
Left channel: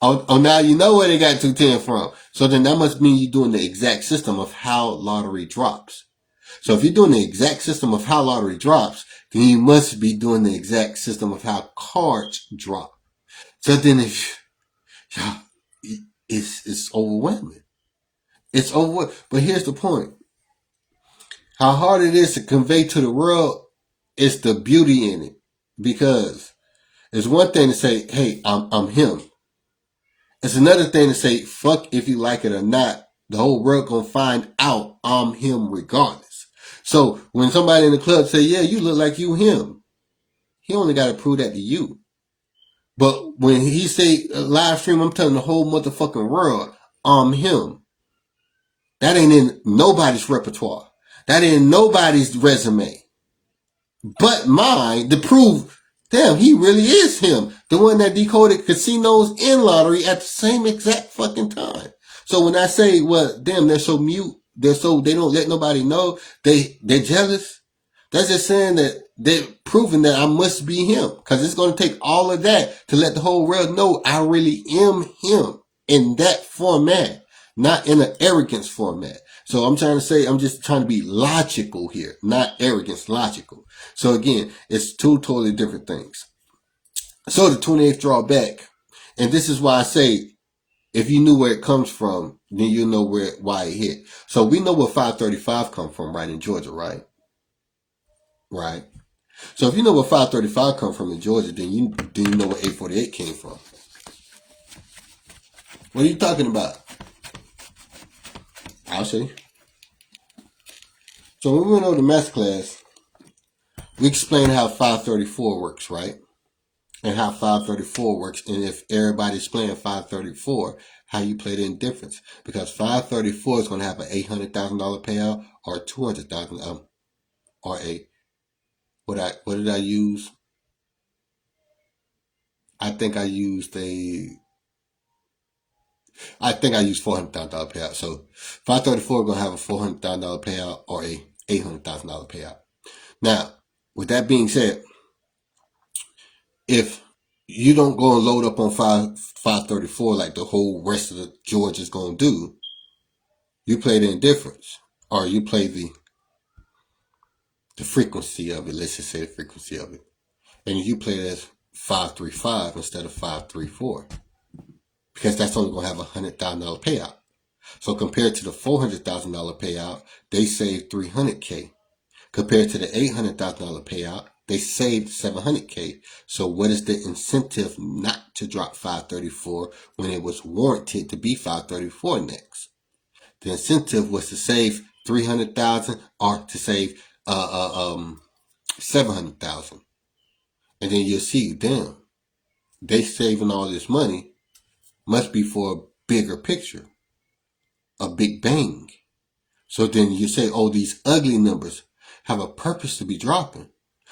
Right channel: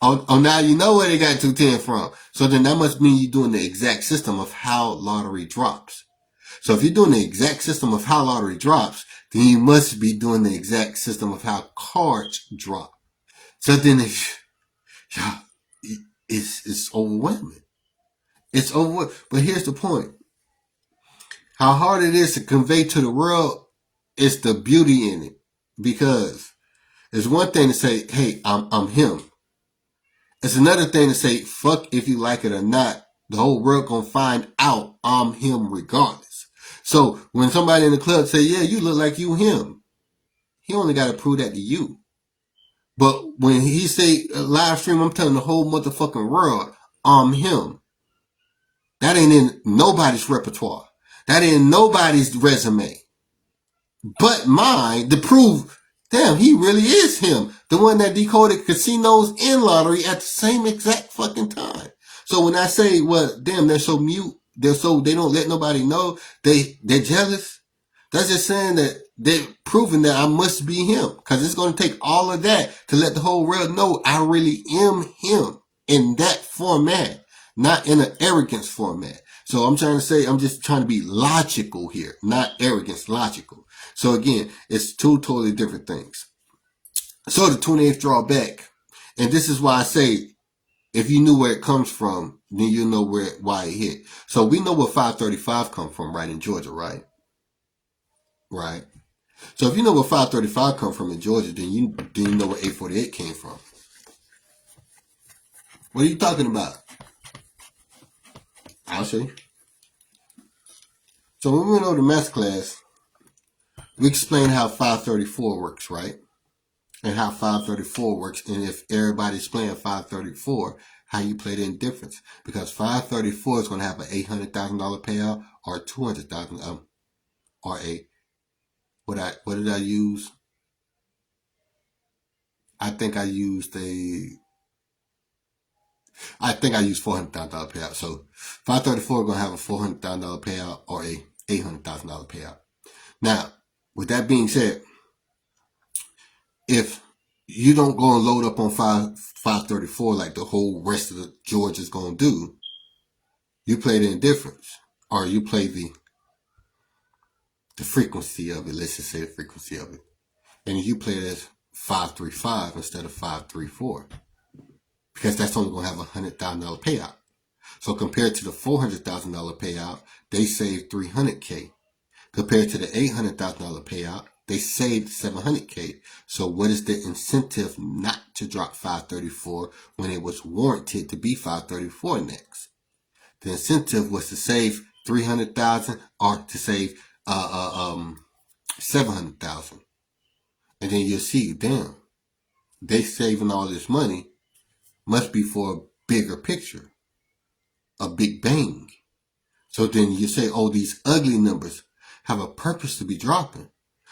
Oh, now you know where they got 210 from. So then that must mean you're doing the exact system of how lottery drops. So if you're doing the exact system of how lottery drops, then you must be doing the exact system of how cards drop. So then it's overwhelming. It's overwhelming. But here's the point. How hard it is to convey to the world is the beauty in it. Because it's one thing to say, hey, I'm him. It's another thing to say, fuck if you like it or not. The whole world gonna find out I'm him regardless. So when somebody in the club say, yeah, you look like you him, he only got to prove that to you. But when he say live stream, I'm telling the whole motherfucking world, I'm him. That ain't in nobody's repertoire. That ain't nobody's resume. But mine to prove, damn, he really is him. The one that decoded casinos and lottery at the same exact fucking time. So when I say, well, damn, they're so mute, they don't let nobody know, they're jealous. That's just saying that they're proving that I must be him. Because it's going to take all of that to let the whole world know I really am him in that format, not in an arrogance format. So I'm trying to say, I'm just trying to be logical here, not arrogance, logical. So again, it's two totally different things. So the 28th drawback, and this is why I say, if you knew where it comes from, then you know why it hit. So we know where 535 come from, right, in Georgia, right? Right. So if you know where 535 come from in Georgia, then you know where 848 came from. What are you talking about? I'll show you. So when we went over to math class, we explained how 534 works, right? And how 534 works, and if everybody's playing 534, how you play the indifference. Because 534 is going to have an $800,000 payout or $200,000, or what did I use? I think I used $400,000 payout. So 534 is going to have a $400,000 payout or a $800,000 payout. Now, with that being said, if you don't go and load up on 534 like the whole rest of the George is going to do, you play the indifference, or you play the frequency of it. Let's just say the frequency of it. And you play it as 535 instead of 534. Because that's only going to have a $100,000 payout. So compared to the $400,000 payout, they saved $300K. Compared to the $800,000 payout, they saved $700K. So what is the incentive not to drop 534 when it was warranted to be 534 next? The incentive was to save $300,000 or to save $700,000. And then you'll see, damn, they saving all this money must be for a bigger picture, a big bang. So then you say, oh, these ugly numbers have a purpose to be dropping.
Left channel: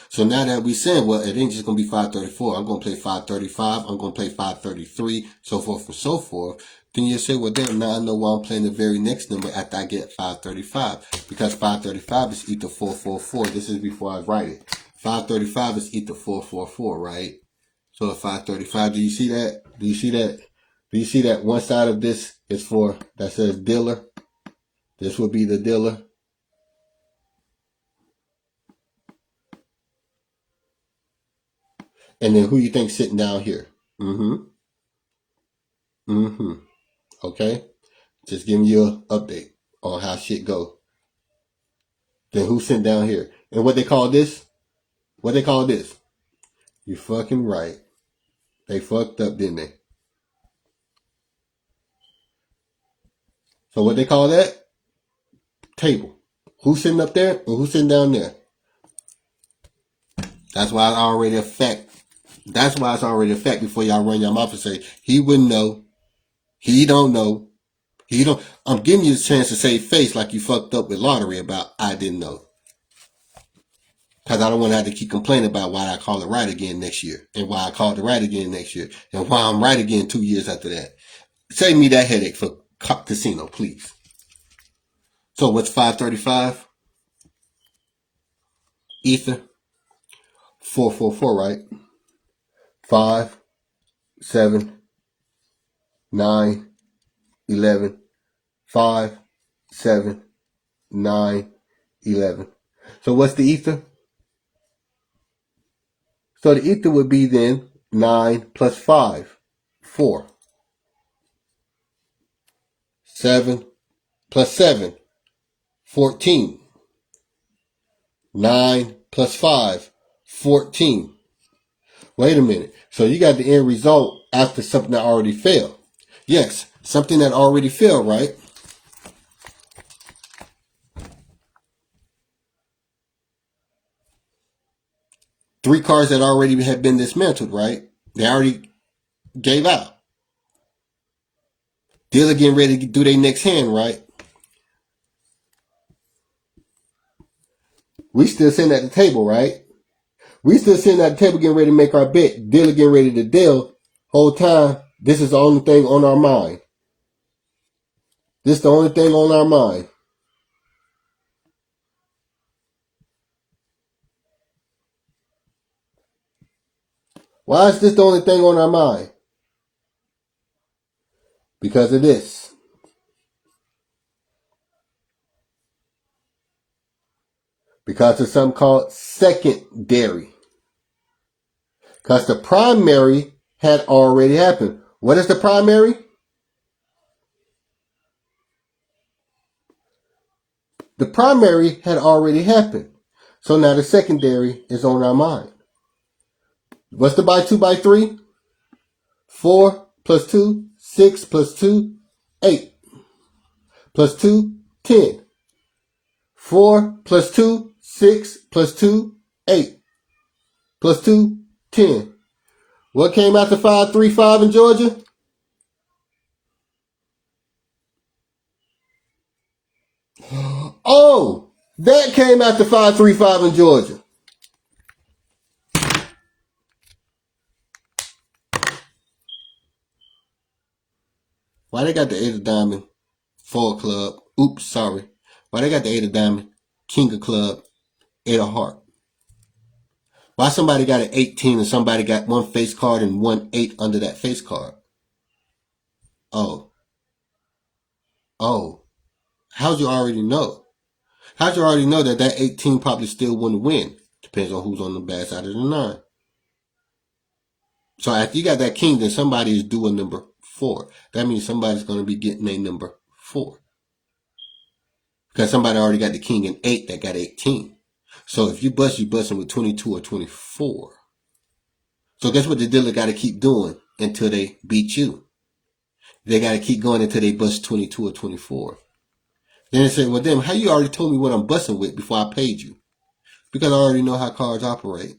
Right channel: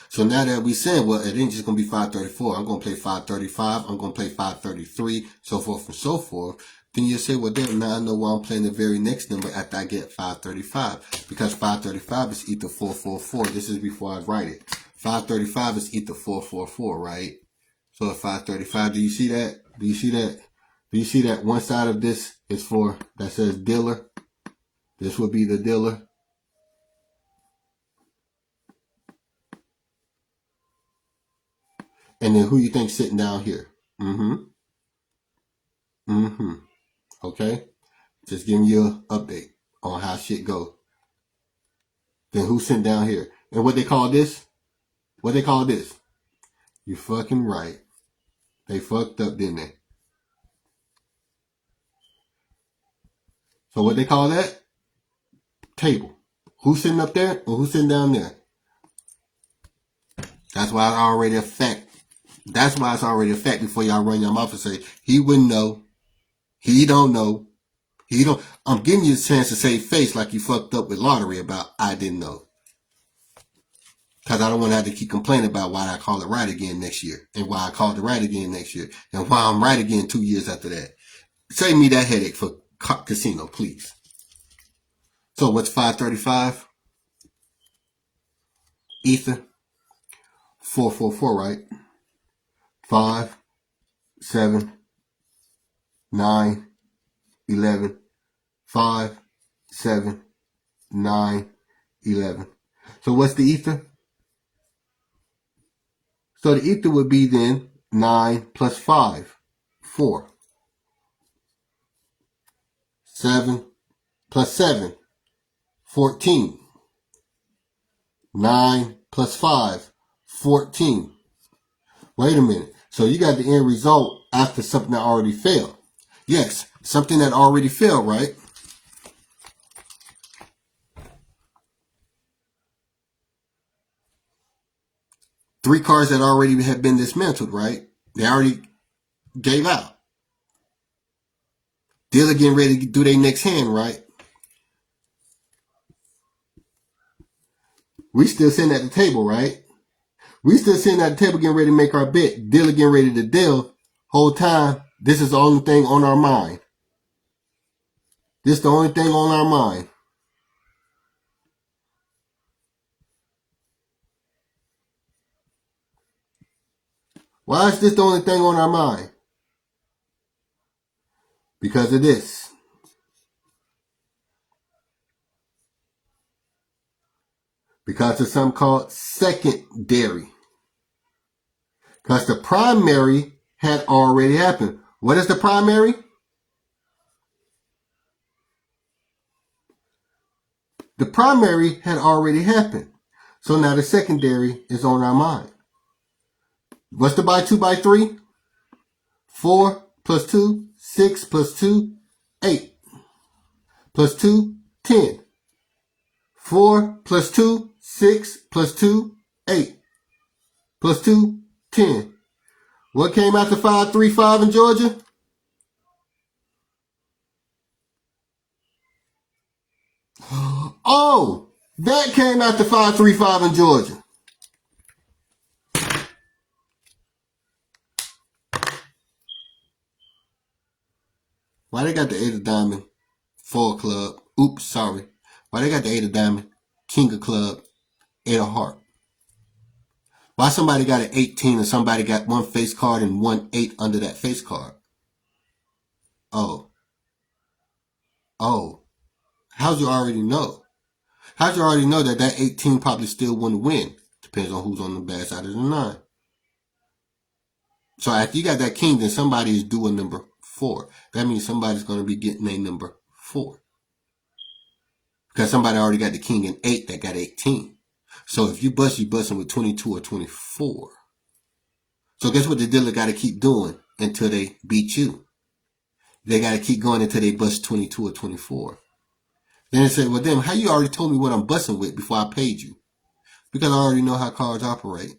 So now that we saying, well, it ain't just going to be 534. I'm going to play 535. I'm going to play 533, so forth and so forth. Then you say, well, damn, now I know why I'm playing the very next number after I get 535. Because 535 is equal to 444. This is before I write it. 535 is equal to 444, right? So at 535, do you see that? Do you see that? Do you see that one side of this is for, that says dealer? This would be the dealer. And then who you think sitting down here? Okay? Just giving you an update on how shit go. Then who's sitting down here? And what they call this? What they call this? You fucking right. They fucked up, didn't they? So what they call that? Table. Who's sitting up there or who's sitting down there? That's why it's already a fact. That's why it's already a fact before y'all run your mouth and say, he wouldn't know. He don't know. He don't. I'm giving you a chance to save face like you fucked up with lottery about I didn't know. Because I don't want to have to keep complaining about why I call it right again next year. And why I called it right again next year. And why I'm right again 2 years after that. Save me that headache for casino, please. So what's 535? Ether. 444, right? 5, 7, 9, 11. 5, 7, 9, 11. So what's the ether? So the ether would be then 9 plus 5, 4. 7 plus 7, 14. 9 plus 5, 14. Wait a minute. So you got the end result after something that already failed. Yes, something that already failed, right? Three cards that already had been dismantled, right? They already gave out. Dealer getting ready to do their next hand, right? We still sitting at the table, right? We still sitting at the table getting ready to make our bet. Dealer getting ready to deal. Whole time, this is the only thing on our mind. This is the only thing on our mind. Why is this the only thing on our mind? Because of this. Because of something called secondary. Because the primary had already happened. What is the primary? The primary had already happened. So now the secondary is on our mind. What's the by 2 by 3? 4 plus 2, 6 plus 2, 8. Plus 2, 10. 4 plus 2, 6 plus 2, 8. Plus 2, 10. What came after 535 in Georgia? Oh, that came after 535 in Georgia. Why they got the 8 of diamond, 4 club? Oops, sorry. Why they got the 8 of diamond, king of club, 8 of heart? Why somebody got an 18 and somebody got one face card and one 8 under that face card? Oh. How'd you already know? How'd you already know that that 18 probably still wouldn't win? Depends on who's on the bad side of the 9. So after you got that king, then somebody is doing number 4. That means somebody's going to be getting a number 4. Because somebody already got the king and 8 that got 18. So if you bust, you busting with 22 or 24. So guess what the dealer got to keep doing until they beat you? They got to keep going until they bust 22 or 24. Then they say, well, damn, how you already told me what I'm busting with before I paid you? Because I already know how cards operate.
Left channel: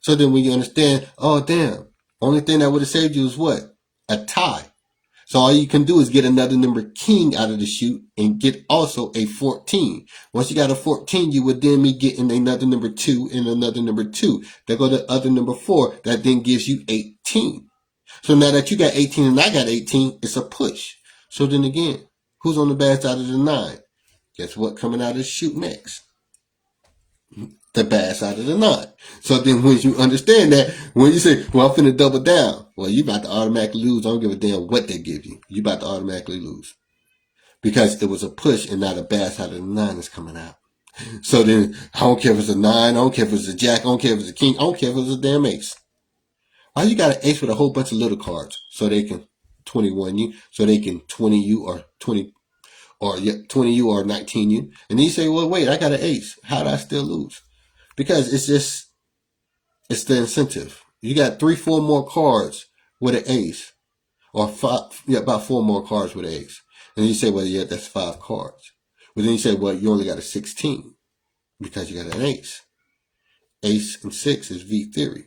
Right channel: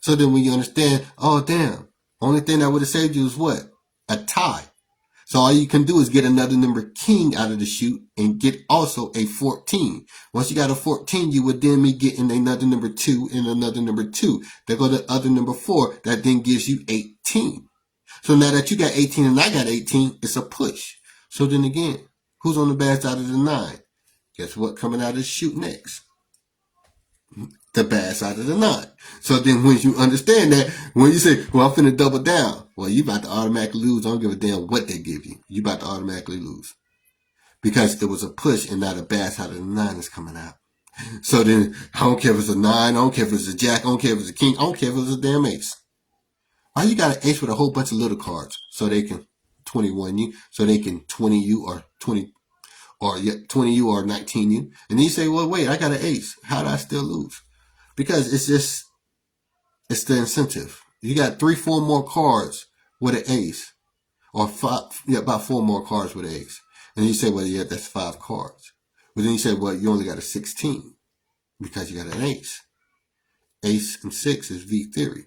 So then when you understand, oh, damn, only thing that would have saved you is what? A tie. So all you can do is get another number king out of the chute and get also a 14. Once you got a 14, you would then be getting another number 2 and another number 2. There go the other number 4. That then gives you 18. So now that you got 18 and I got 18, it's a push. So then again, who's on the bad side of the 9? Guess what coming out of the chute next? The bad side of the 9. So then when you understand that, when you say, well, I'm finna double down, well, you about to automatically lose. I don't give a damn what they give you. You about to automatically lose. Because it was a push and not a bad side of the 9 is coming out. So then, I don't care if it's a 9, I don't care if it's a jack, I don't care if it's a king, I don't care if it's a damn ace. Why you got an ace with a whole bunch of little cards? So they can 21 you, so they can 20 you or 20 you or 19 you. And then you say, well, wait, I got an ace. How did I still lose? Because it's just It's the incentive. You got 3-4 more cards with an ace, or five, yeah, about 4 more cards with an ace. And you say, well, yeah, that's 5 cards. But then you say, well, you only got a 16 because you got an ace. Ace and 6 is V theory.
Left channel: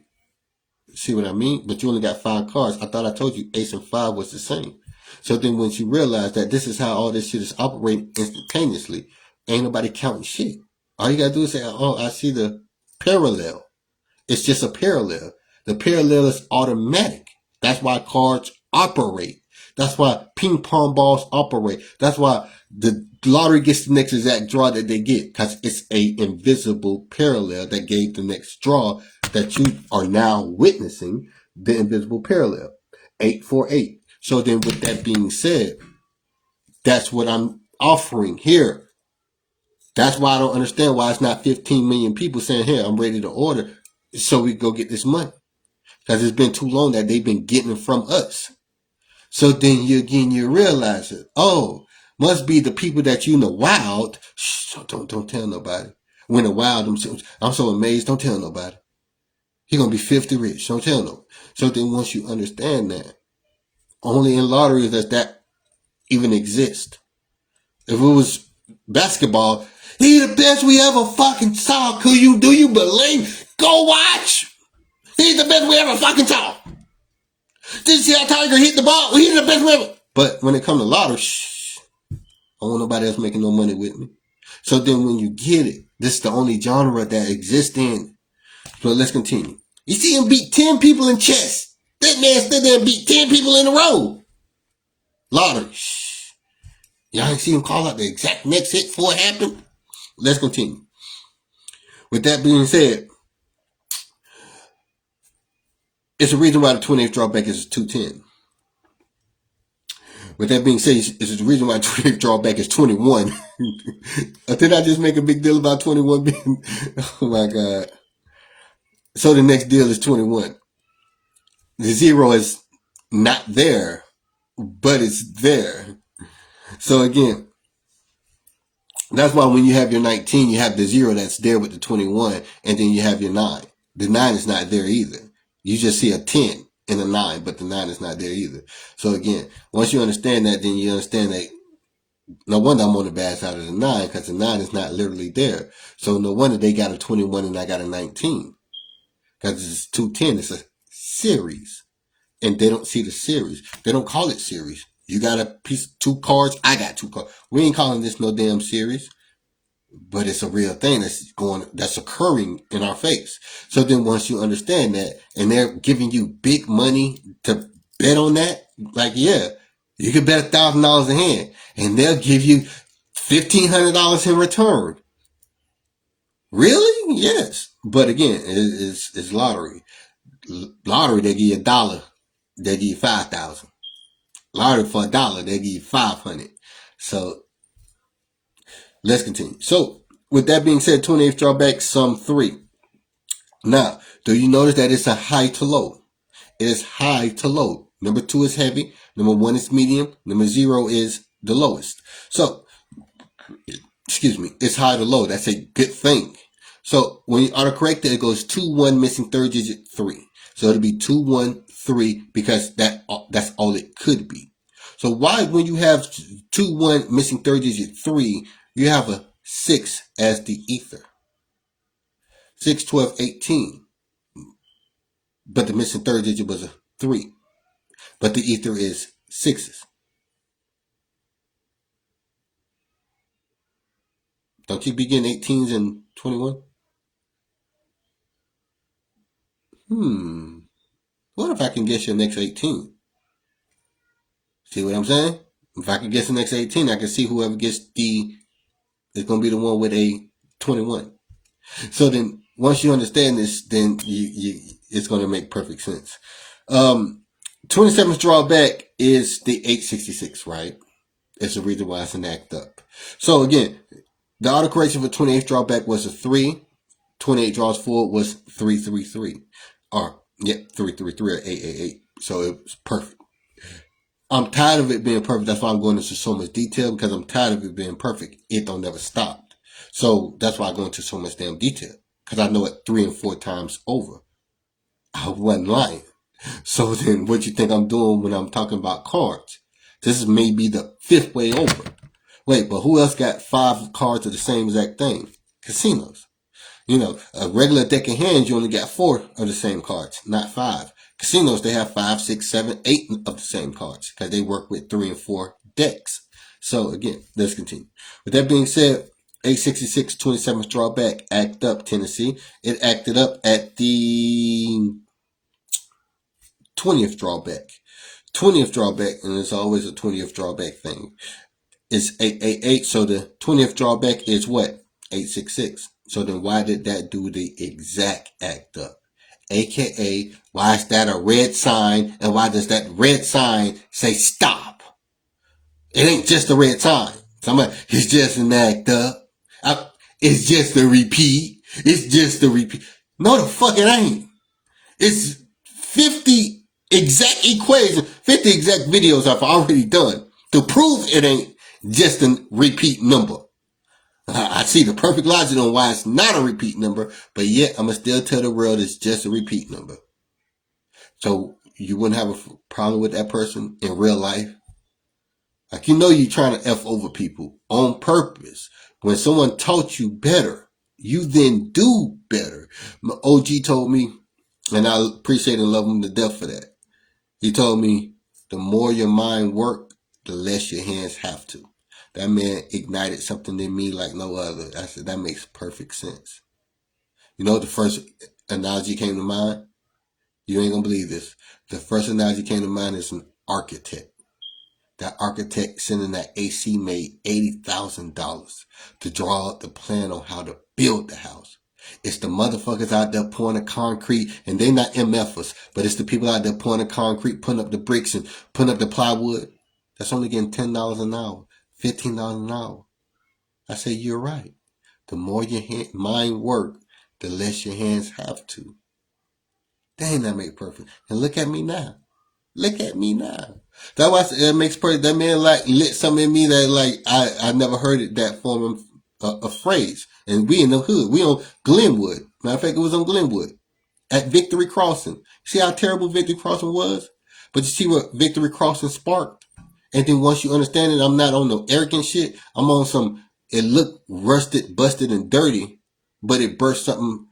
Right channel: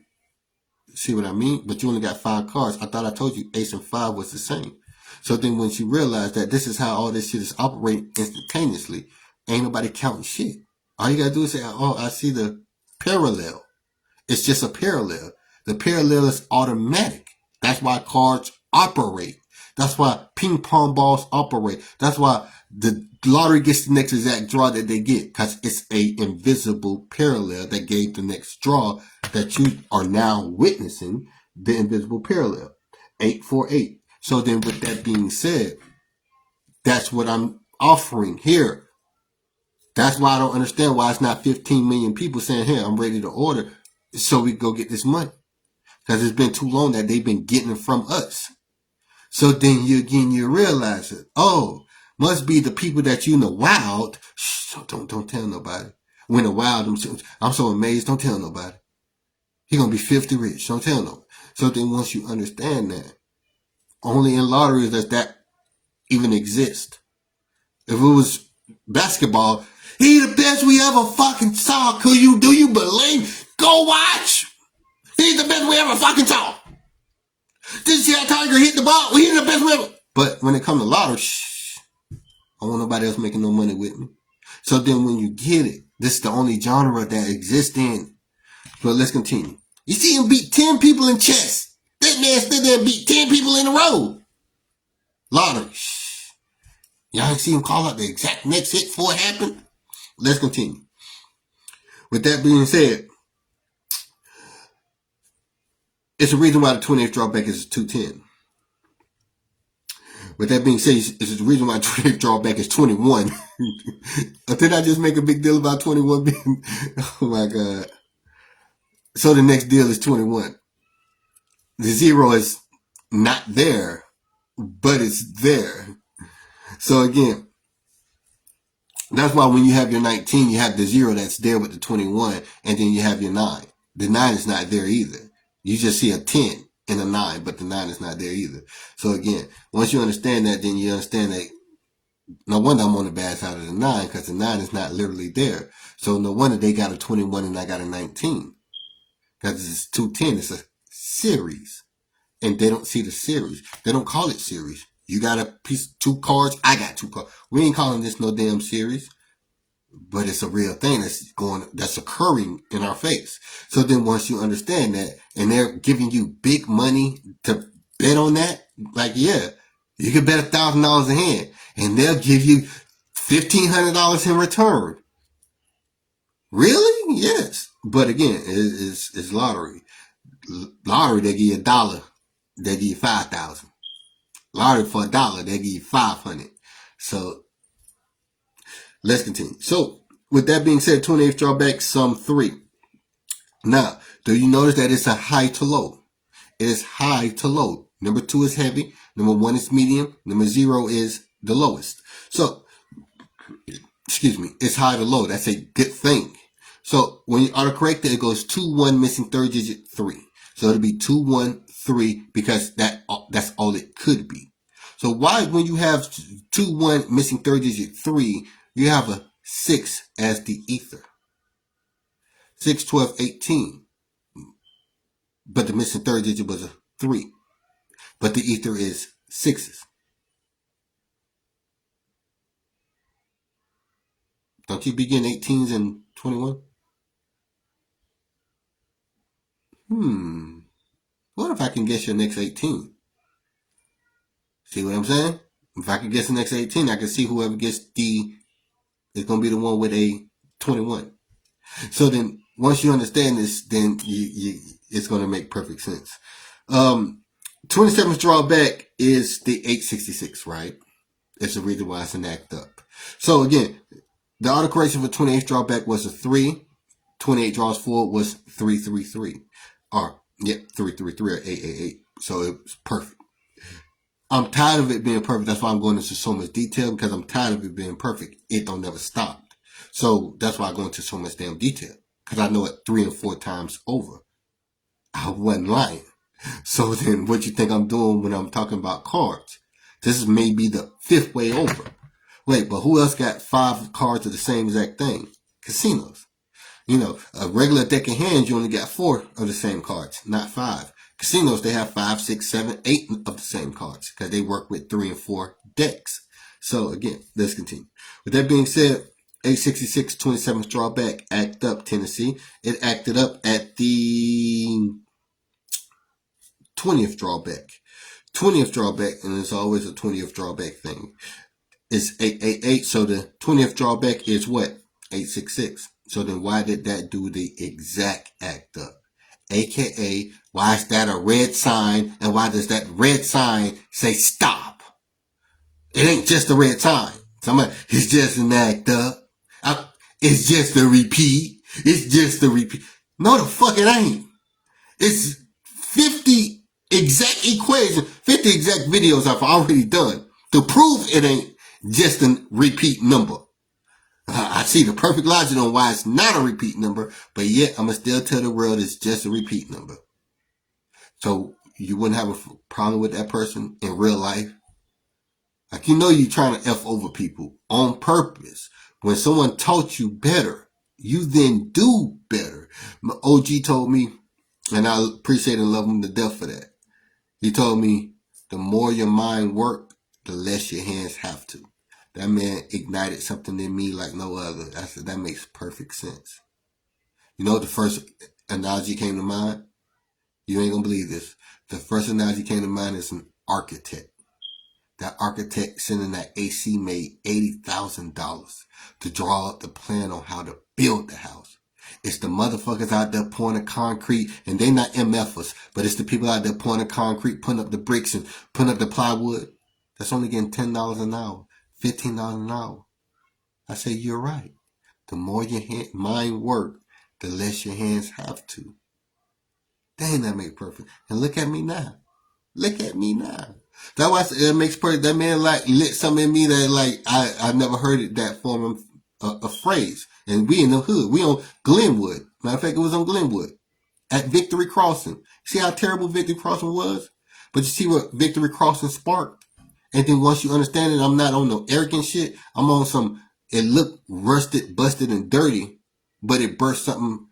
See what I mean? But you only got 5 cards. I thought I told you ace and 5 was the same. So then once you realize that this is how all this shit is operating instantaneously, ain't nobody counting shit. All you gotta do is say, oh, I see the parallel. It's just a parallel. The parallel is automatic. That's why cards operate. That's why ping pong balls operate. That's why the lottery gets the next exact draw that they get, because it's a invisible parallel that gave the next draw that you are now witnessing, the invisible parallel. 848. So then with that being said, that's what I'm offering here. That's why I don't understand why it's not 15 million people saying, here, I'm ready to order so we go get this money. Because it's been too long that they've been getting it from us. So then you realize it. Oh, must be the people that you know wild. Shh, don't tell nobody. When the wild, I'm so amazed. Don't tell nobody. He gonna be 50 rich. Don't tell nobody. So then once you understand that, only in lottery does that even exist. If it was basketball, he the best we ever fucking saw. Do you believe? Go watch. He's the best we ever fucking saw. Did you see how Tiger hit the ball? He's the best we ever. But when it comes to lottery, I don't want nobody else making no money with me. So then when you get it, this is the only genre that exists in. So let's continue. You see him beat 10 people in chess. That man stood there and beat 10 people in a row. Lottery. Y'all ain't see him call out the exact next hit before it happened? Let's continue. With that being said, it's a reason why the 28th drawback is 210. With that being said, it's the reason why the 28th drawback is 21. Did I just make a big deal about 21 being? Oh my God. So the next deal is 21. The 0 is not there, but it's there. So again, that's why when you have your 19, you have the 0 that's there with the 21, and then you have your 9. The 9 is not there either. You just see a 10 and a 9, but the 9 is not there either. So again, once you understand that, then you understand that no wonder I'm on the bad side of the 9, because the 9 is not literally there. So no wonder they got a 21 and I got a 19. Because it's 210, it's a series. And they don't see the series. They don't call it series. You got a piece, 2 cards, I got 2 cards. We ain't calling this no damn series. But it's a real thing that's occurring in our face. So then once you understand that, and they're giving you big money to bet on that, like, yeah, you can bet $1,000 a hand, and they'll give you $1,500 in return. Really? Yes. But again, it's lottery. Lottery, they give you $1. They give you 5,000. Lottery for $1, they give you 500. So let's continue. So with that being said, 28th drawback, sum 3. Now, do you notice that it's a high to low? It is high to low. Number 2 is heavy. Number 1 is medium. Number 0 is the lowest. So, excuse me, it's high to low. That's a good thing. So when you autocorrect it, it goes 2, 1, missing third digit 3. So it'll be 2, 1, 3 because that's all it could be. So why, when you have 2, 1, missing third digit 3, you have a 6 as the ether? 6, 12, 18. But the missing third digit was a 3. But the ether is 6s. Don't you begin 18s and 21? What if I can guess your next 18? See what I'm saying? If I can guess the next 18, I can see whoever gets is going to be the one with a 21. So then, once you understand this, then it's going to make perfect sense. 27th drawback is the 866, right? It's the reason why it's an act up. So again, the autocorrection for 28th drawback was a 3. 28 draws forward was 333. Or, 333 or 888. So it was perfect. I'm tired of it being perfect. That's why I'm going into so much detail, because I'm tired of it being perfect. It don't never stop. So that's why I go into so much damn detail, because I know it 3 and 4 times over. I wasn't lying. So then what you think I'm doing when I'm talking about cards? This is maybe the fifth way over. Wait, but who else got 5 cards of the same exact thing? Casinos. A regular deck of hands, you only got 4 of the same cards, not 5. Casinos, they have 5, 6, 7, 8 of the same cards because they work with 3 and 4 decks. So again, let's continue. With that being said, 866 27th drawback, act up, Tennessee. It acted up at the 20th drawback. 20th drawback, and it's always a 20th drawback thing. It's 888, so the 20th drawback is what? 866. So then why did that do the exact act up? AKA, why is that a red sign, and why does that red sign say stop? It ain't just a red sign. It's just an act up. It's just a repeat. It's just a repeat. No, the fuck it ain't. It's 50 exact equations, 50 exact videos I've already done to prove it ain't just a repeat number. I see the perfect logic on why it's not a repeat number, but yet I'm going to still tell the world it's just a repeat number. So you wouldn't have a problem with that person in real life. Like, you're trying to F over people on purpose. When someone taught you better, you then do better. My OG told me, and I appreciate and love him to death for that. He told me, the more your mind works, the less your hands have to. That man ignited something in me like no other. I said, that makes perfect sense. The first analogy came to mind? You ain't gonna believe this. The first analogy came to mind is an architect. That architect sending that AC made $80,000 to draw up the plan on how to build the house. It's the motherfuckers out there pouring the concrete, and they not MFers, but it's the people out there pouring the concrete, putting up the bricks and putting up the plywood. That's only getting $10 an hour, $15 an hour. I say, you're right. The more your mind work, the less your hands have to. Dang, that make perfect. And look at me now. Look at me now. That's why it makes perfect. That man lit something in me that I never heard it that form of a phrase. And we in the hood. We on Glenwood. Matter of fact, it was on Glenwood at Victory Crossing. See how terrible Victory Crossing was? But you see what Victory Crossing sparked? And then once you understand it, I'm not on no arrogant shit. I'm on some, it looked rusted, busted, and dirty, but it burst something,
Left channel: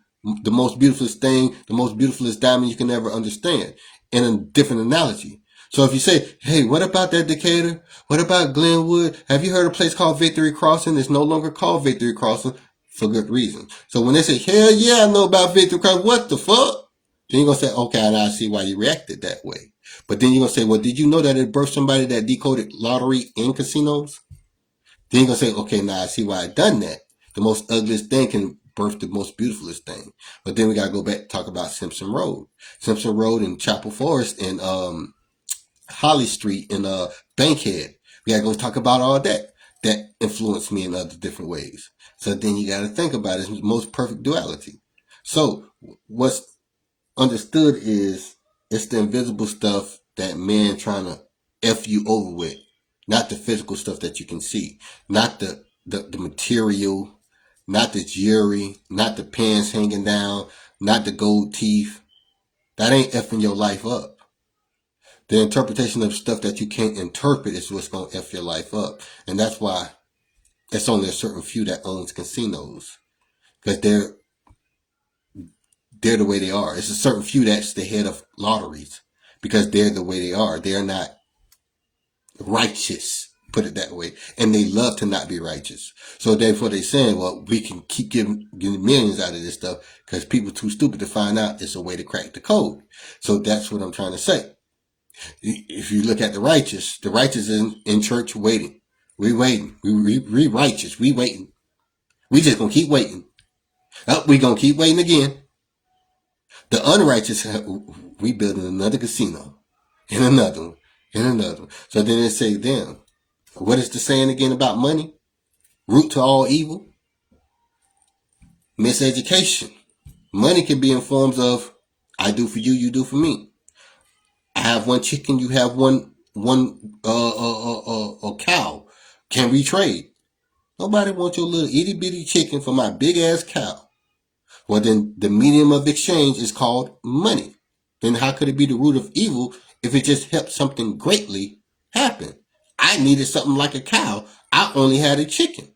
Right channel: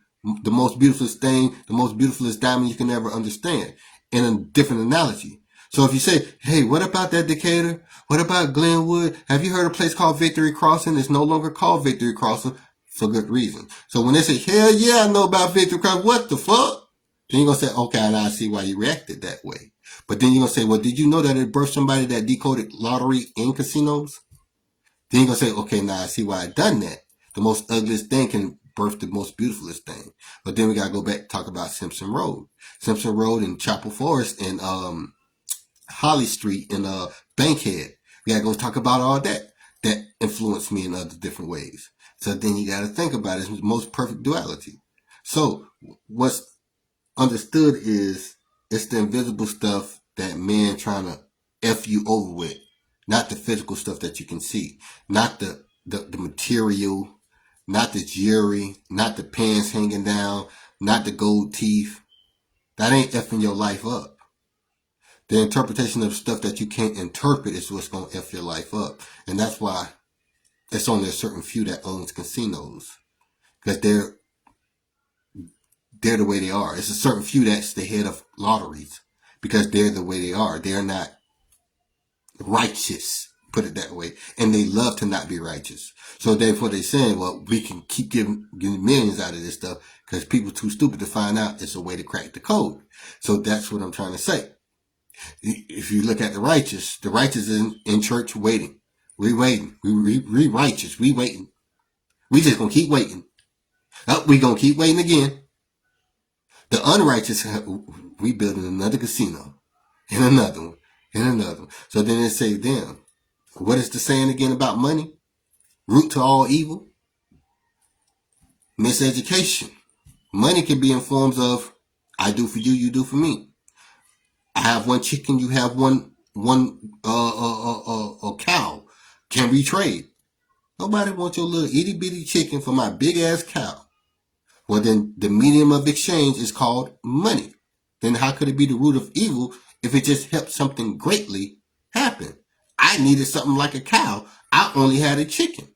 the most beautifulest thing, the most beautifulest diamond you can ever understand in a different analogy. So if you say, hey, what about that Decatur? What about Glenwood? Have you heard of a place called Victory Crossing? It's no longer called Victory Crossing for good reason. So when they say, hell yeah, I know about Victory Crossing, what the fuck? Then you're going to say, okay, now I see why you reacted that way. But then you're going to say, well, did you know that it birthed somebody that decoded lottery in casinos? Then you're going to say, okay, now I see why I done that. The most ugliest thing can birth the most beautifulest thing. But then we got to go back and talk about Simpson Road. Simpson Road in Chapel Forest and Holly Street and Bankhead. We got to go talk about all that influenced me in other different ways. So then you got to think about it. It's the most perfect duality. So what's understood is it's the invisible stuff that men trying to F you over with, not the physical stuff that you can see, not the material, not the jewelry, not the pants hanging down, not the gold teeth. That ain't effing your life up. The interpretation of stuff that you can't interpret is what's going to F your life up. And that's why it's only a certain few that owns casinos. Because they're the way they are. It's a certain few that's the head of lotteries. Because they're the way they are. They're not righteous, put it that way. And they love to not be righteous. So therefore they're saying, well, we can keep getting millions out of this stuff because people too stupid to find out it's a way to crack the code. So that's what I'm trying to say. If you look at the righteous is in church waiting. We waiting. We righteous. We waiting. We just gonna keep waiting. We gonna keep waiting again. The unrighteous, we building another casino. And another one. And another one. So then they say, damn, what is the saying again about money? Root to all evil? Miseducation. Money can be in forms of, I do for you, you do for me. I have one chicken, you have one cow. Can we trade? Nobody wants your little itty bitty chicken for my big ass cow. Well, then the medium of exchange is called money. then how could it be the root of evil if it just helped something greatly happen? I needed something like a cow. I only had a chicken.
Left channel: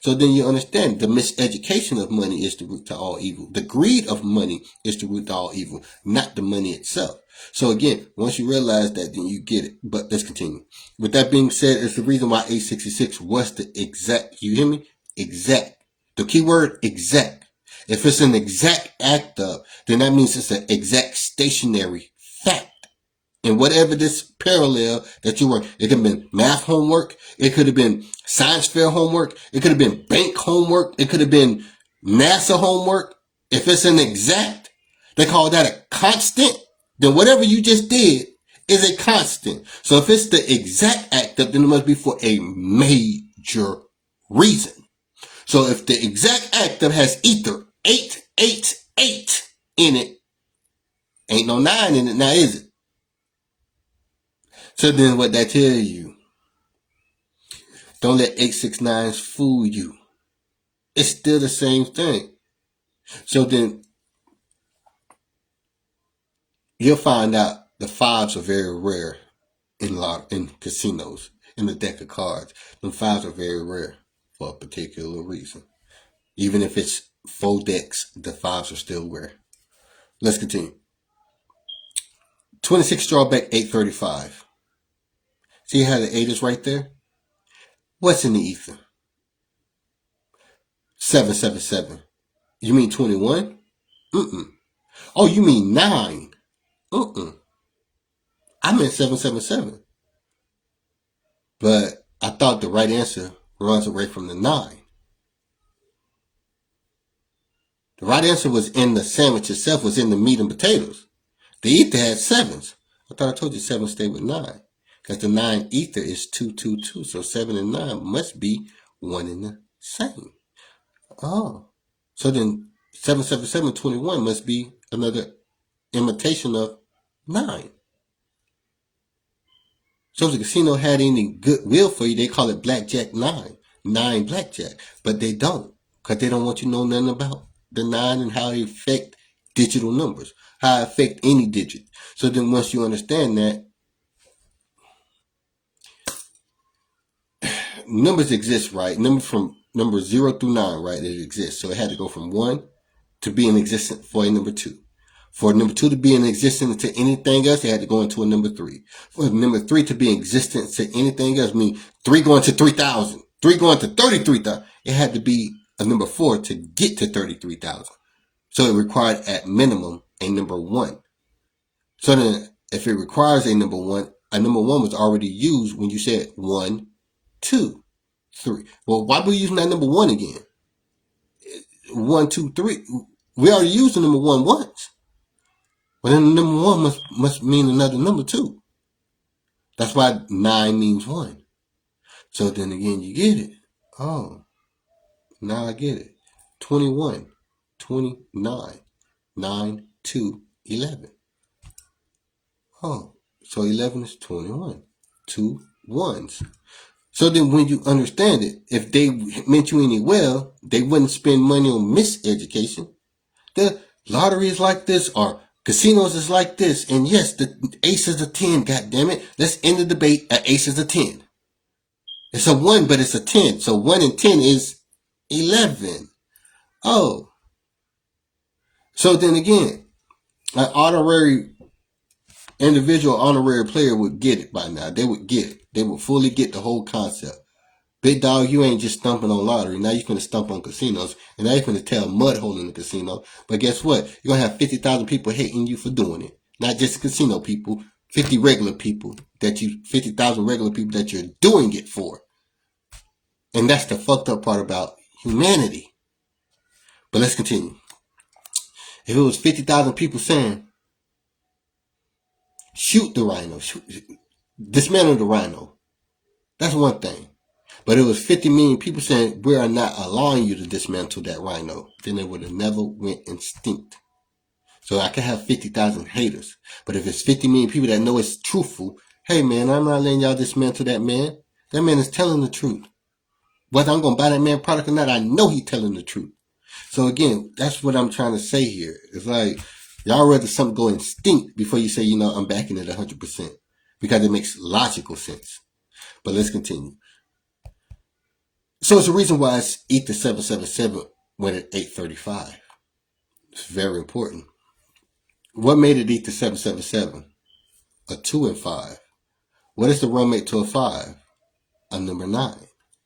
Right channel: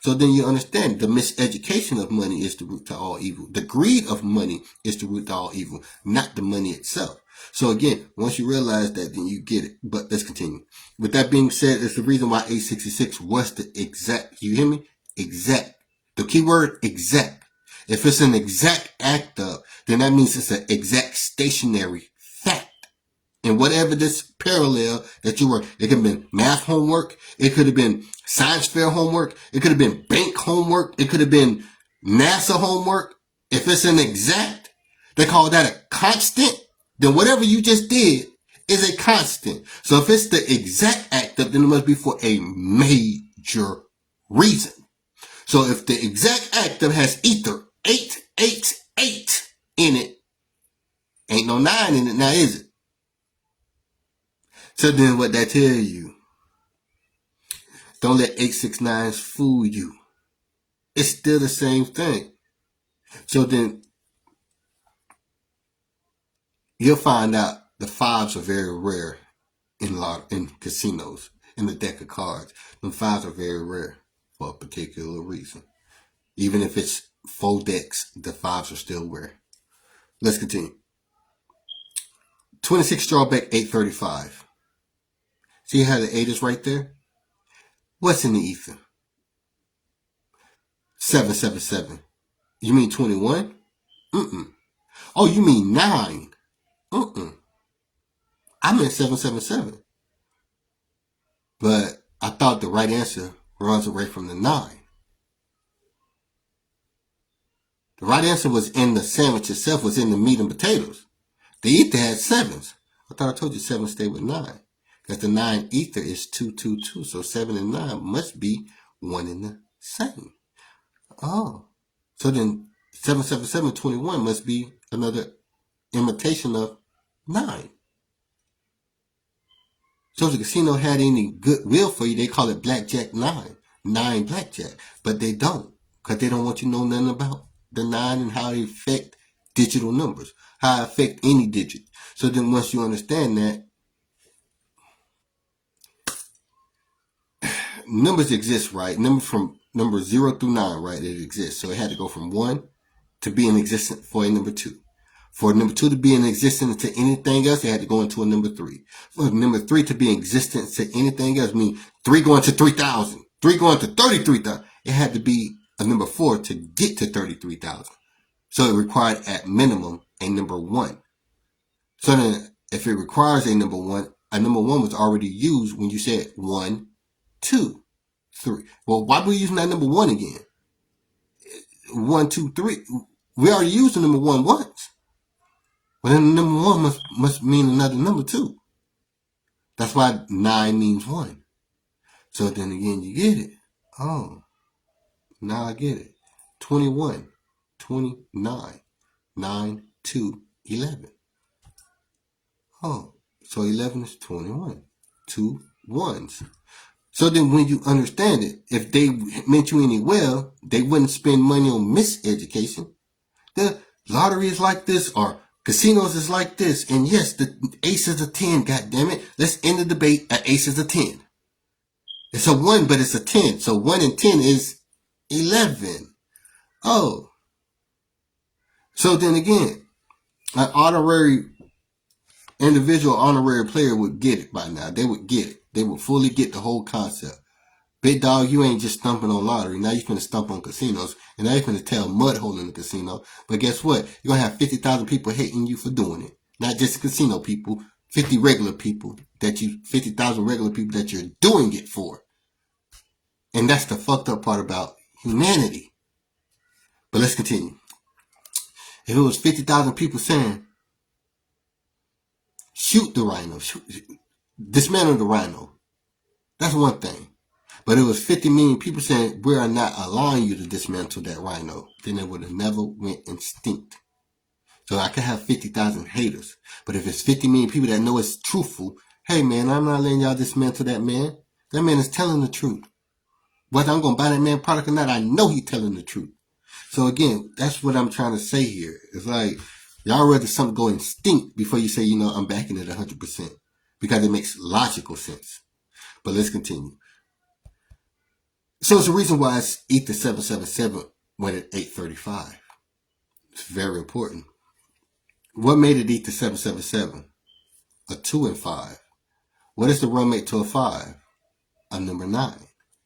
So then you understand the miseducation of money is the root to all evil. The greed of money is the root to all evil, not the money itself. So again, once you realize that, then you get it. But let's continue. With that being said, it's the reason why 866 was the exact, you hear me? Exact. The key word, exact. If it's an exact act of, then that means it's an exact stationary fact. And whatever this parallel that you were, it could have been math homework, it could have been science fair homework, it could have been bank homework, it could have been NASA homework. If it's an exact, they call that a constant, then whatever you just did is a constant. So if it's the exact act of, then it must be for a major reason. So if the exact act of has ether 888 in it, ain't no 9 in it now, is it? So then what that tell you, don't let 869s fool you. It's still the same thing. So then you'll find out the 5s are very rare in casinos, in the deck of cards. The 5s are very rare for a particular reason. Even if it's 4 decks, the 5s are still rare. Let's continue. 26 drawback 835. See how the 8 is right there? What's in the ether? 777. You mean 21? Oh, you mean 9? I meant 777. But I thought the right answer runs away from the 9. The right answer was in the sandwich itself, was in the meat and potatoes. The ether had 7s. I thought I told you 7 stay with 9. Because the 9 ether is 222. So 7 and 9 must be one and the same. Oh. So then 777 21 must be another imitation of 9. So if the casino had any goodwill for you, they call it Blackjack 9. 9 Blackjack. But they don't. Because they don't want you to know nothing about the 9 and how it affect digital numbers. How it affect any digit. So then once you understand that, numbers exist, right? Numbers from number 0 through 9, right? It exists. So it had to go from 1 to be in existence for a number 2. For number 2 to be in existence to anything else, it had to go into a number 3. For number 3 to be in existence to anything else, I mean 3 going to 3,000, 3 going to 33,000. It had to be a number 4 to get to 33,000. So it required at minimum a number 1. So then if it requires a number 1 was already used when you said 1, 2, 3. Well, why are we using that number 1 again? 1, 2, 3. We already used the number 1 once. But then the number 1 must mean another number 2. That's why 9 means 1. So then again, you get it. Oh, now I get it. 21, 29, 9, 2, 11. Oh, so 11 is 21. 2 1s. So then when you understand it, if they meant you any well, they wouldn't spend money on miseducation. The lottery is like this, or casinos is like this. And yes, the ace is a 10, goddammit. Let's end the debate. An ace is a 10. It's a 1, but it's a 10. So 1 and 10 is 11. Oh. So then again, an honorary individual, honorary player would get it by now. They would get it. They would fully get the whole concept. Big dog, you ain't just stumping on lottery. Now you're going to stump on casinos. And now you're going to tell mud hole in the casino. But guess what? You're going to have 50,000 people hating you for doing it. Not just casino people. 50,000 regular people that you're doing it for. And that's the fucked up part about humanity. But let's continue. If it was 50,000 people saying, shoot the rhino, dismantle the rhino, that's one thing. But it was 50 million people saying, we are not allowing you to dismantle that rhino, then it would have never went extinct. So I could have 50,000 haters. But if it's 50 million people that know it's truthful, hey man, I'm not letting y'all dismantle that man. That man is telling the truth. Whether I'm going to buy that man product or not, I know he's telling the truth. So again, that's what I'm trying to say here. It's like, Y'all rather something go instinct before you say, I'm backing it 100%, because it makes logical sense. But let's continue. So it's the reason why it's Ether 777 went at 835. It's very important. What made it Ether 777? A 2 and 5. What is the run mate to a 5? A number 9.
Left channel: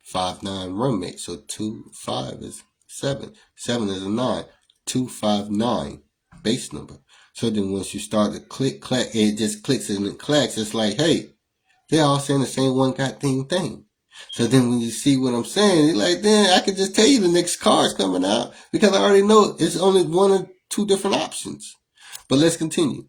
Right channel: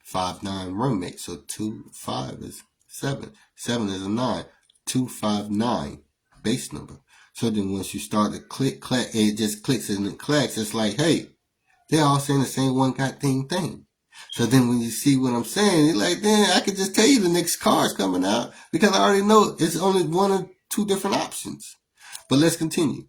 5, 9 run mate. So 2, 5 is 7. 7 is a 9. 2, 5, 9 base number. So then once you start to click, clack, it just clicks and it clacks. It's like, hey, they're all saying the same one goddamn thing. So then when you see what I'm saying, you're like, then I can just tell you the next car is coming out, because I already know it's only one or two different options. But let's continue.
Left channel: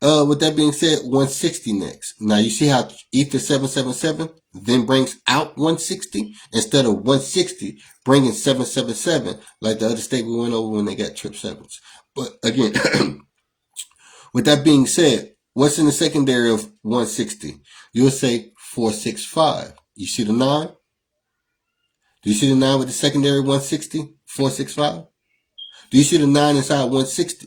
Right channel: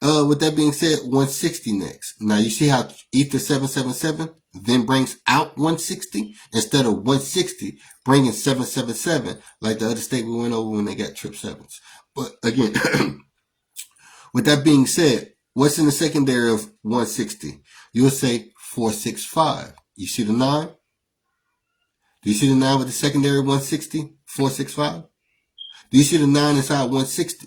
With that being said, 160 next. Now you see how Ether 777 then brings out 160 instead of 160 bringing 777, like the other state we went over when they got trip sevens. But again, with that being said, what's in the secondary of 160? You'll say 465. You see the 9? Do you see the 9 with the secondary 160? 465? Do you see the 9 inside 160?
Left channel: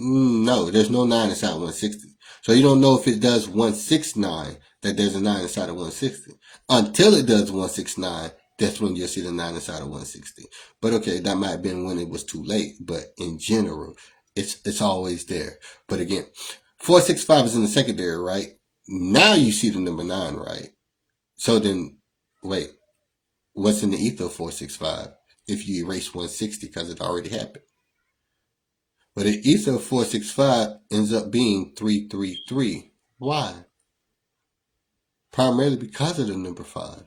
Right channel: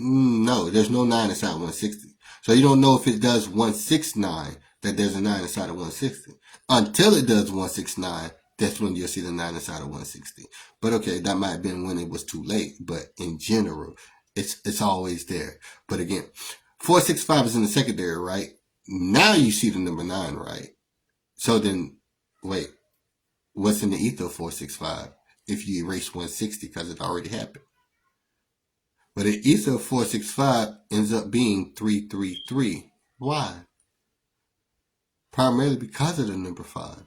No, there's no 9 inside 160. So you don't know if it does 169 that there's a 9 inside of 160. Until it does 169, that's when you'll see the 9 inside of 160. But okay, that might have been when it was too late. But in general, it's always there. But again, 465 is in the secondary, right? Now you see the number 9, right? So then, wait, what's in the ether of 465 if you erase 160 because it already happened? But the ether of 465 ends up being 333. Why? Primarily because of the number 5.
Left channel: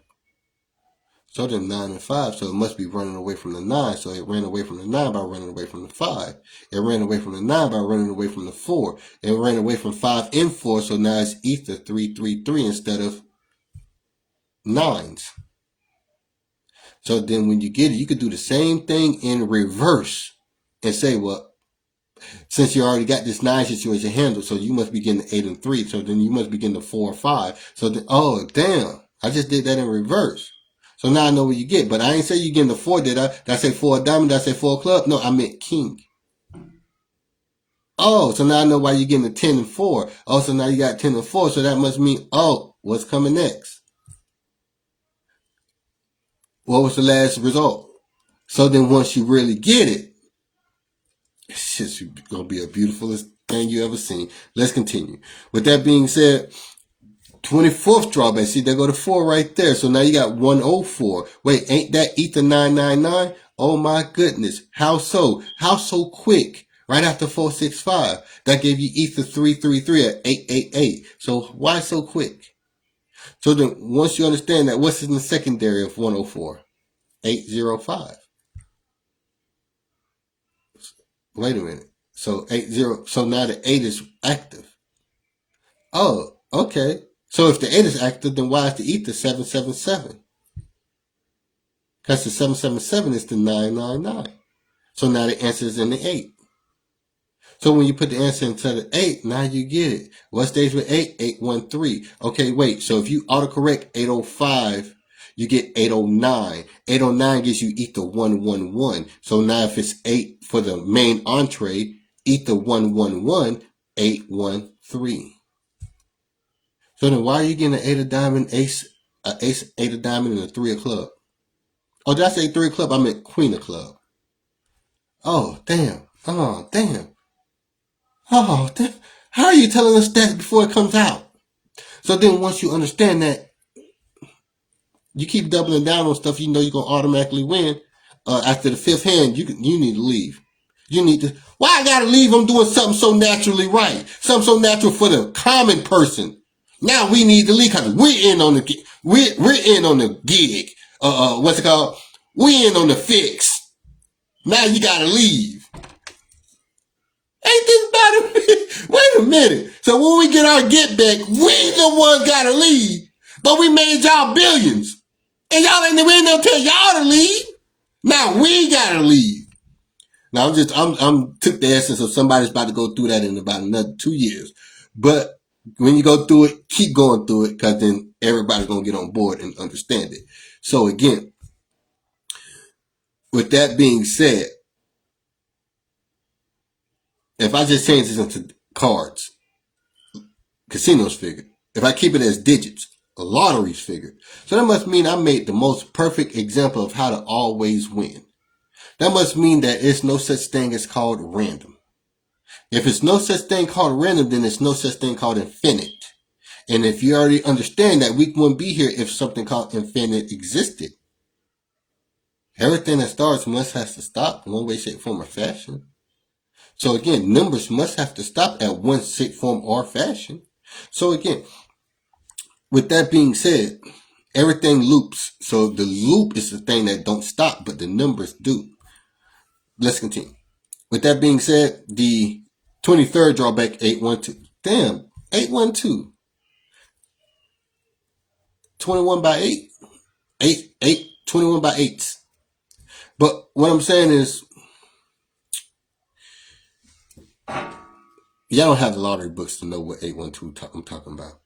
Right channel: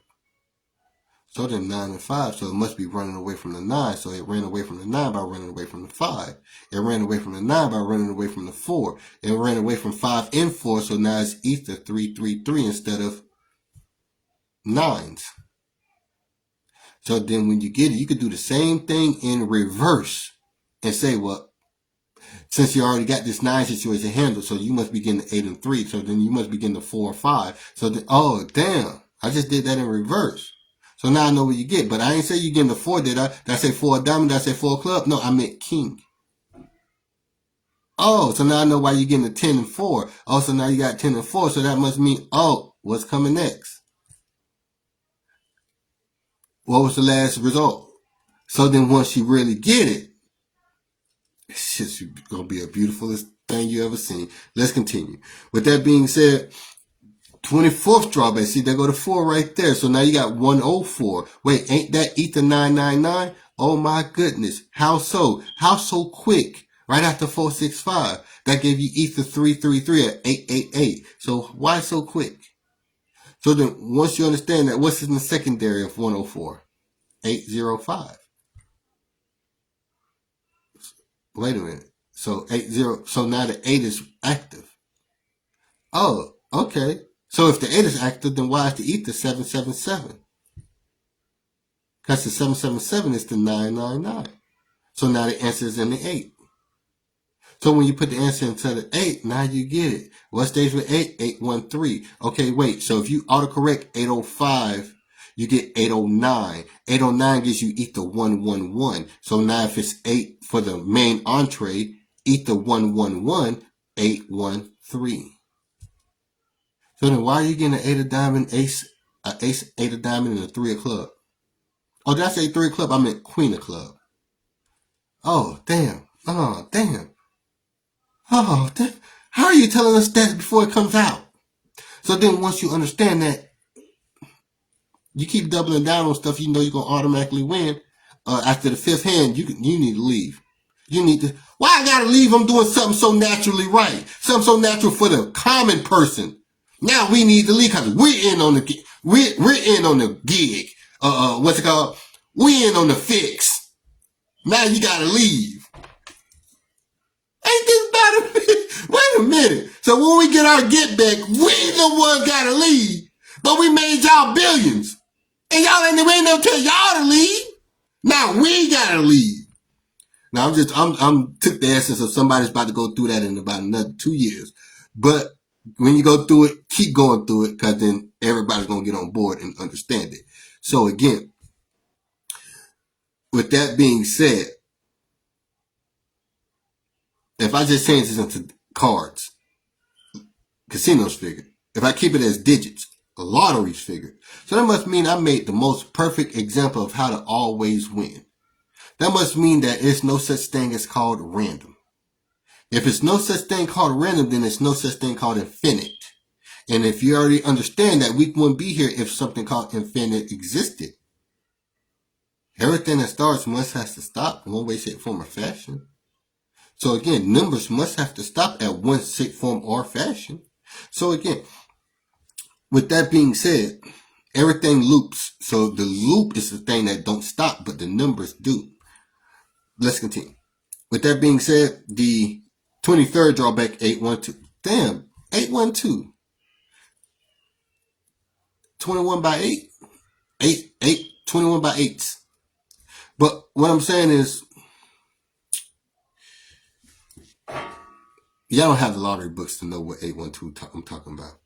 So then 9 and 5, so it must be running away from the 9. So it ran away from the 9 by running away from the 5. It ran away from the 9 by running away from the 4. It ran away from 5 and 4, so now it's ether 333 instead of 9s. So then when you get it, you could do the same thing in reverse and say, well, since you already got this 9 situation handled, so you must be getting 8 and 3. So then you must be getting the 4 or 5. So then, oh, damn, I just did that in reverse. So now I know what you get. But I ain't say you getting the 4, did I? Did I say 4 diamond? Did I say 4 club? No, I meant king. Oh, so now I know why you're getting the 10 and 4. Oh, so now you got 10 and 4. So that must mean, oh, what's coming next? What was the last result? So then once you really get it, it's just going to be a beautifulest thing you ever seen. Let's continue. With that being said, 24th drawback. See, there go the 4 right there. So now you got 104. Wait, ain't that ether 999? Oh my goodness. How so? How so quick? Right after 465. That gave you ether 333 at 888. So why so quick? So then once you understand that, what's in the secondary of 104? 805. Wait a minute. So 80. So now the 8 is active. Oh, okay. So if the 8 is active, then why is the ether 777? Because the 777 is the 999. So now the answer is in the 8. So when you put the answer into the 8, now you get it. What stays with 8? 813. Okay, wait. So if you autocorrect 805, you get 809. 809 gives you ether 111. So now if it's 8 for the main entree, ether 111, 813. So then why are you getting an 8 of diamond, ace, 8 of diamond, and a 3 of club? Oh, did I say 3 of club? I meant queen of club. Oh, damn. Oh, damn. Oh, damn. How are you telling us that before it comes out? So then once you understand that, you keep doubling down on stuff you know you're going to automatically win. After the 5th hand, you need to leave. You need to, why I got to leave? I'm doing something so naturally right. Something so natural for the common person. Now we need to leave because we're in on the gig. What's it called? We're in on the fix. Now you gotta leave. Ain't this better? Wait a minute. So when we get our get back, we the one gotta leave. But we made y'all billions. And y'all ain't never tell y'all to leave. Now we gotta leave. Now I'm took the essence of somebody's about to go through that in about another 2 years. But when you go through it, keep going through it, because then everybody's going to get on board and understand it. So again, with that being said, if I just change this into cards, casinos figure. If I keep it as digits, lotteries figure. So that must mean I made the most perfect example of how to always win. That must mean that there's no such thing as called random. If it's no such thing called random, then there's no such thing called infinite. And if you already understand that, we wouldn't be here if something called infinite existed. Everything that starts must have to stop in one way, shape, form, or fashion. So again, numbers must have to stop at one shape, form, or fashion. So again, with that being said, everything loops. So the loop is the thing that don't stop, but the numbers do. Let's continue. With that being said, the 23rd drawback, 812. Damn, 812. 21 by 8. 21 by 8. But what I'm saying is, y'all don't have the lottery books to know what 812 I'm talking about.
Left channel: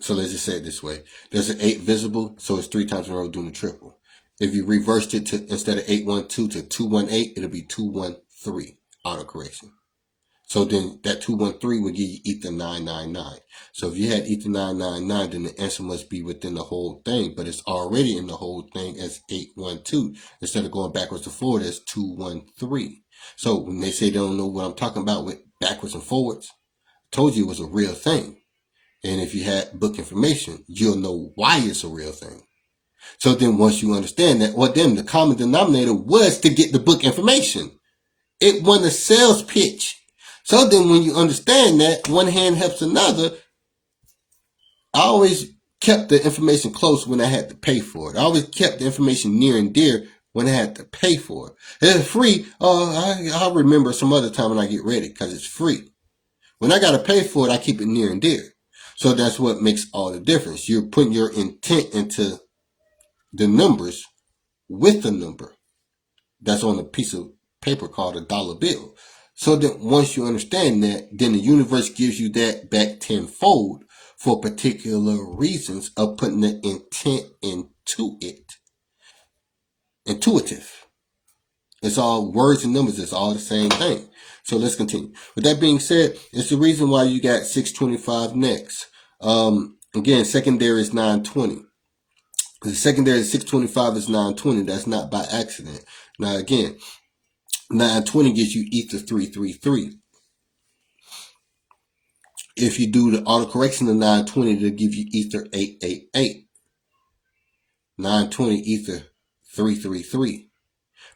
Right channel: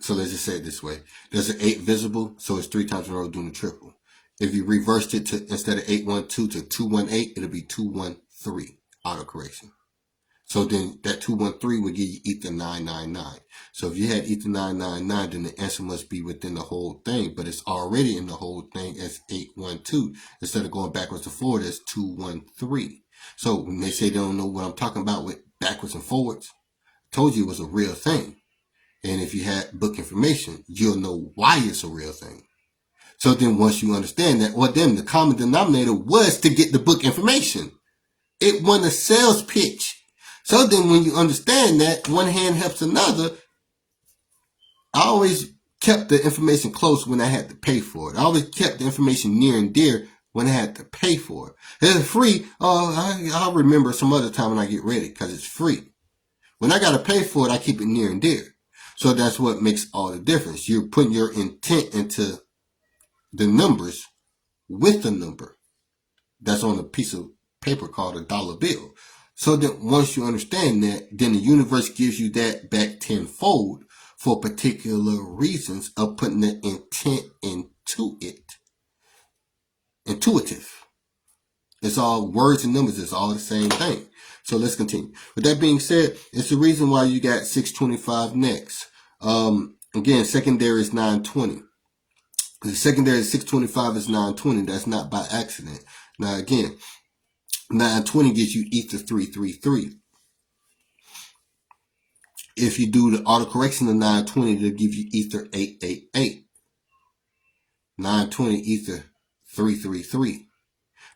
So let's just say it this way. There's an 8 visible, so it's 3 times in a row doing the triple. If you reversed it to, instead of 812 to 218, it'll be 213 autocorrection. So then that 213 would give you ether 999. So if you had ether 999, then the answer must be within the whole thing, but it's already in the whole thing as 812. Instead of going backwards and forward, it's 213. So when they say they don't know what I'm talking about with backwards and forwards, I told you it was a real thing. And if you had book information, you'll know why it's a real thing. So then once you understand that, well, then the common denominator was to get the book information. It won a sales pitch. So then when you understand that, one hand helps another, I always kept the information close when I had to pay for it. I always kept the information near and dear when I had to pay for it. If it's free, I'll remember some other time when I get ready because it's free. When I got to pay for it, I keep it near and dear. So that's what makes all the difference. You're putting your intent into the numbers with the number that's on a piece of paper called a dollar bill. So that once you understand that, then the universe gives you that back tenfold for particular reasons of putting the intent into it. Intuitive. It's all words and numbers. It's all the same thing. So let's continue. With that being said, it's the reason why you got 625 next. Again, secondary is 920. The secondary 625 is 920. That's not by accident. Now again, 920 gives you ether 333. If you do the autocorrection of 920, it'll give you ether 888. 920 ether 333.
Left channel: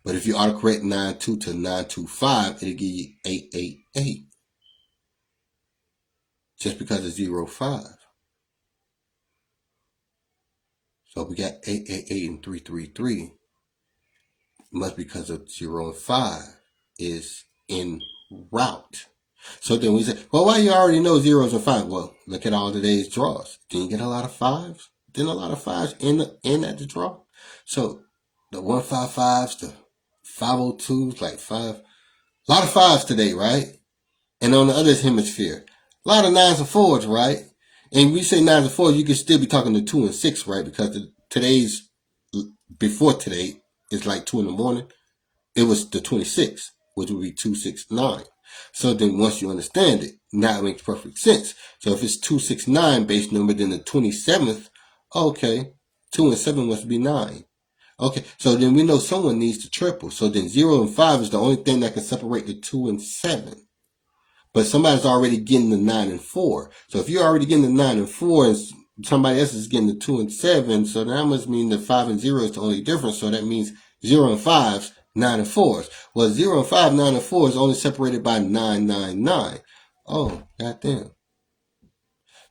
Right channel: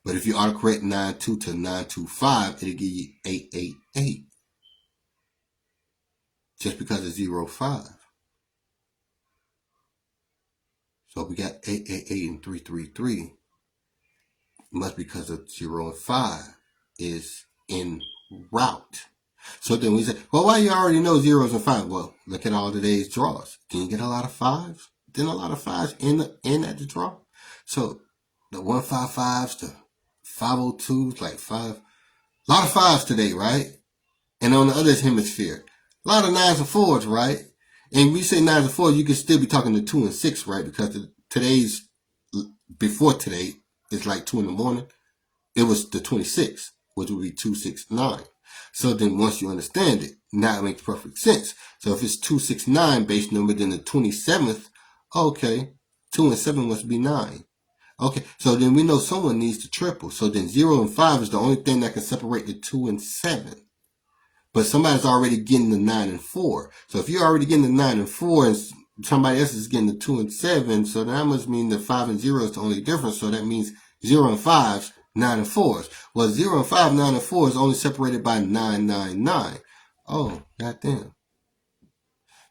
But if you autocorrect 92 to 925, it'll give you 888. Just because it's 05. So we got 888 and 333. Must be because of 0 and 5 is in route. So then we say, well, why you already know zeros and 5? Well, look at all today's draws. Didn't you get a lot of 5s? Didn't a lot of 5s end at the draw? So the 155s, the 502s, like 5. A lot of 5s today, right? And on the other hemisphere, a lot of 9s and 4s, right? And when you say 9s and 4s, you can still be talking to 2 and 6, right? Because today's, before today, is like 2 in the morning. It was the 26th, which would be 269. So then once you understand it, now it makes perfect sense. So if it's 269 base number, then the 27th, okay, 2 and 7 must be 9. Okay, so then we know someone needs to triple. So then 0 and 5 is the only thing that can separate the 2 and 7. But somebody's already getting the 9 and 4. So if you're already getting the 9 and 4 and somebody else is getting the 2 and 7, so that must mean that 5 and 0 is the only difference. So that means 0 and 5s, 9 and 4s. Well, 0 and 5, 9 and 4 is only separated by 999. Oh, goddamn.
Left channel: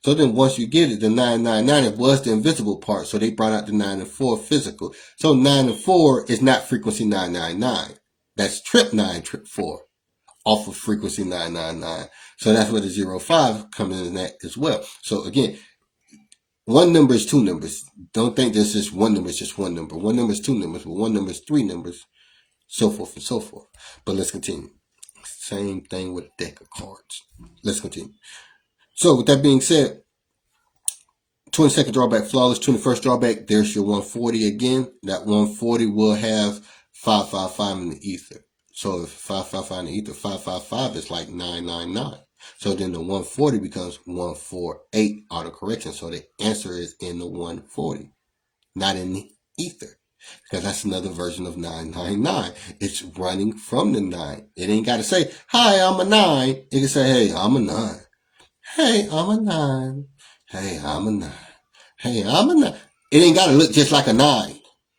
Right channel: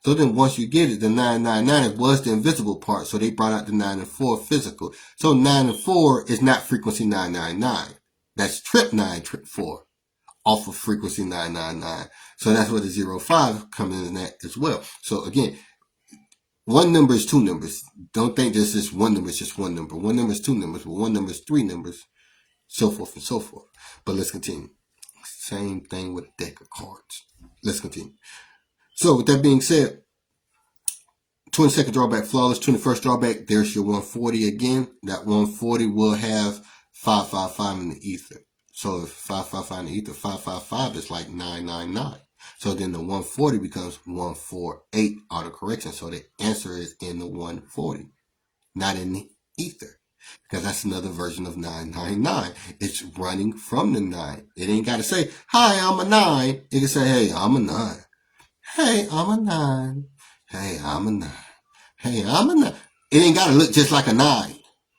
So then once you get it, the 999 was the invisible part. So they brought out the 9 and 4 physical. So 9 and 4 is not frequency 999. That's trip 9, trip 4. Off of frequency 999. So that's where the 05 comes in at as well. So again, one number is two numbers. Don't think this is one number, it's just one number. One number is two numbers, but one number is three numbers, so forth and so forth. But let's continue. Same thing with a deck of cards. Let's continue. So with that being said, 22nd drawback, flawless. 21st drawback, there's your 140 again. That 140 will have 555 in the ether. So if 555 in the ether, 555 is like 999. So then the 140 becomes 148 autocorrection. So the answer is in the 140, not in the ether. Because that's another version of 999. It's running from the 9. It ain't got to say, hi, I'm a 9. It can say, hey, I'm a 9. Hey, I'm a 9. Hey, I'm a 9. Hey, I'm a 9. It ain't got to look just like a 9.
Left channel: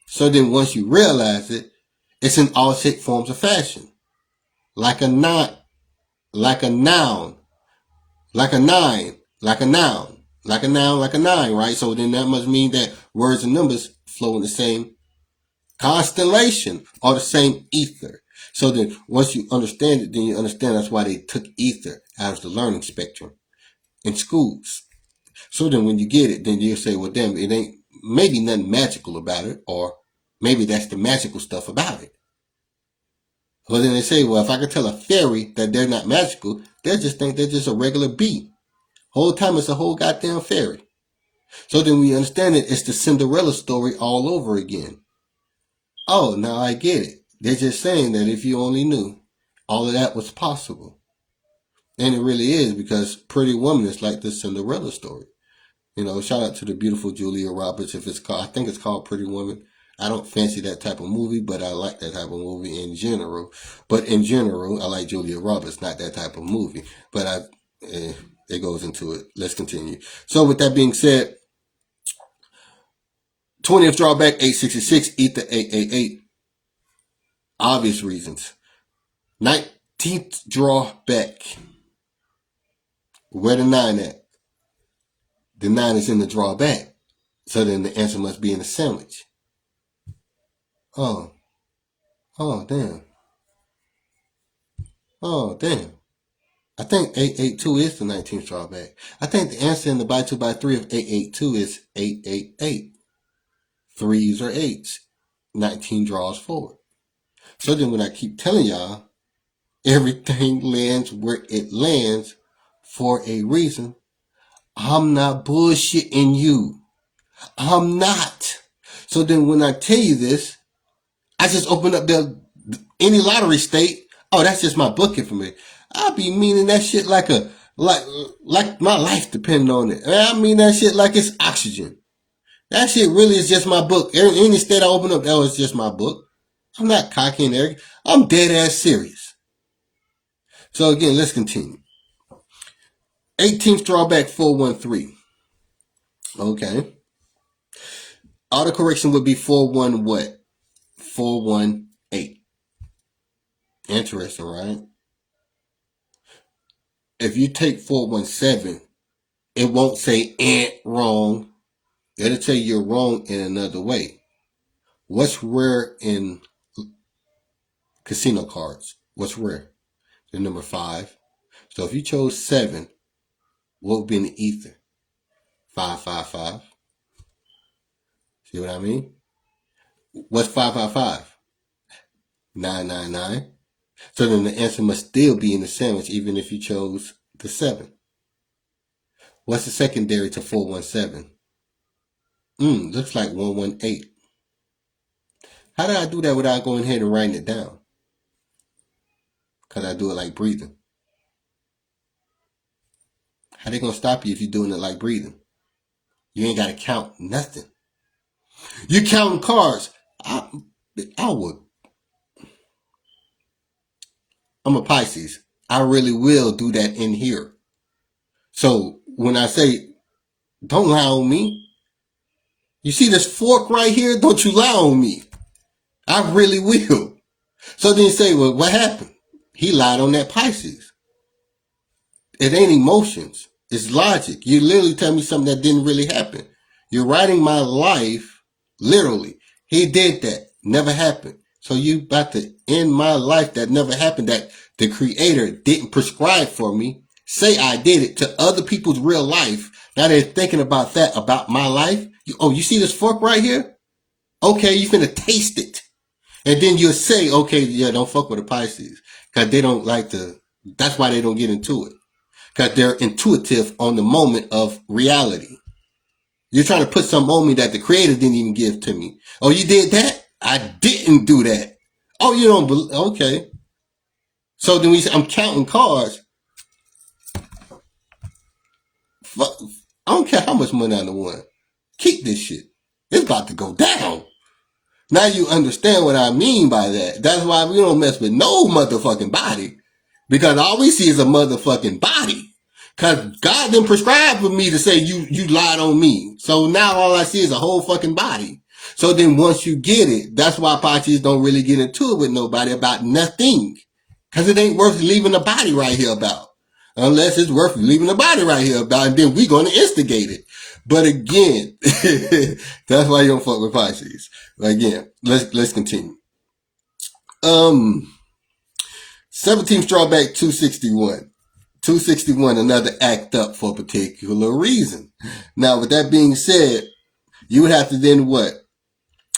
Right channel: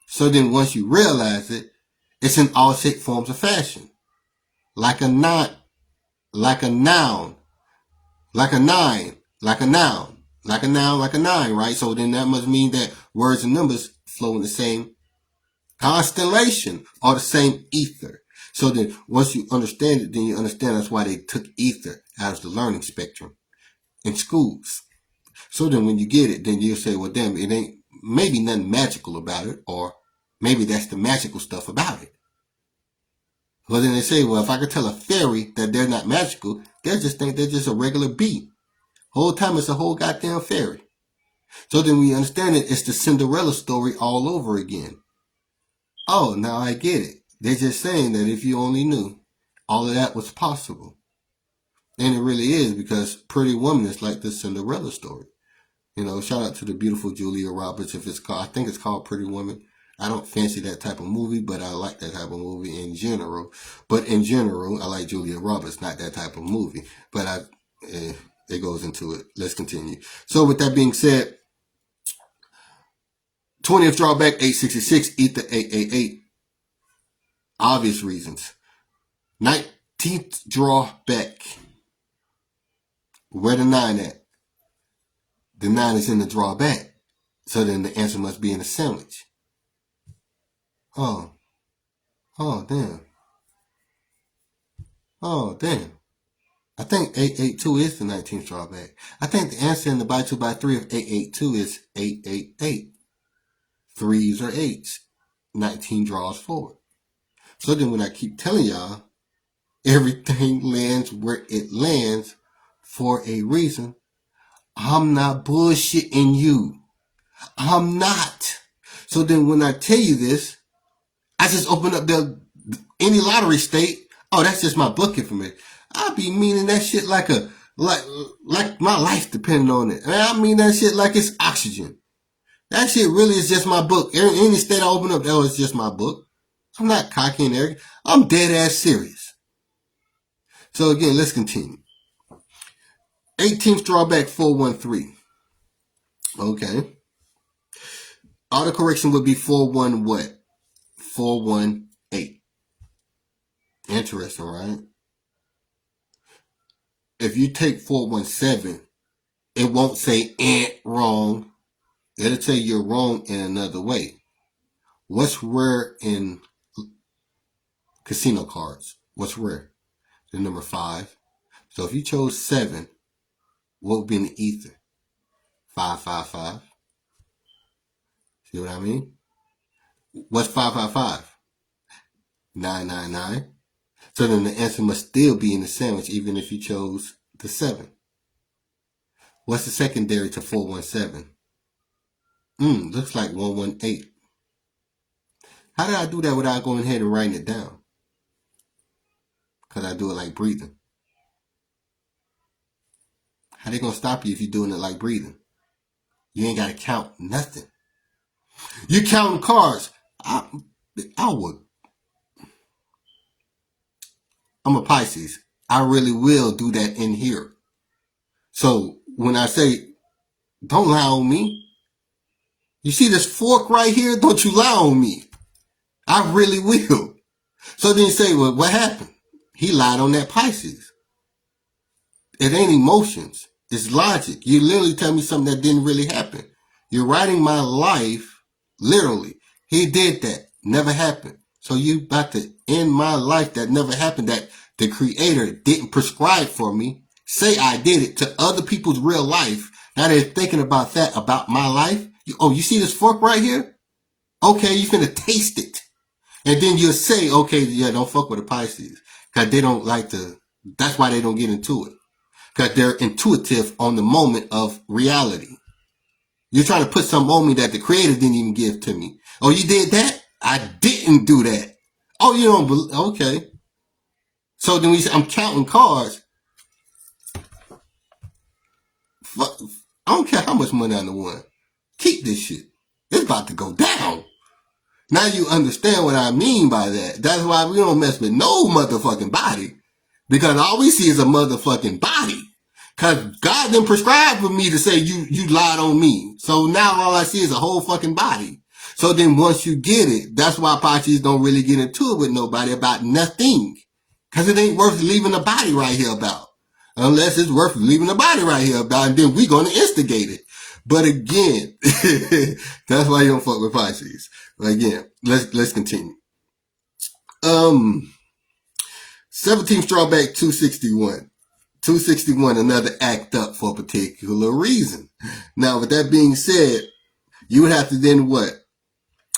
So then once you realize it, it's in all shape, forms, of fashion. Like a 9, like a noun, like a 9, like a noun, like a noun, like a 9, right? So then that must mean that words and numbers flow in the same constellation or the same ether. So then once you understand it, then you understand that's why they took ether out of the learning spectrum in schools. So then when you get it, then you'll say, well, damn, it ain't maybe nothing magical about it, or maybe that's the magical stuff about it. But then they say, well, if I could tell a fairy that they're not magical, they'll just think they're just a regular bee. Whole time it's a whole goddamn fairy. So then we understand it, it's the Cinderella story all over again. Oh, now I get it. They're just saying that if you only knew, all of that was possible. And it really is, because Pretty Woman is like the Cinderella story. You know, shout out to the beautiful Julia Roberts. If it's called, I think it's called Pretty Woman. I don't fancy that type of movie, but I like that type of movie in general. But in general, I like Julia Roberts, not that type of movie. But it goes into it. Let's continue. So with that being said, 20th drawback, 866, ether 888. Obvious reasons. 19th drawback. Where the 9 at? The 9 is in the drawback. So then the answer must be in a sandwich. Oh, damn. Oh, damn. I think 882 is the 19th drawback. I think the answer in the by 2 by 3 of 882 is 888. 3s or 8s. 19 draws forward. So then when I keep telling y'all, everything lands where it lands for a reason, I'm not bullshitting you. I'm not. So then when I tell you this, I just open up any lottery state. Oh, that's just my book information. I be meaning that shit like my life depending on it. I mean that shit like it's oxygen. That shit really is just my book. Any state I open up, that was just my book. I'm not cocky and arrogant. I'm dead ass serious. So again, let's continue. 18th drawback, 413. Okay. Autocorrection would be 41 what? 418. Interesting, right? If you take 417, it won't say wrong. It'll tell you you're wrong in another way. What's rare in casino cards? What's rare? The number 5. So if you chose 7, what would be in the ether? 555. See what I mean? What's 555? 999. So then the answer must still be in the sandwich even if you chose the 7. What's the secondary to 417? Looks like 118. How did I do that without going ahead and writing it down? Because I do it like breathing. How they going to stop you if you're doing it like breathing? You ain't got to count nothing. You're counting cards. I would. I'm a Pisces. I really will do that in here. So when I say, don't lie on me. You see this fork right here? Don't you lie on me. I really will. So then you say, well, what happened? He lied on that Pisces. It ain't emotions. It's logic. You literally tell me something that didn't really happen. You're writing my life, literally. He did that. Never happened. So you about to end my life that never happened, that the creator didn't prescribe for me. Say I did it to other people's real life. Now they're thinking about that, about my life. You see this fork right here? Okay, you're going to taste it. And then you'll say, okay, yeah, don't fuck with the Pisces. Because they don't like that's why they don't get into it. Because they're intuitive on the moment of reality. You're trying to put something on me that the creator didn't even give to me. Oh, you did that? I didn't do that. Oh, you don't believe? Okay. So then I'm counting cards. Fuck, I don't care how much money I won. Keep this shit. It's about to go down. Now you understand what I mean by that. That's why we don't mess with no motherfucking body. Because all we see is a motherfucking body. Cause God didn't prescribe for me to say you lied on me. So now all I see is a whole fucking body. So then once you get it, that's why Pachis don't really get into it with nobody about nothing. Cause it ain't worth leaving the body right here about. Unless it's worth leaving the body right here about, and then we gonna instigate it. But again, that's why you don't fuck with Pisces. But again, let's continue. 17th drawback 261. 261, another act up for a particular reason. Now, with that being said, you would have to then what?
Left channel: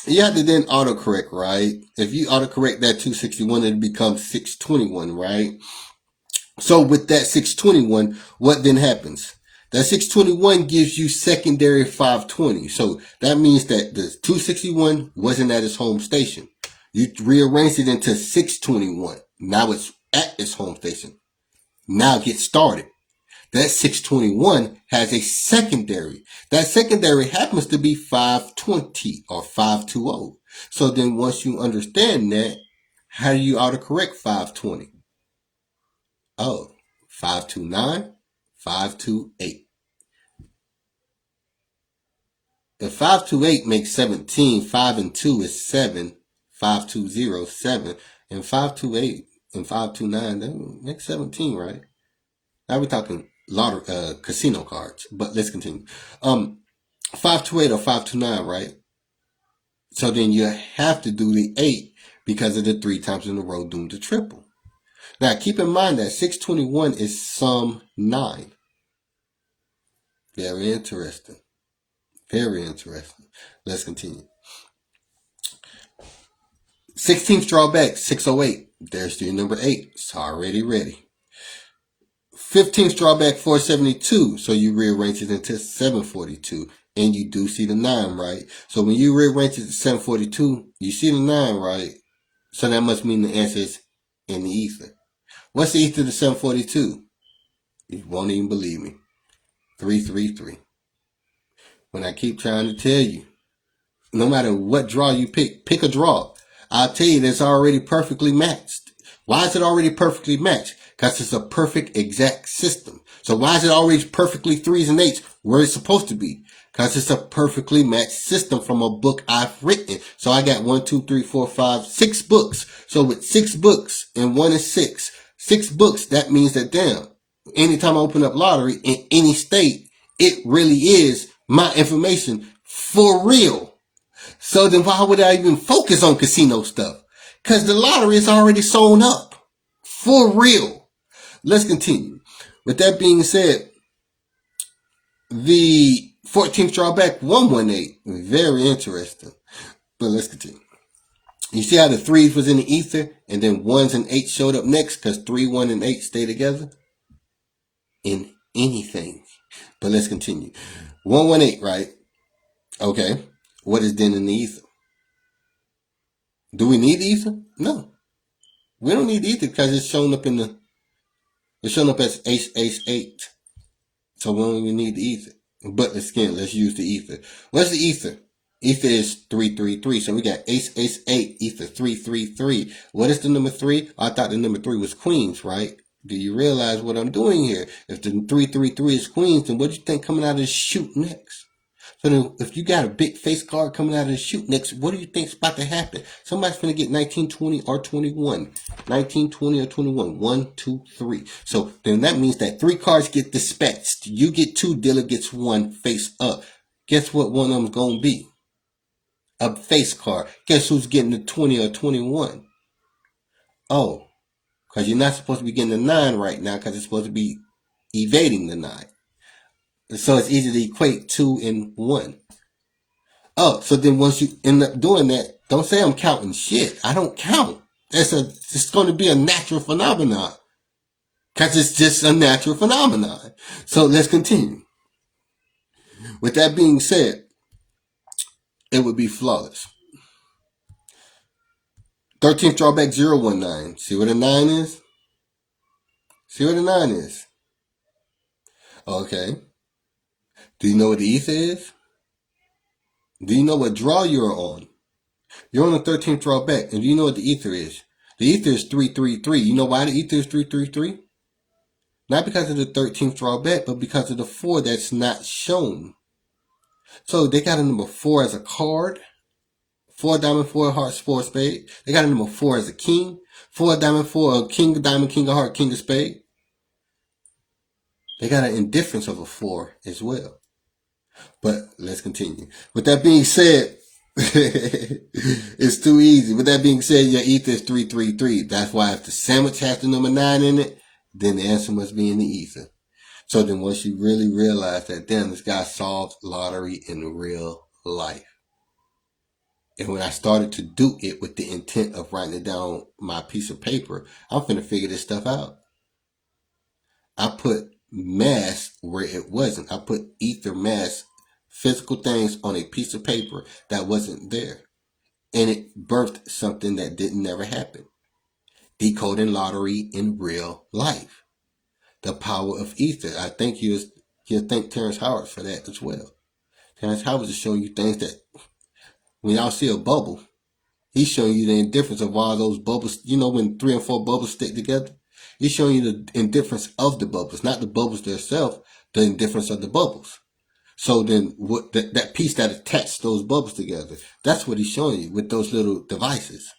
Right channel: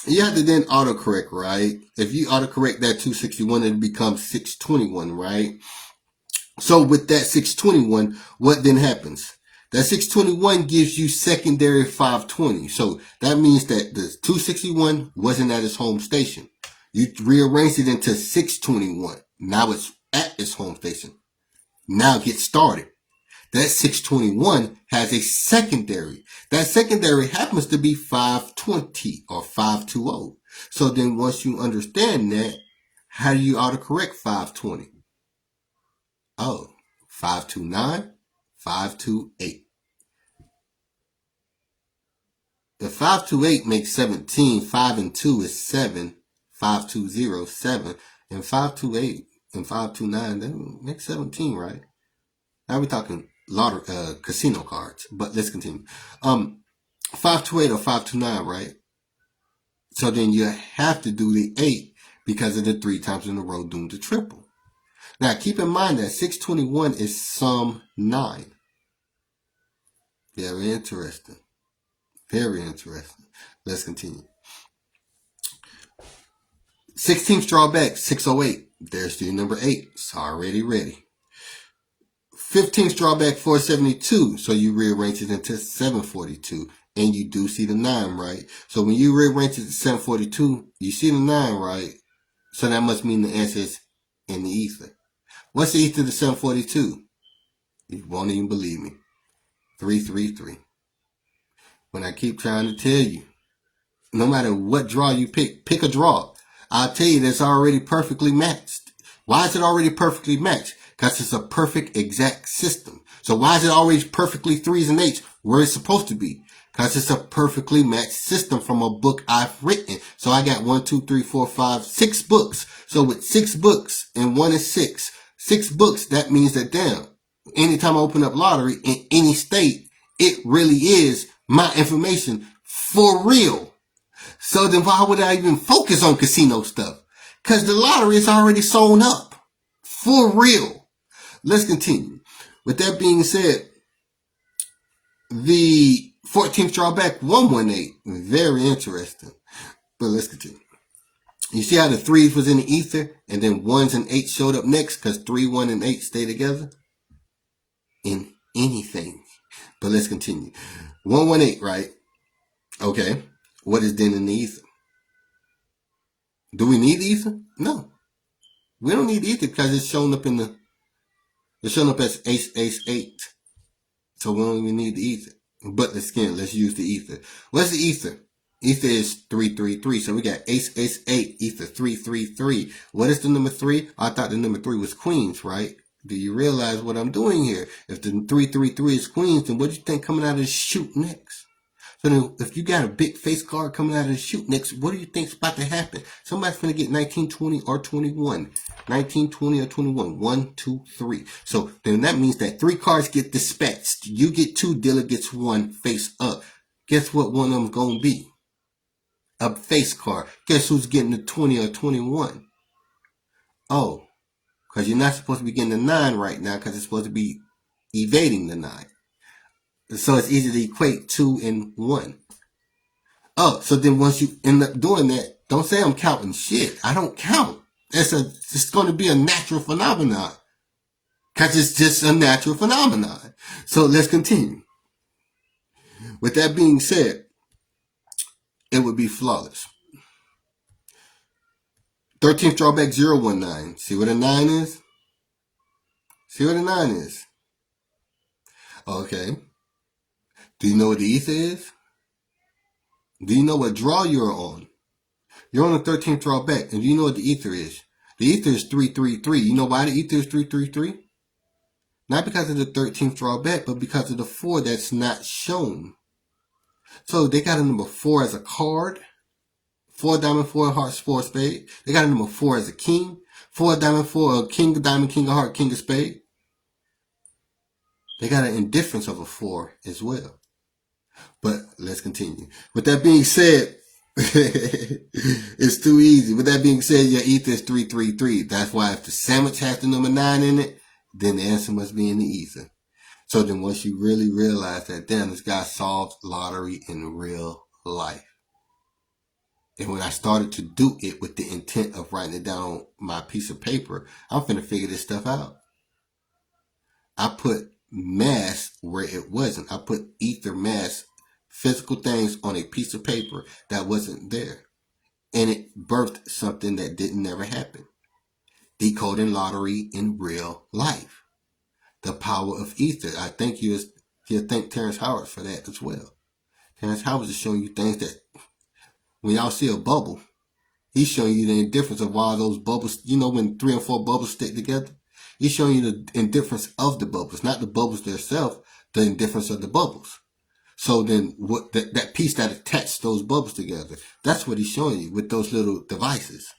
You have to then autocorrect, right? If you autocorrect that 261, it becomes 621, right? So with that 621, what then happens? That 621 gives you secondary 520. So that means that the 261 wasn't at its home station. You rearranged it into 621. Now it's at its home station. Now get started. That 621 has a secondary. That secondary happens to be 520 or 520. So then once you understand that, how do you autocorrect 520? Oh, 529, 528. If 528 makes 17, 5 and 2 is 7, 520, 7, and 528 and 529, that makes 17, right? Now we're talking casino cards, but let's continue. 528 or 529, right? So then you have to do the 8 because of the 3 times in a row doomed to triple. Now keep in mind that 621 is sum 9. Very interesting. Very interesting. Let's continue. 16th drawback 608. There's your number 8. It's already ready. 15th drawback 472. So you rearrange it into 742. And you do see the 9, right? So when you rearrange it to 742, you see the 9, right? So that must mean the answer is in the ether. What's the ether to 742? You won't even believe me. 333. When I keep trying to tell you, no matter what draw you pick a draw. I'll tell you that's already perfectly matched. Why is it already perfectly matched? Because it's a perfect exact system. So why is it always perfectly 3s and 8s where it's supposed to be? Because it's a perfectly matched system from a book I've written. So I got 1, 2, 3, 4, 5, 6 books. So with 6 books and 1 is 6. 6 books, that means that damn, anytime I open up lottery in any state, it really is my information for real. So then why would I even focus on casino stuff? Because the lottery is already sewn up. For real. Let's continue. With that being said, the 14th drawback 118. Very interesting. But let's continue. You see how the 3s was in the ether and then 1s and 8s showed up next because 3, 1, and 8 stay together? In anything. But let's continue. 118, right? Okay. What is then in the ether? Do we need the ether? No. We don't need ether because it's showing up as Ace 8. So we don't even need the ether. But let's use the ether. What's the ether? Ether is 333. So we got Ace 8, ether 333. What is the number 3? I thought the number 3 was queens, right? Do you realize what I'm doing here? If the 333 is queens, then what do you think coming out of the chute next? So then if you got a big face card coming out of the chute next, what do you think's about to happen? Somebody's going to get 19, 20, or 21. 19, 20, or 21. 1, 2, 3. So then that means that 3 cards get dispatched. You get 2, dealer gets 1 face up. Guess what one of them's going to be? A face card. Guess who's getting the 20 or 21? Oh, because you're not supposed to be getting the 9 right now because it's supposed to be evading the 9. So it's easy to equate 2 and 1. Oh, so then once you end up doing that, don't say I'm counting shit. I don't count. It's going to be a natural phenomenon. Because it's just a natural phenomenon. So let's continue. With that being said, it would be flawless. 13th drawback 019. See what a 9 is? See what the 9 is? Okay. Do you know what the ether is? Do you know what draw you're on? You're on the 13th draw back. And do you know what the ether is? The ether is 333. You know why the ether is 333? Not because of the 13th draw back, but because of the 4 that's not shown. So they got a number 4 as a card. 4 diamond, 4 hearts, 4 spade. They got a number 4 as a king. 4 diamond, 4 king of diamond, king of heart, king of spade. They got an indifference of a 4 as well. But let's continue. With that being said, it's too easy. With that being said, your ether is 333. That's why if the sandwich has the number 9 in it, then the answer must be in the ether. So then once you really realize that, damn, this guy solved lottery in real life. And when I started to do it with the intent of writing it down on my piece of paper, I'm finna figure this stuff out. I put mass where it wasn't. I put ether, mass, physical things on a piece of paper that wasn't there. And it birthed something that didn't never happen. Decoding lottery in real life. The power of ether. I think you'll thank Terrence Howard for that as well. Terrence Howard is showing you things that when y'all see a bubble, he's showing you the indifference of why those bubbles, you know, when 3 and 4 bubbles stick together, he's showing you the indifference of the bubbles, not the bubbles themselves, the indifference of the bubbles. So then what that piece that attached those bubbles together, that's what he's showing you with those little devices.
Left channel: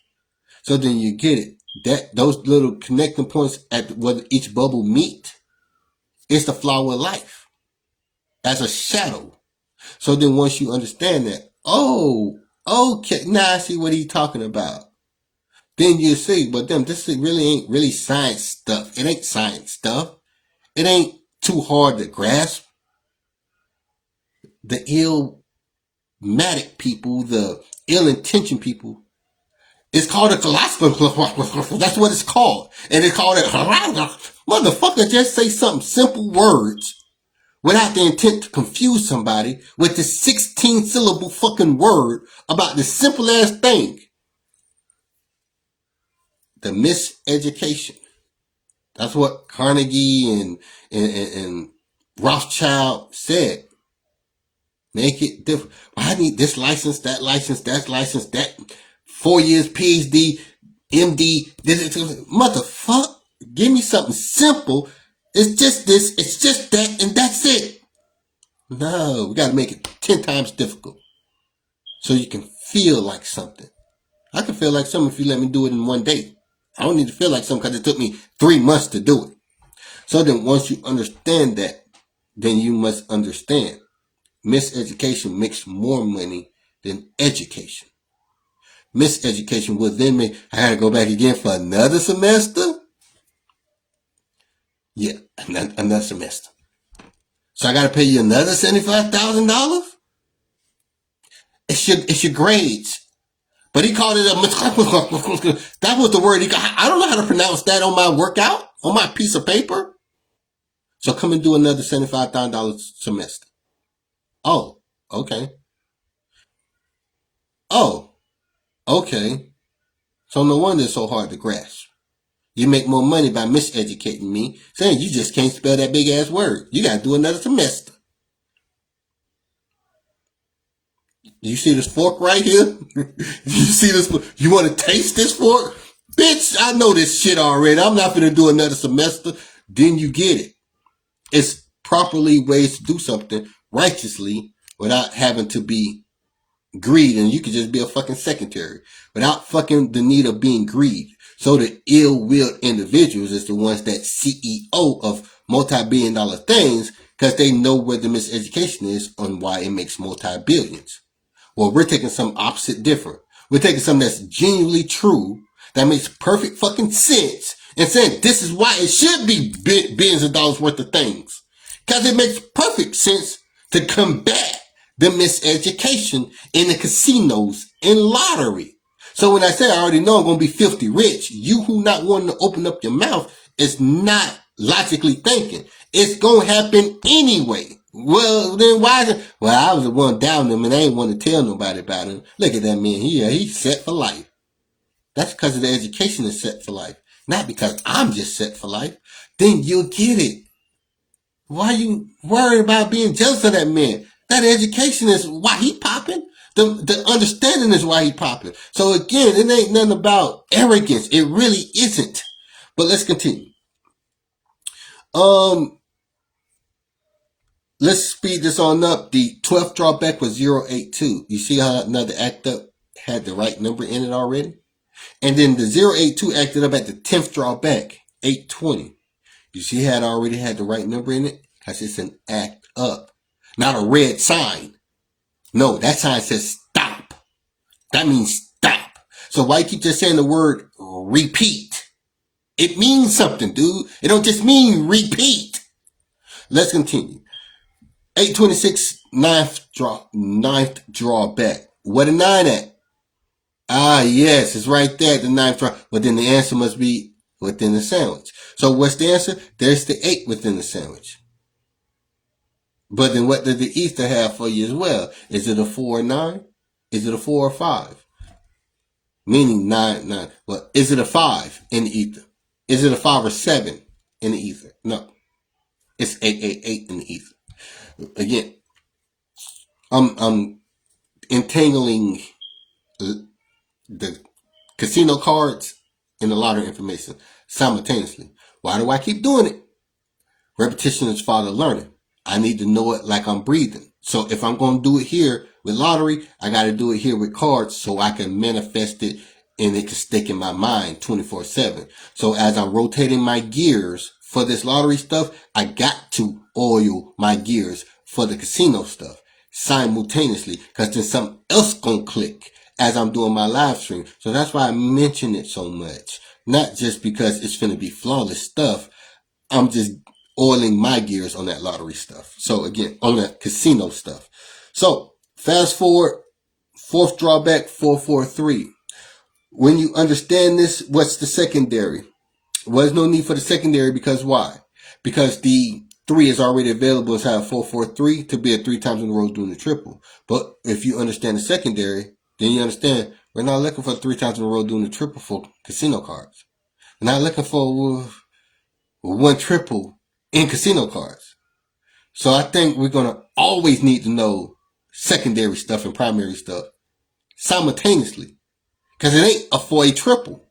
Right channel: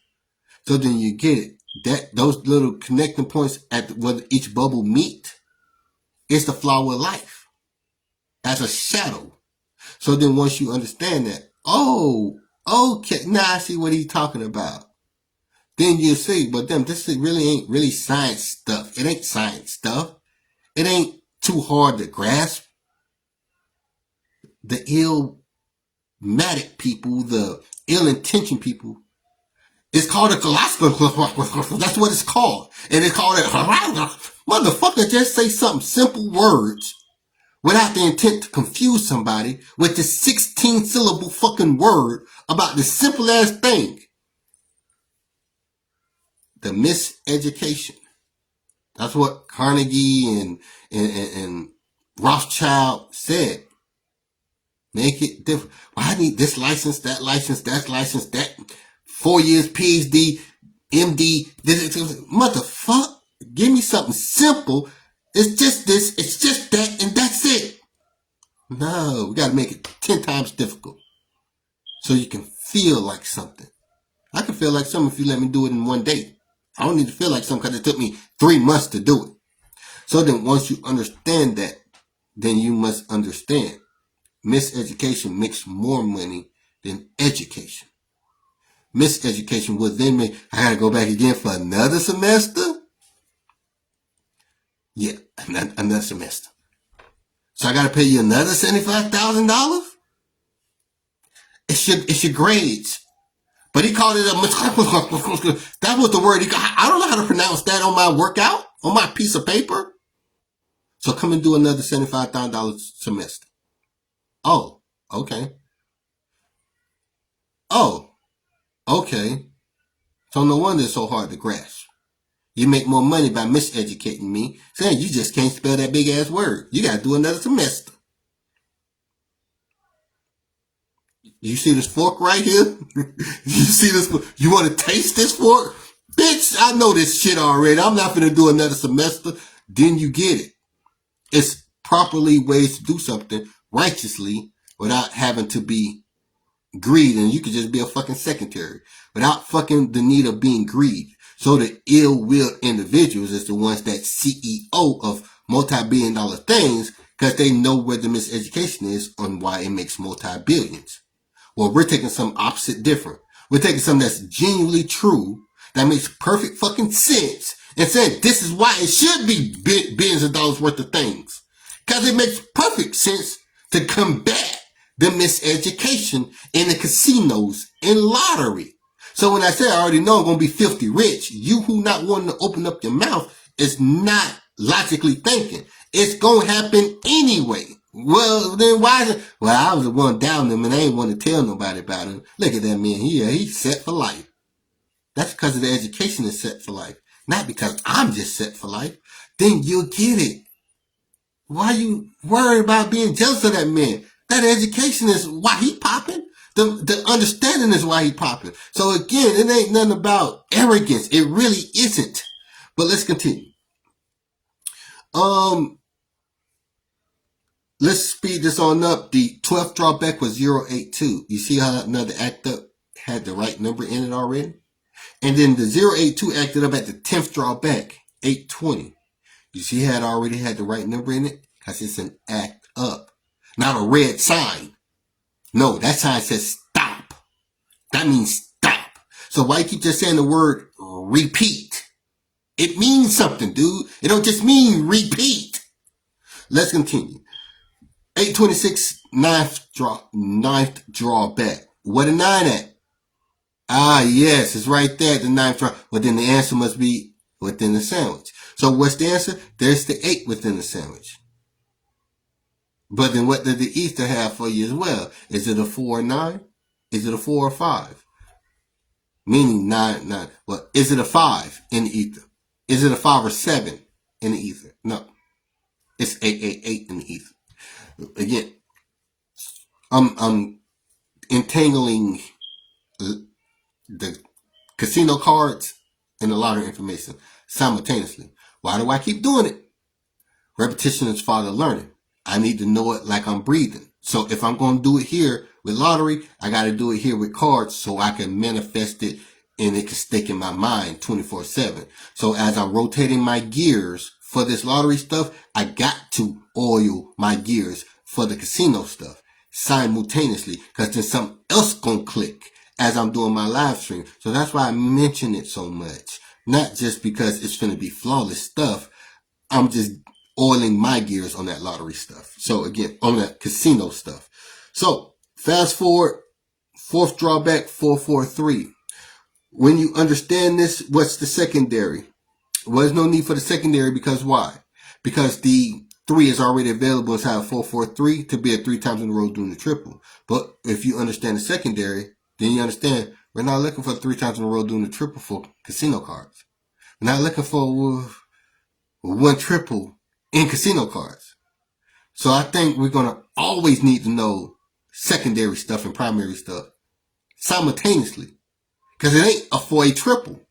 So then you get it. That those little connecting points at where each bubble meet is the flower of life as a shadow. So then once you understand that, oh, okay, now I see what he's talking about. Then you see, but then this really ain't really science stuff. It ain't science stuff. It ain't too hard to grasp. The illmatic people, the ill-intentioned people, it's called a philosopher. That's what it's called. And it's called it, motherfucker, just say something simple words without the intent to confuse somebody with this 16-syllable fucking word about this simple ass thing. The miseducation. That's what Carnegie and Rothschild said. Make it different. Well, I need this license, that license, that 4 years PhD, MD, motherfucker. Give me something simple. It's just this, it's just that, and that's it. No, we got to make it 10 times difficult so you can feel like something. I can feel like something if you let me do it in one day. I don't need to feel like something because it took me 3 months to do it. So then once you understand that, then you must understand miseducation makes more money than education. Miseducation will then make, I gotta go back again for another semester? Yeah, another semester. So I gotta pay you another $75,000? It's your grades. But he called it that was the word he got. I don't know how to pronounce that on my workout, on my piece of paper. So come and do another $75,000 semester. Oh, okay. Oh, okay. So no wonder it's so hard to grasp. You make more money by miseducating me, saying you just can't spell that big ass word. You gotta do another semester. You see this fork right here? You see this? You want to taste this fork? Bitch, I know this shit already. I'm not gonna do another semester. Then you get it. It's properly ways to do something righteously without having to be greed, and you could just be a fucking secretary without fucking the need of being greed. So the ill-willed individuals is the ones that CEO of multi-billion-dollar things because they know where the miseducation is on why it makes multi-billions. Well, we're taking some opposite different. We're taking something that's genuinely true, that makes perfect fucking sense, and saying this is why it should be billions of dollars worth of things. Because it makes perfect sense to combat the miseducation in the casinos and lottery. So when I say I already know I'm going to be filthy rich, you who not wanting to open up your mouth is not logically thinking. It's going to happen anyway. Well, then why is it? Well, I was the one down him and I ain't want to tell nobody about him. Look at that man here. He's set for life. That's because of the education is set for life. Not because I'm just set for life. then you'll get it. Why you worried about being jealous of that man? That education is why he popping. The understanding is why he popping. So again, it ain't nothing about arrogance. It really isn't. But let's continue. Let's speed this on up. The 12th drawback was 082. You see how another act up had the right number in it already? And then the 082 acted up at the 10th drawback, 820. You see how it already had the right number in it? Because it's an act up, not a red sign. No, that sign says stop. That means stop. So why you keep just saying the word repeat? It means something, dude. It don't just mean repeat. Let's continue. 826, ninth drawback. What a 9 at? Ah, yes, it's right there, the 9th draw. Well, then the answer must be within the sandwich. So what's the answer? There's the 8 within the sandwich. But then what did the ether have for you as well? Is it a 4 or 9? Is it a 4 or 5? Meaning 9. Well, is it a 5 in the ether? Is it a 5 or 7 in the ether? No. It's 888 in the ether. Again, I'm entangling the casino cards and the lottery information simultaneously. Why do I keep doing it? Repetition is father learning. I need to know it like I'm breathing. So if I'm going to do it here with lottery, I got to do it here with cards so I can manifest it and it can stick in my mind 24/7. So as I'm rotating my gears for this lottery stuff, I got to oil my gears for the casino stuff simultaneously, because then something else gonna click as I'm doing my live stream. So that's why I mention it so much. Not just because it's gonna be flawless stuff. I'm just oiling my gears on that lottery stuff. So again, on that casino stuff. So fast forward, 4th drawback, 443. When you understand this, what's the secondary? Well, there's no need for the secondary, because why? Because the 3 is already available inside 443 to be a 3 times in a row doing the triple. But if you understand the secondary, then you understand we're not looking for 3 times in a row doing the triple for casino cards. We're not looking for 1 triple in casino cards. So I think we're going to always need to know secondary stuff and primary stuff simultaneously, because it ain't a 4A triple.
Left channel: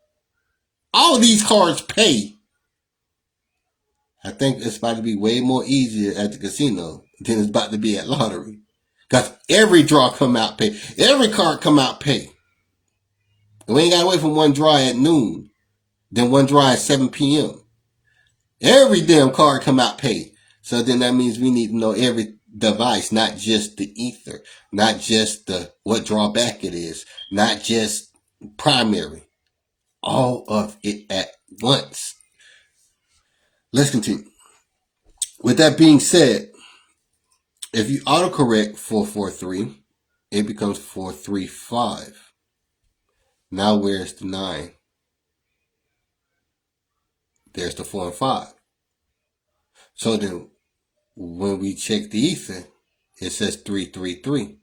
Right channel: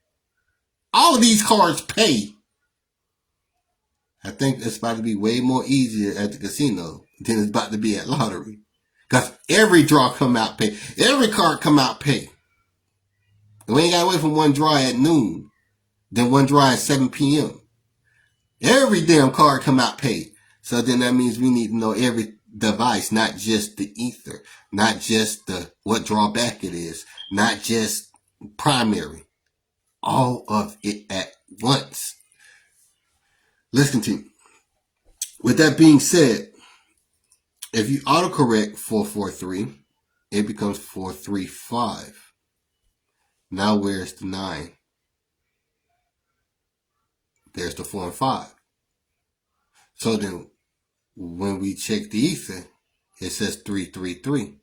All these cards pay. I think it's about to be way more easier at the casino than it's about to be at lottery. Because every draw come out pay. Every card come out pay. And we ain't got to wait for one draw at noon, then one draw at 7 p.m. Every damn card come out pay. So then that means we need to know every device, not just the ether, not just the what drawback it is, not just primary. All of it at once. Let's continue. With that being said, if you autocorrect 443, it becomes 435. Now where's the 9? There's the 4 and 5. So then when we check the ether, it says 333.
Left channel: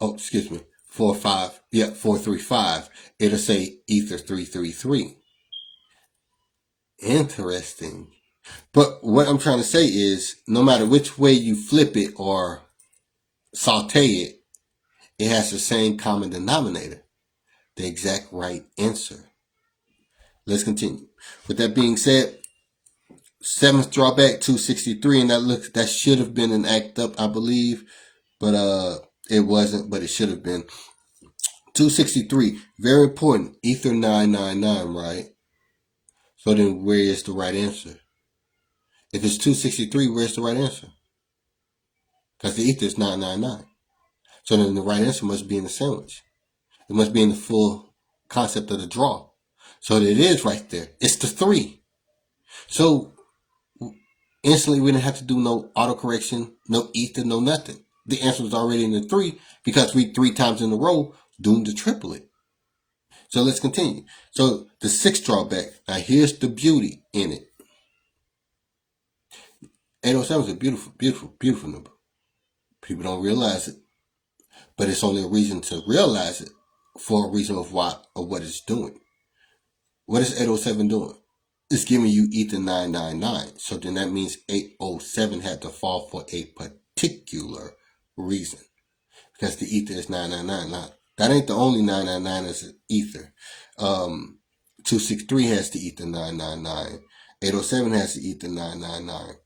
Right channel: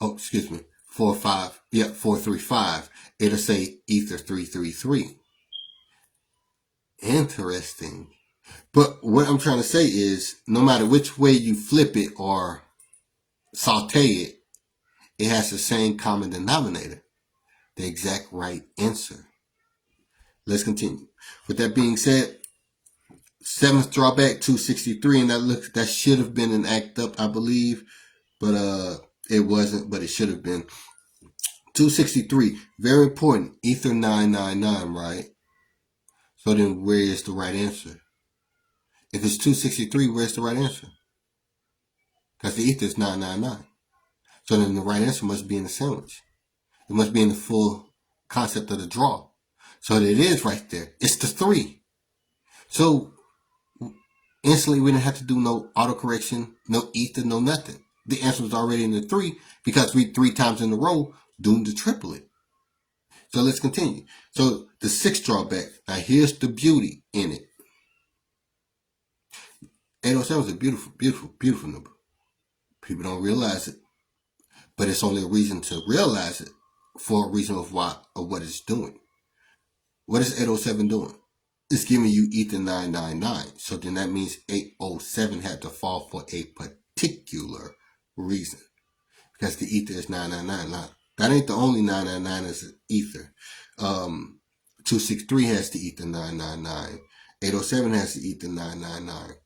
Oh, excuse me. 4-5. Yeah, 435. It'll say ether 333. Interesting. But what I'm trying to say is, no matter which way you flip it or saute it, it has the same common denominator, the exact right answer. Let's continue. With that being said, 7th drawback, 263, and that should have been an act up, I believe, but it wasn't, but it should have been. 263, very important, ether 999, right? So then where is the right answer? If it's 263, where's the right answer? Because the ether is 999. So then the right answer must be in the sandwich. It must be in the full concept of the draw. So it is right there. It's the 3. So instantly we didn't have to do no autocorrection, no ether, no nothing. The answer was already in the 3 because we 3 times in a row doing the triplet. So let's continue. So the 6th drawback. Now here's the beauty in it. 807 is a beautiful, beautiful, beautiful number. People don't realize it, but it's only a reason to realize it for a reason of what it's doing. What is 807 doing? it's giving you ether 999. So then that means 807 had to fall for a particular reason. Because the ether is 999. Now, that ain't the only 999 as ether. 263 has the ether 999. 807 has the ether 999.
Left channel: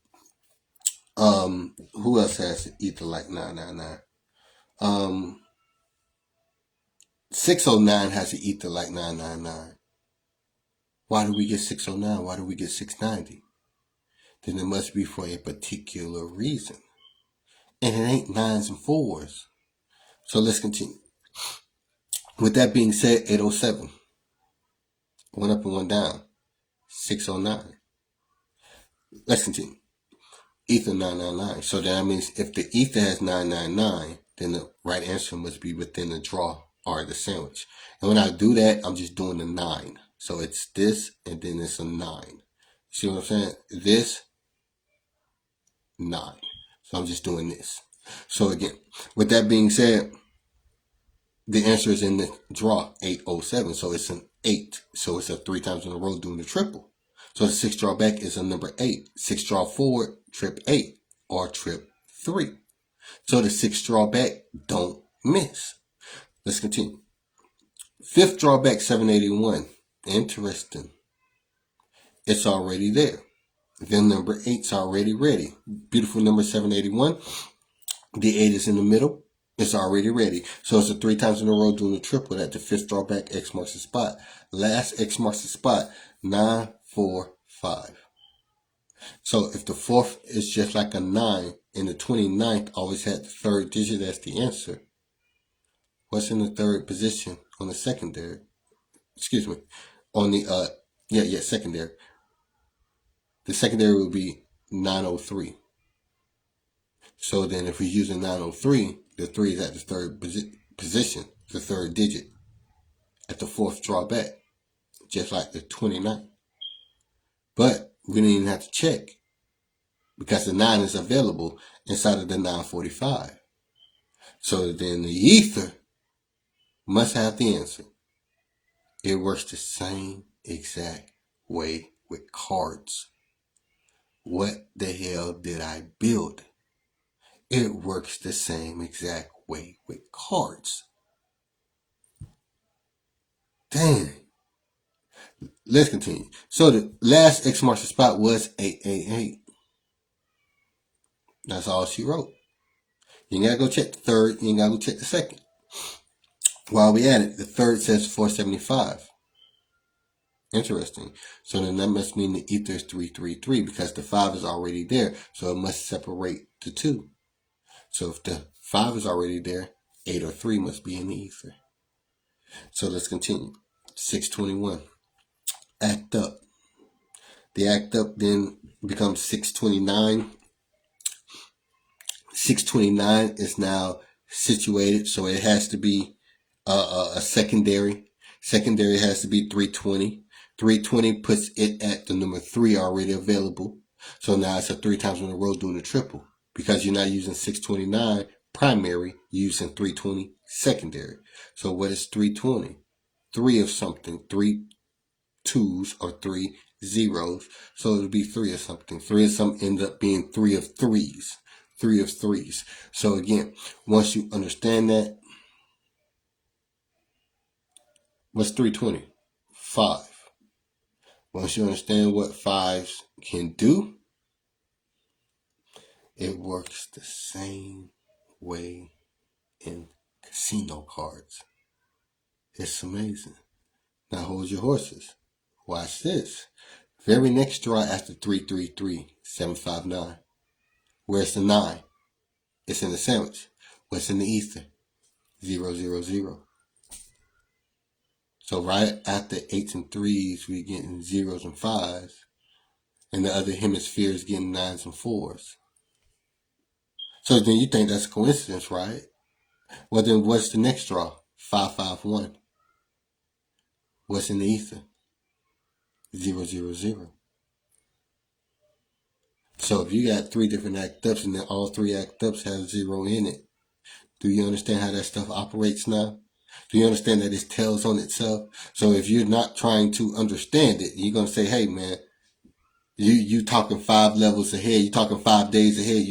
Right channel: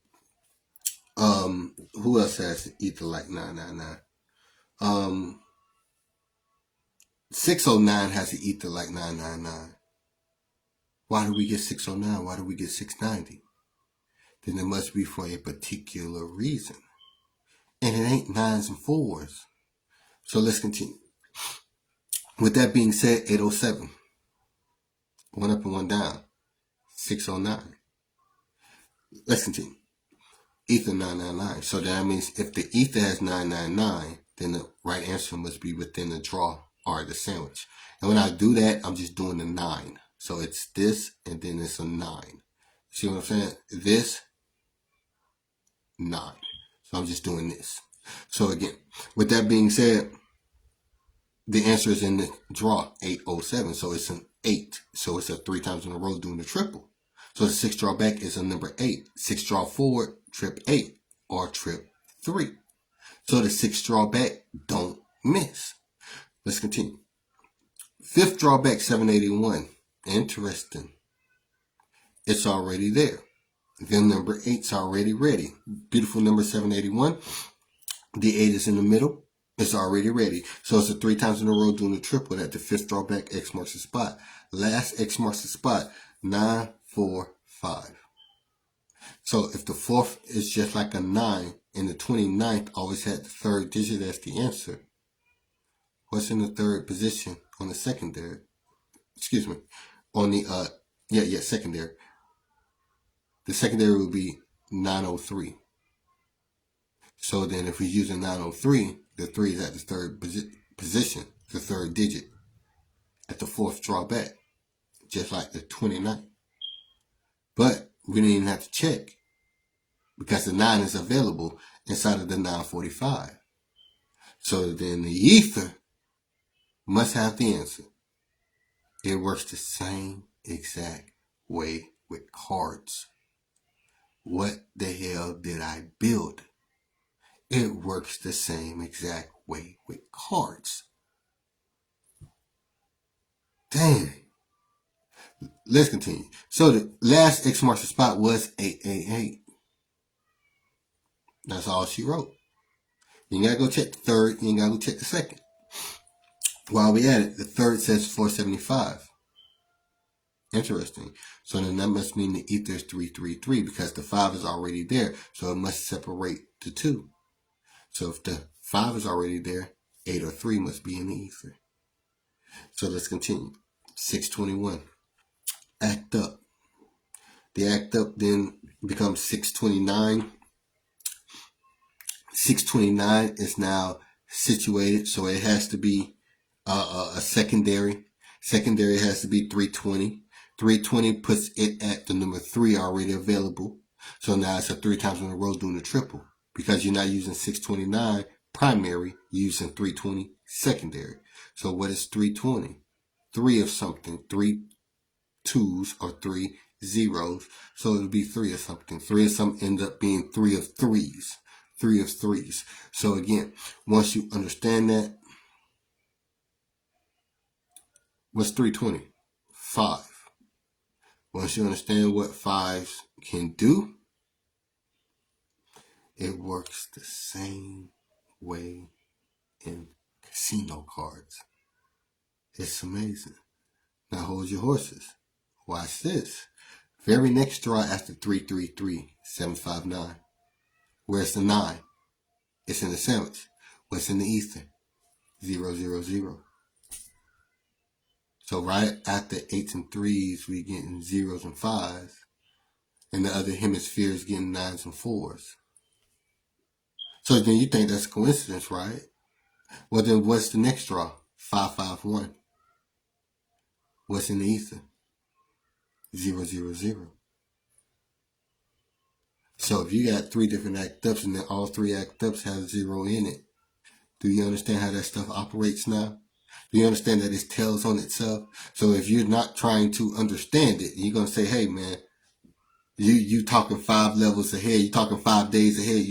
Who else has the ether like 999? 609 has the ether like 999. Why do we get 609? Why do we get 690? Then it must be for a particular reason. And it ain't 9s and 4s. So let's continue. With that being said, 807. One up and one down. 609. Let's continue. Ether 999. So that means if the ether has 999, then the right answer must be within the draw or the sandwich. And when I do that, I'm just doing the 9. So it's this and then it's a 9. See what I'm saying? This, 9. So I'm just doing this. So again, with that being said, the answer is in the draw, 807. So it's an 8. So it's a 3 times in a row doing the triple. So the 6 draw back is a number 8. 6 draw forward, trip 8 or trip 3. So the 6 draw back, don't miss. Let's continue. 5th draw back, 781. Interesting. It's already there. Then number 8's already ready. Beautiful number 781. The 8 is in the middle. It's already ready. So it's a 3 times in a row doing the triple that the 5th draw back, X marks the spot. Last X marks the spot, 9, 4, 5. So if the 4th is just like a 9 and the 29th always had the 3rd digit as the answer, what's in the 3rd position on the secondary? Excuse me. On the, secondary. The secondary would be 903. So then if we're using 903, the 3 is at the 3rd position, the 3rd digit, at the 4th draw back, just like the 29th. But we didn't even have to check because the 9 is available inside of the 945. So then the ether must have the answer. It works the same exact way with cards. What the hell did I build? It works the same exact way with cards. Dang. Let's continue. So the last X marks the spot was 888. That's all she wrote. You ain't got to go check the 3rd. You ain't got to go check the 2nd. While we at it, the 3rd says 475. Interesting. So then that must mean the ether is 333 because the 5 is already there. So it must separate the 2. So if the 5 is already there, 8 or 3 must be in the ether. So let's continue. 621. Act up. The act up then becomes 629. 629 is now situated, so it has to be a secondary. Secondary has to be 320. 320 puts it at the number 3 already available. So now it's a 3 times in a row doing the triple. Because you're not using 629 primary, you're using 320 secondary. So what is 320? 3 of something, 3 2s or 3 zeros. So it would be 3 of something. 3 of something ends up being 3 of 3s. 3 of 3s. So again, once you understand that, what's 320? 5. Once you understand what 5s can do, it works the same way in casino cards. It's amazing. Now hold your horses. Watch this. Very next draw after 333, 759. Where's the 9? It's in the sandwich. What's in the ether? 000. So right after 8s and 3s, we getting 0s and 5s. And the other hemisphere is getting 9s and 4s. So then you think that's a coincidence, right? Well then what's the next draw? 551. What's in the ether? 000. So if you got 3 different act ups and then all 3 act ups have 0 in it, do you understand how that stuff operates now? Do you understand that it tells on itself? So if you're not trying to understand it, you're going to say, hey man, You talking 5 levels ahead. You talking 5 days ahead.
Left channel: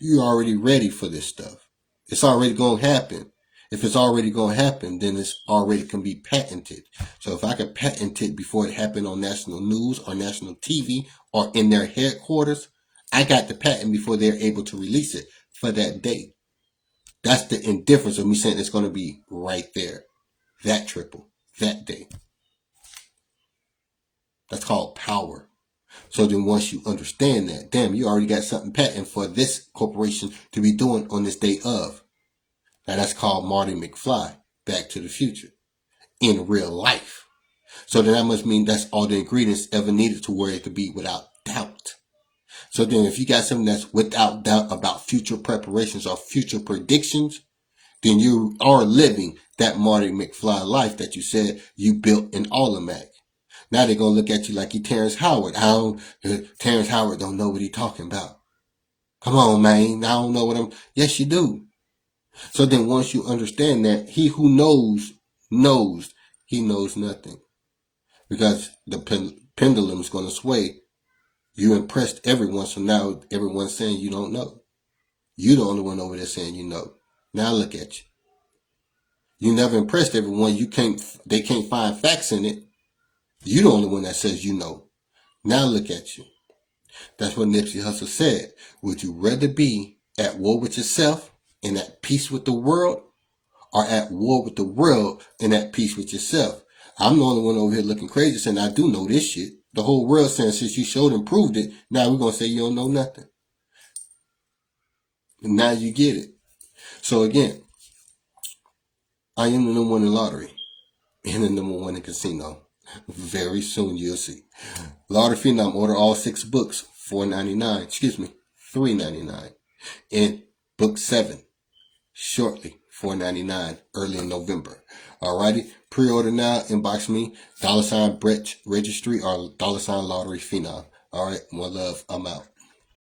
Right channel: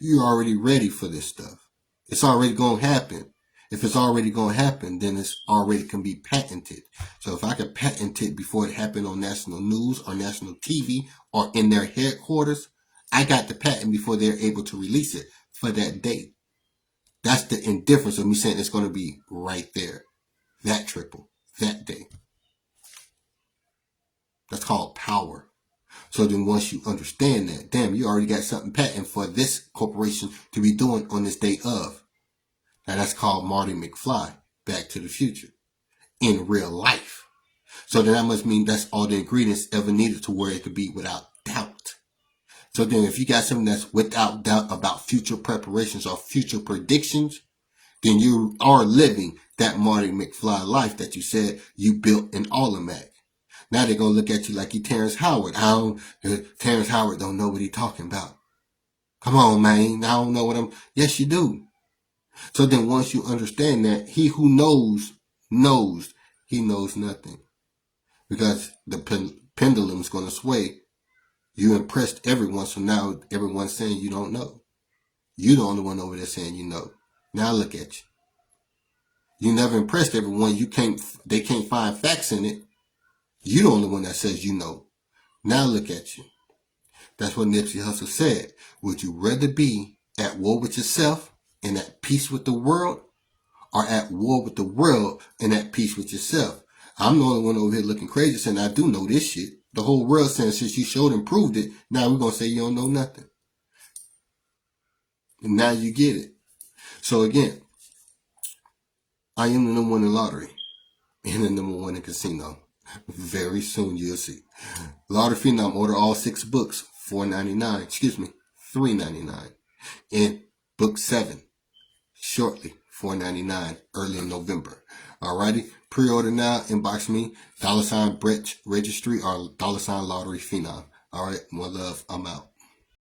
You already ready for this stuff. It's already going to happen. If it's already going to happen, then it's already can be patented. So if I can patent it before it happened on national news or national TV or in their headquarters, I got the patent before they're able to release it for that day. That's the indifference of me saying it's going to be right there. That triple. That day. That's called power. So then once you understand that, damn, you already got something patent for this corporation to be doing on this day of. Now that's called Marty McFly, Back to the Future, in real life. So then that must mean that's all the ingredients ever needed to where it could be without doubt. So then if you got something that's without doubt about future preparations or future predictions, then you are living that Marty McFly life that you said you built in Automac. Now they're going to look at you like you Terrence Howard. Terrence Howard don't know what he's talking about. Come on, man. I don't know what I'm... Yes, you do. So then once you understand that, he who knows, he knows nothing. Because the pendulum is going to sway. You impressed everyone, so now everyone's saying you don't know. You're the only one over there saying you know. Now look at you. You never impressed everyone. They can't find facts in it. You're the only one that says you know. Now look at you. That's what Nipsey Hussle said. Would you rather be at war with yourself and at peace with the world, or at war with the world and at peace with yourself? I'm the only one over here looking crazy saying I do know this shit. The whole world saying since you showed and proved it, now we're going to say you don't know nothing. And now you get it. So again, I am the number one in lottery and the number one in casino. Very soon you'll see. Lotteryfenom, order all 6 books, $3.99. And book 7, shortly, $4.99, early in November. Alrighty, pre-order now, inbox me, $BrettRegistre or $lotteryfenom. Alright, more love, I'm out.